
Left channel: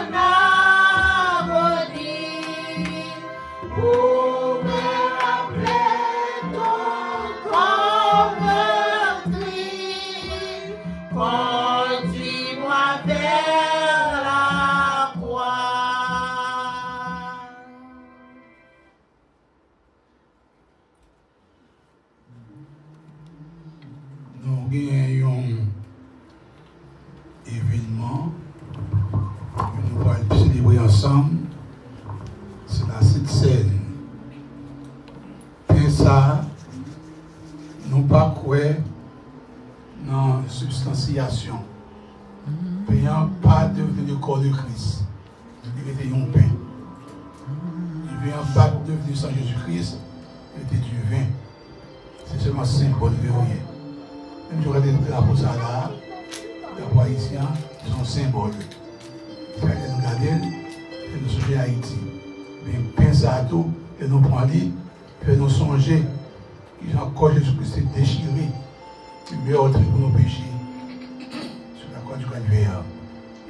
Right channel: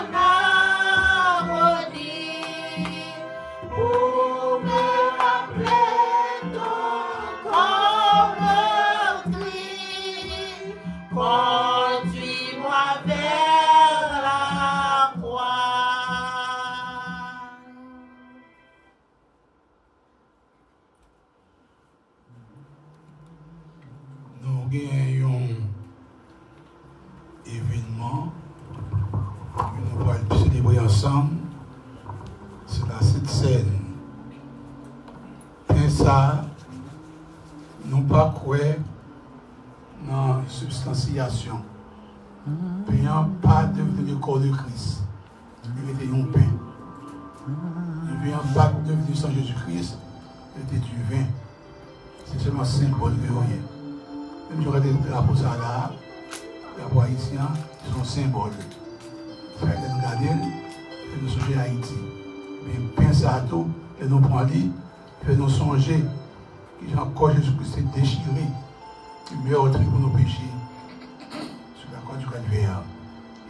agonie, pour me rappeler ton corps meurtri, conduis-moi vers la croix. Nous gagnons un événement que nous allons célébrer ensemble. C'est la Sainte Seine. Et ça, nous pas quoi dans la substantiation. Payant pas devenir le corps de Christ. Il était un pain. Il vient pas devenir sans Jésus-Christ. Il était du vin. C'est seulement symbole de rien. Même si on regarde les drapeaux là, les drapeaux haïtiens sont symboles. C'est nous regarder et nous songer à Haïti. Mais pensez à tout, et nous prendre, et nous songer que encore Jésus-Christ s'est déchiré, le meilleur truc pour nos péchés sur la croix du calvaire.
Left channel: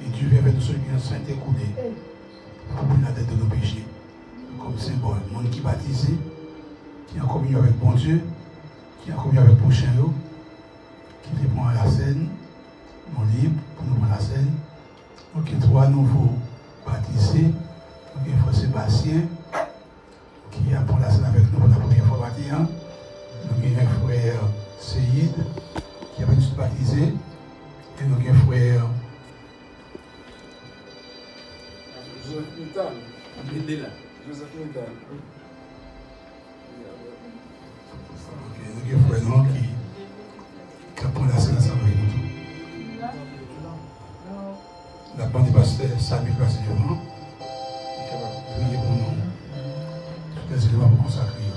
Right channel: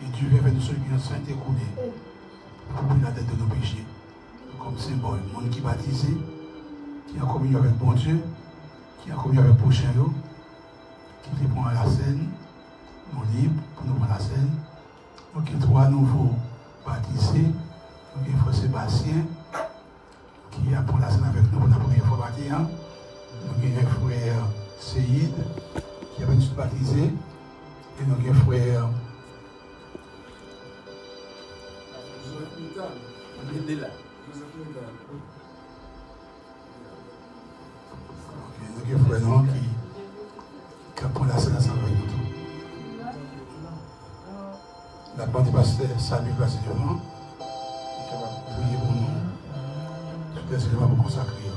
Et Dieu vient faire de ceux qui ont saint écoulé pour prendre la tête de nos péchés. Comme symbole, le monde qui est baptisé, qui est en communion avec bon Dieu, qui est en communion avec le prochain, qui prend à la scène, nous libres pour nous prendre la scène. Donc, il y a 3 nouveaux baptisés. Donc, il faut Sébastien qui a pris la scène avec nous pour la première fois baptisé. Donc, il y a un frère Seyid qui a été baptisé. Et donc, il y a un frère Joseph Mintal. Il est là. Joseph Mintal. Donc, il y a un frère non, qui a pris la scène ensemble avec nous. La bande du pasteur Samuel passe devant. Il est capable de prier pour nous. Tout est élément pour consacrer.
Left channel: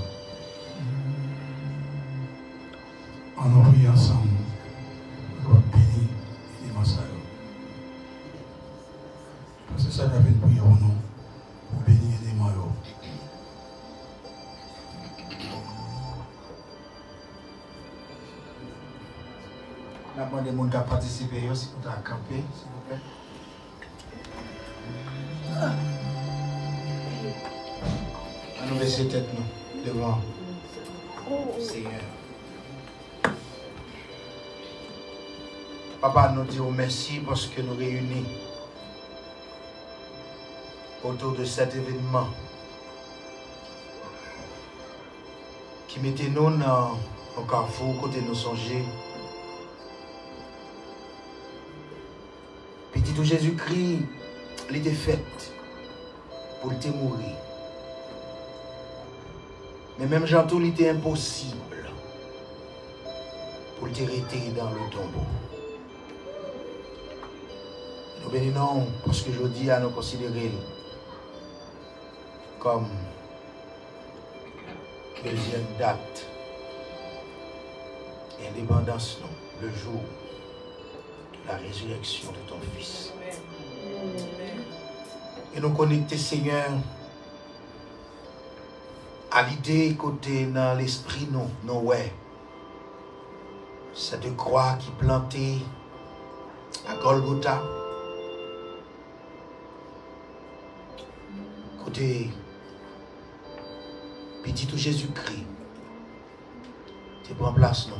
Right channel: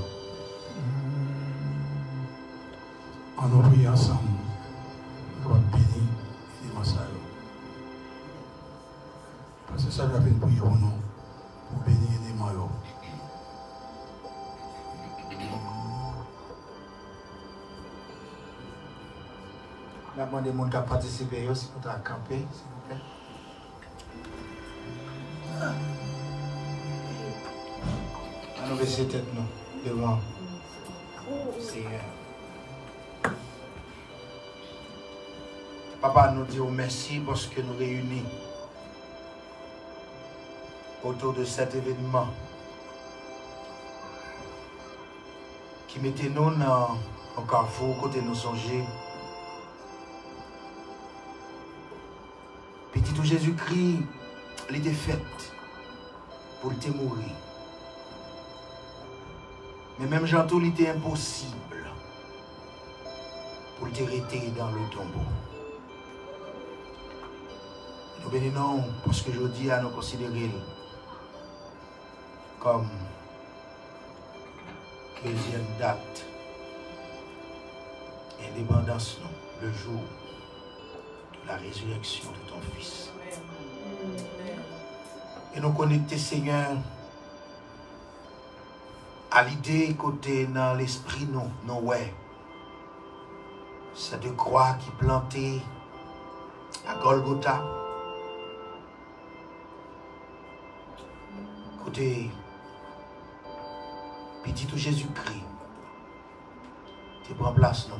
En nous prier ensemble, nous allons bénir les massacres. Parce que ça va faire prier pour nous, pour bénir les maillots. La bande des gens qui ont participé aussi pour camper, s'il vous plaît. Nous baisser tête nous devant le Seigneur. Papa, nous disons merci parce que nous réunis autour de cet événement qui mettait nous dans un carrefour, côté nous songer. Petit tout Jésus-Christ, il était fait pour te mourir. Mais même Jean tout, il était impossible pour te rester dans le tombeau. Nous bénissons parce que je dis à nous considérer comme deuxième date, indépendance, le jour de la résurrection de ton Fils. Et nous connecter, Seigneur, à l'idée côté dans l'esprit, nous, ouais. Cette croix qui plantait à Golgotha. Côté petit tout Jésus-Christ, tu prends place, non?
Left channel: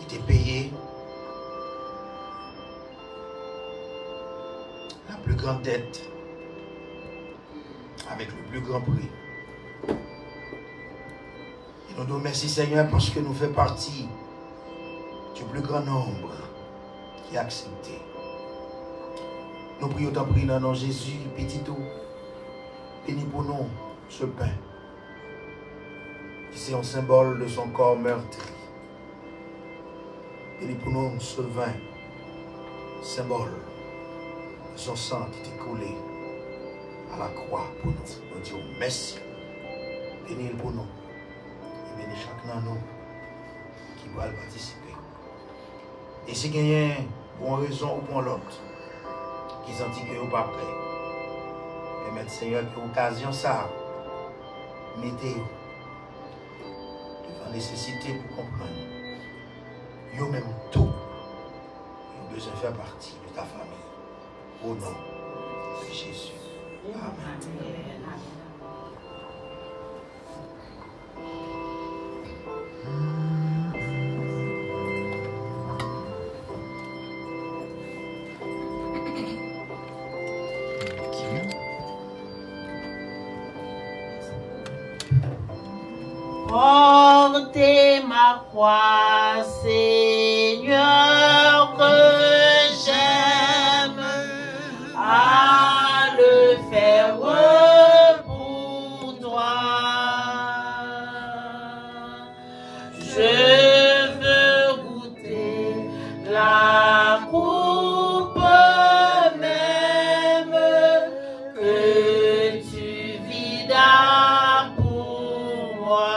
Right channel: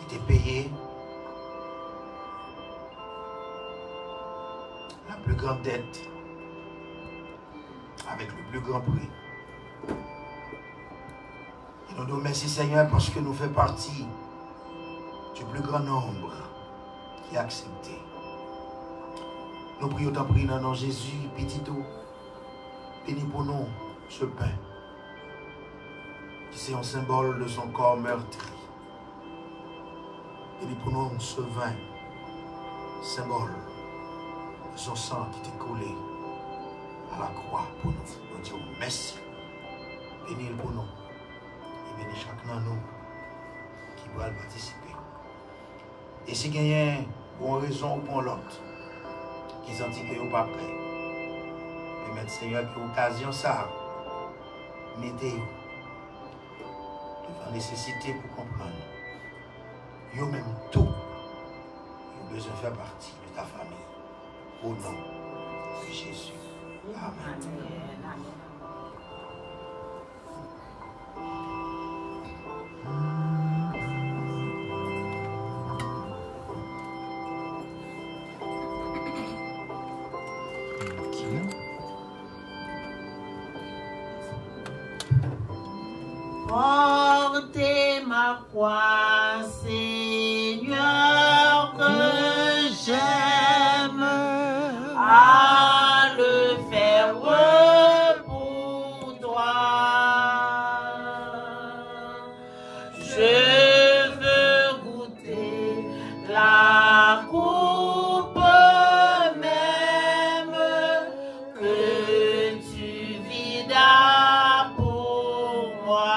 Il t'est payé la plus grande dette avec le plus grand prix. Et nous nous remercions, Seigneur, parce que nous faisons partie du plus grand nombre qui a accepté. Nous prions ton prix dans le nom de Jésus, petit tout. Bénis pour nous ce pain, qui c'est un symbole de son corps meurtri. Bénis pour nous ce vin, symbole de son sang qui t'est coulé à la croix pour nous. Nous disons merci. Bénis pour nous. Et bénis chacun de nous qui va participer. Et si il y a une bonne raison ou pour l'autre, qui sentit que vous pas prêt. Mais Seigneur, que l'occasion ça, mettez-vous devant nécessité pour comprendre. Vous même tout, vous avez besoin de faire partie de ta famille. Au nom de Jésus. Amen. Portez ma croix, Seigneur, que j'aime à le faire pour toi. Je veux goûter la coupe même que tu vidas pour moi.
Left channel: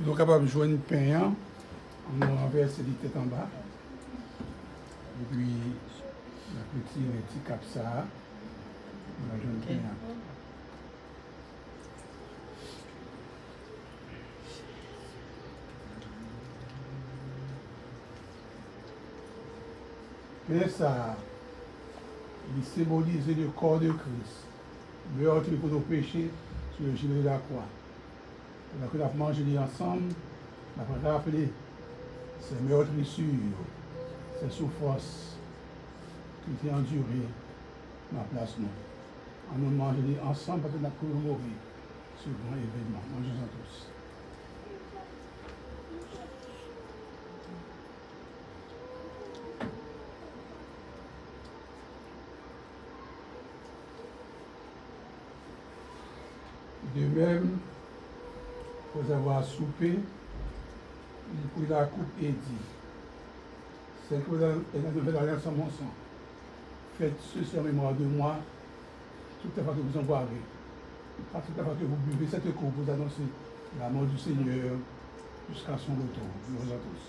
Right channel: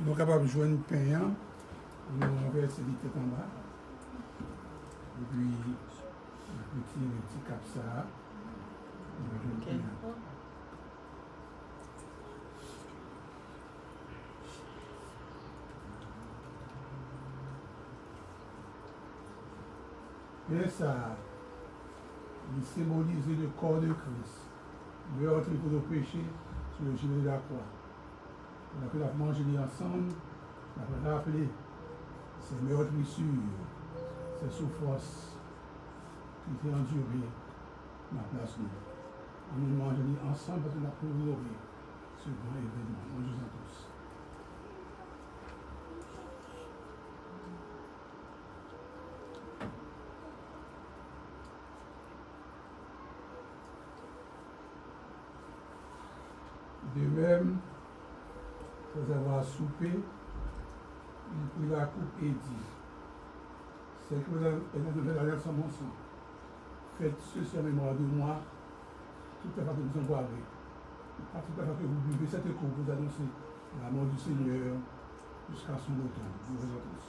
Nous sommes capables de jouer une pain, on renverse les têtes en bas. Et puis, un petit cap ça. On va jouer une pain. Mais ça, il symbolise le corps de Christ, meurtri pour nos péchés sur le gilet de la croix. On a mangé ensemble, on a rappelé ces meurtrissures, ces souffrances qui étaient endurées dans la place nous. On nous mange ensemble parce qu'on a pu mourir sur le grand événement. Mangez-en tous. De même, après avoir soupé, il prit la coupe et dit, c'est que la nouvelle alliance en mon sang. Faites ceci en mémoire de moi, toute la fois que vous en boirez. À toute la fois que vous buvez cette coupe, vous annoncez la mort du Seigneur jusqu'à son retour. Nous vous en tous.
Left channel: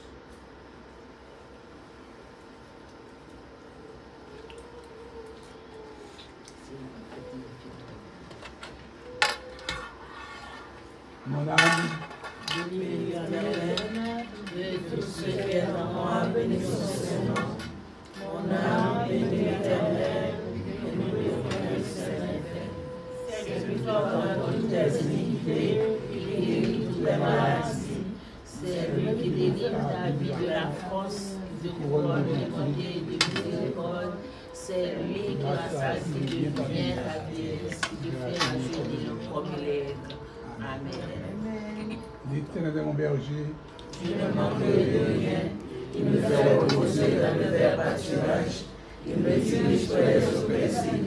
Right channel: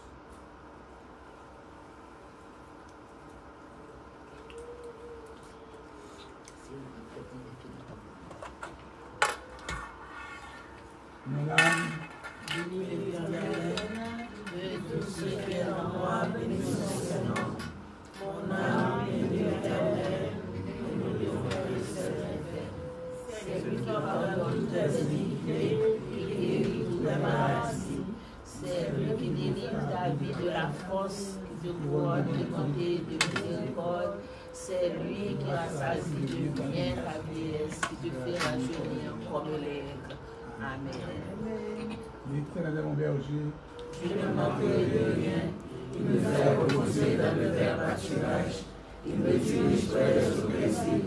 Mon âme, bénis l'Éternel, et tout ce qui est en moi, bénis son Seigneur. Mon âme, bénis l'Éternel, et nous lui offrons le Saint-Esprit. C'est lui qui ordonne toutes les iniquités, qui guérit toutes les maladies. C'est lui qui délivre la vie de la France, du couronne de bonté et de miséricorde. C'est lui qui rassasie de lumière la vieillesse, qui te fait rajeunir comme l'aigle. Amen. l'Éternel est mon berger. Tu ne manques de rien. Il me fait reposer dans le vert pâturage. Il me dirige près de son plaisir.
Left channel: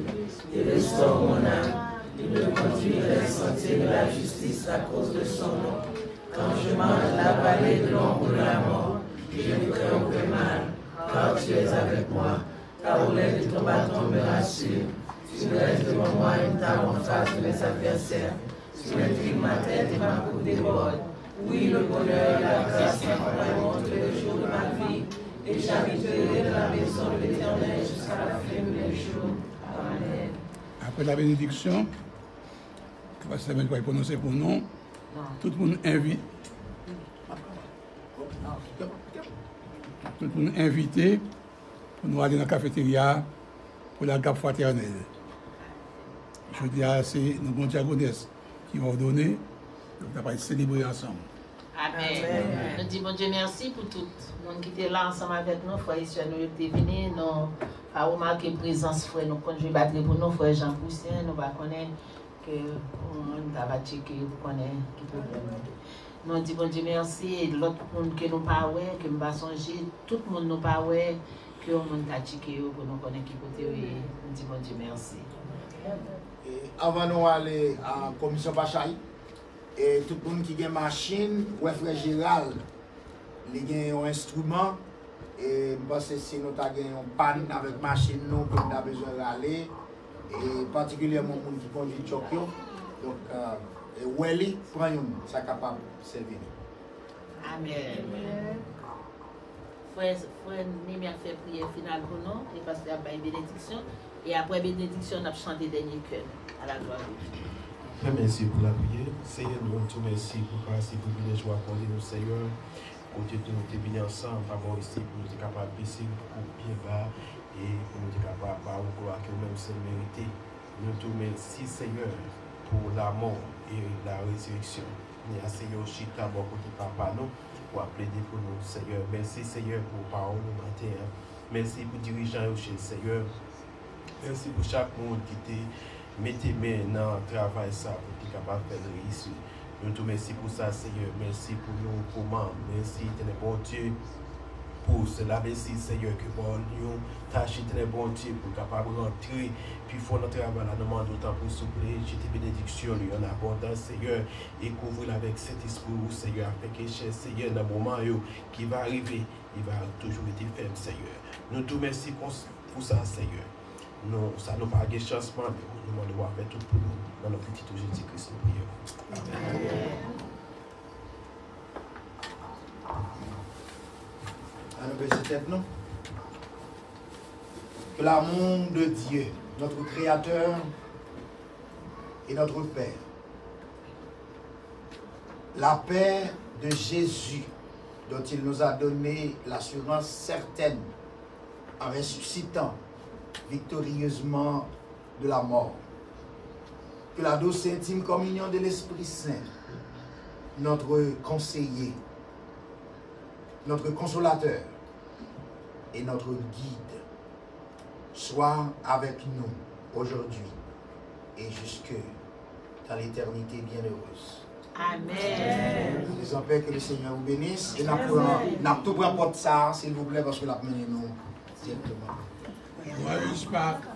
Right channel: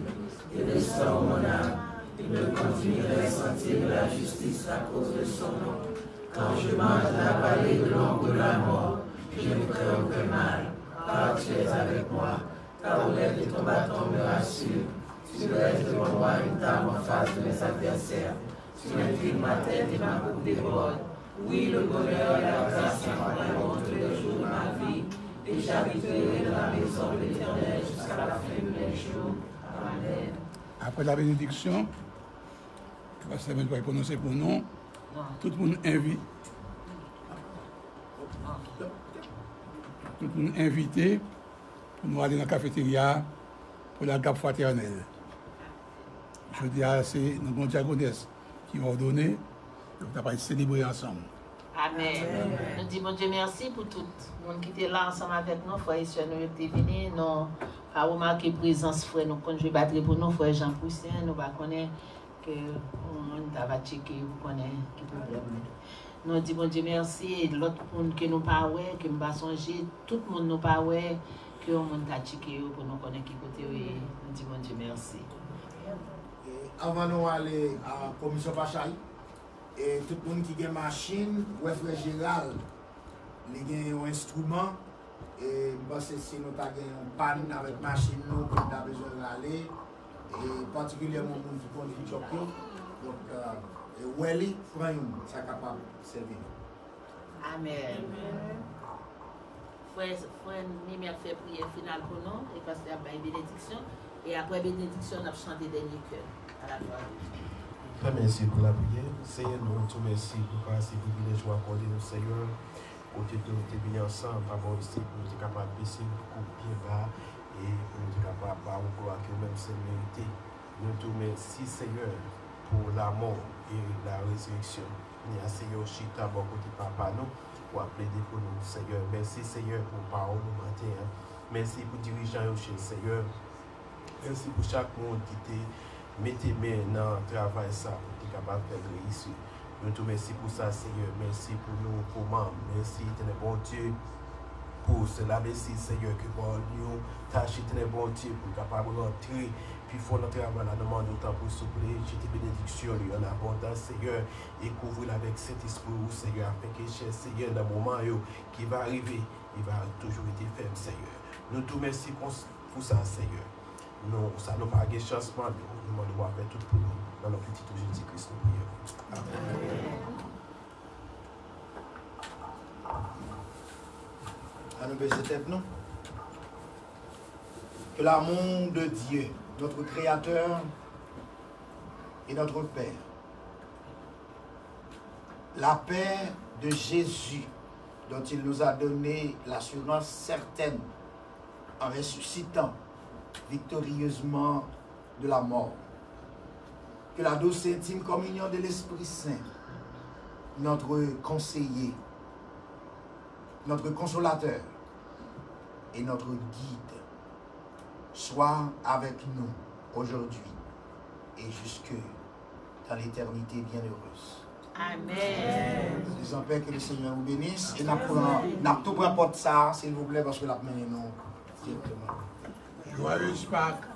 Il restaure mon âme. Il me conduit dans les sentiers de la justice à cause de son nom. Quand je marche dans la vallée de l'ombre de la mort, je ne crains aucun mal, car tu es avec moi. Ta roulette et ton bâton me rassurent. Tu me laisses devant moi une table en face de mes adversaires. Tu inclines ma tête et ma coupe déborde. Oui, le bonheur et la grâce m'accompagneront tous les jours de ma vie, et j'habiterai dans la maison de l'Éternel jusqu'à la fin de mes jours. Amen. Après la bénédiction, que va savoir va prononcer pour nous, tout le monde invite. Tout le monde invité pour nous aller dans la cafétéria pour la gape fraternelle. Je dis à c'est nos diagonesses qui ont ordonné, on va célébrer ensemble. Amen. Nous disons, bon Dieu, merci pour tout le monde qui était là ensemble avec nous, frère et soeur, nous étions venus, nous avons remarqué la présence, frère, nous quand je battre pour nous, frère Jean Poussin, nous va connaître que on va checker pour connaître qui problème. Nous disons, bon Dieu, merci, et l'autre monde que nous parlons, que nous va songer, tout le monde nous parle, que nous va checker pour nous connaître qui côté, nous disons, bon Dieu, merci. Avant nous aller à la commission Bachal, et tout le monde qui a une machine, ou frère Gérald, il a un instrument, et je pense que si nous avons une panne avec la machine, nous avons besoin d'aller, et particulièrement les gens qui conduisent Tokyo. Donc, Welly, prend une, ça capable de servir. Amen. Frère Némia fait prière finale pour nous, et parce qu'il y a une bénédiction. Et après bénédiction, on a chanté dernier cœur à la gloire de Dieu. Merci pour la prière. Seigneur, nous te remercions pour passer pour les joies accorder nous, Seigneur. Côté de nous, bien ensemble, d'abord ici, pour nous être capables de baisser pour bien bas et pour nous être capables de croire que même c'est mérité. Nous te remercions, Seigneur, pour la mort et la résurrection. Nous avons Seigneur Chita, bon côté papa, nous, pour plaider pour nous, Seigneur. Merci, Seigneur, pour parole du matin. Merci pour dirigeant chez le Seigneur. Merci pour chaque monde qui te mettez main dans le travail ça pour être capable de faire réussir. Nous te remercions pour ça, Seigneur. Merci pour nous, pour membres. Merci, tu es bon Dieu, pour cela. Merci, Seigneur, que pour nous, tâche, tu es bon Dieu, pour capable d'entrer. Puis, il faut notre travail, la demande autant pour souffler. J'ai tes bénédictions, lui, en abondance, Seigneur. Et couvrir avec cet esprit, Seigneur, afin que, cher Seigneur, dans le moment qui va arriver, il va toujours être ferme, Seigneur. Nous te remercions pour ça, Seigneur. Non, ça n'a pas de changement, mais on demande de voir faire tout pour nous. Dans le petit Jésus-Christ, nous prions. Amen. À nous baisser tête, non? Que l'amour de Dieu, notre Créateur et notre Père, la paix de Jésus, dont il nous a donné l'assurance certaine en ressuscitant victorieusement de la mort. Que la douce et intime communion de l'Esprit Saint, notre conseiller, notre consolateur et notre guide, soit avec nous aujourd'hui et jusque dans l'éternité bienheureuse. Amen. Nous disons Père que le Seigneur vous bénisse et n'a tout pris porte ça, s'il vous plaît, parce que la mené nous directement. Joyeuse Pâques.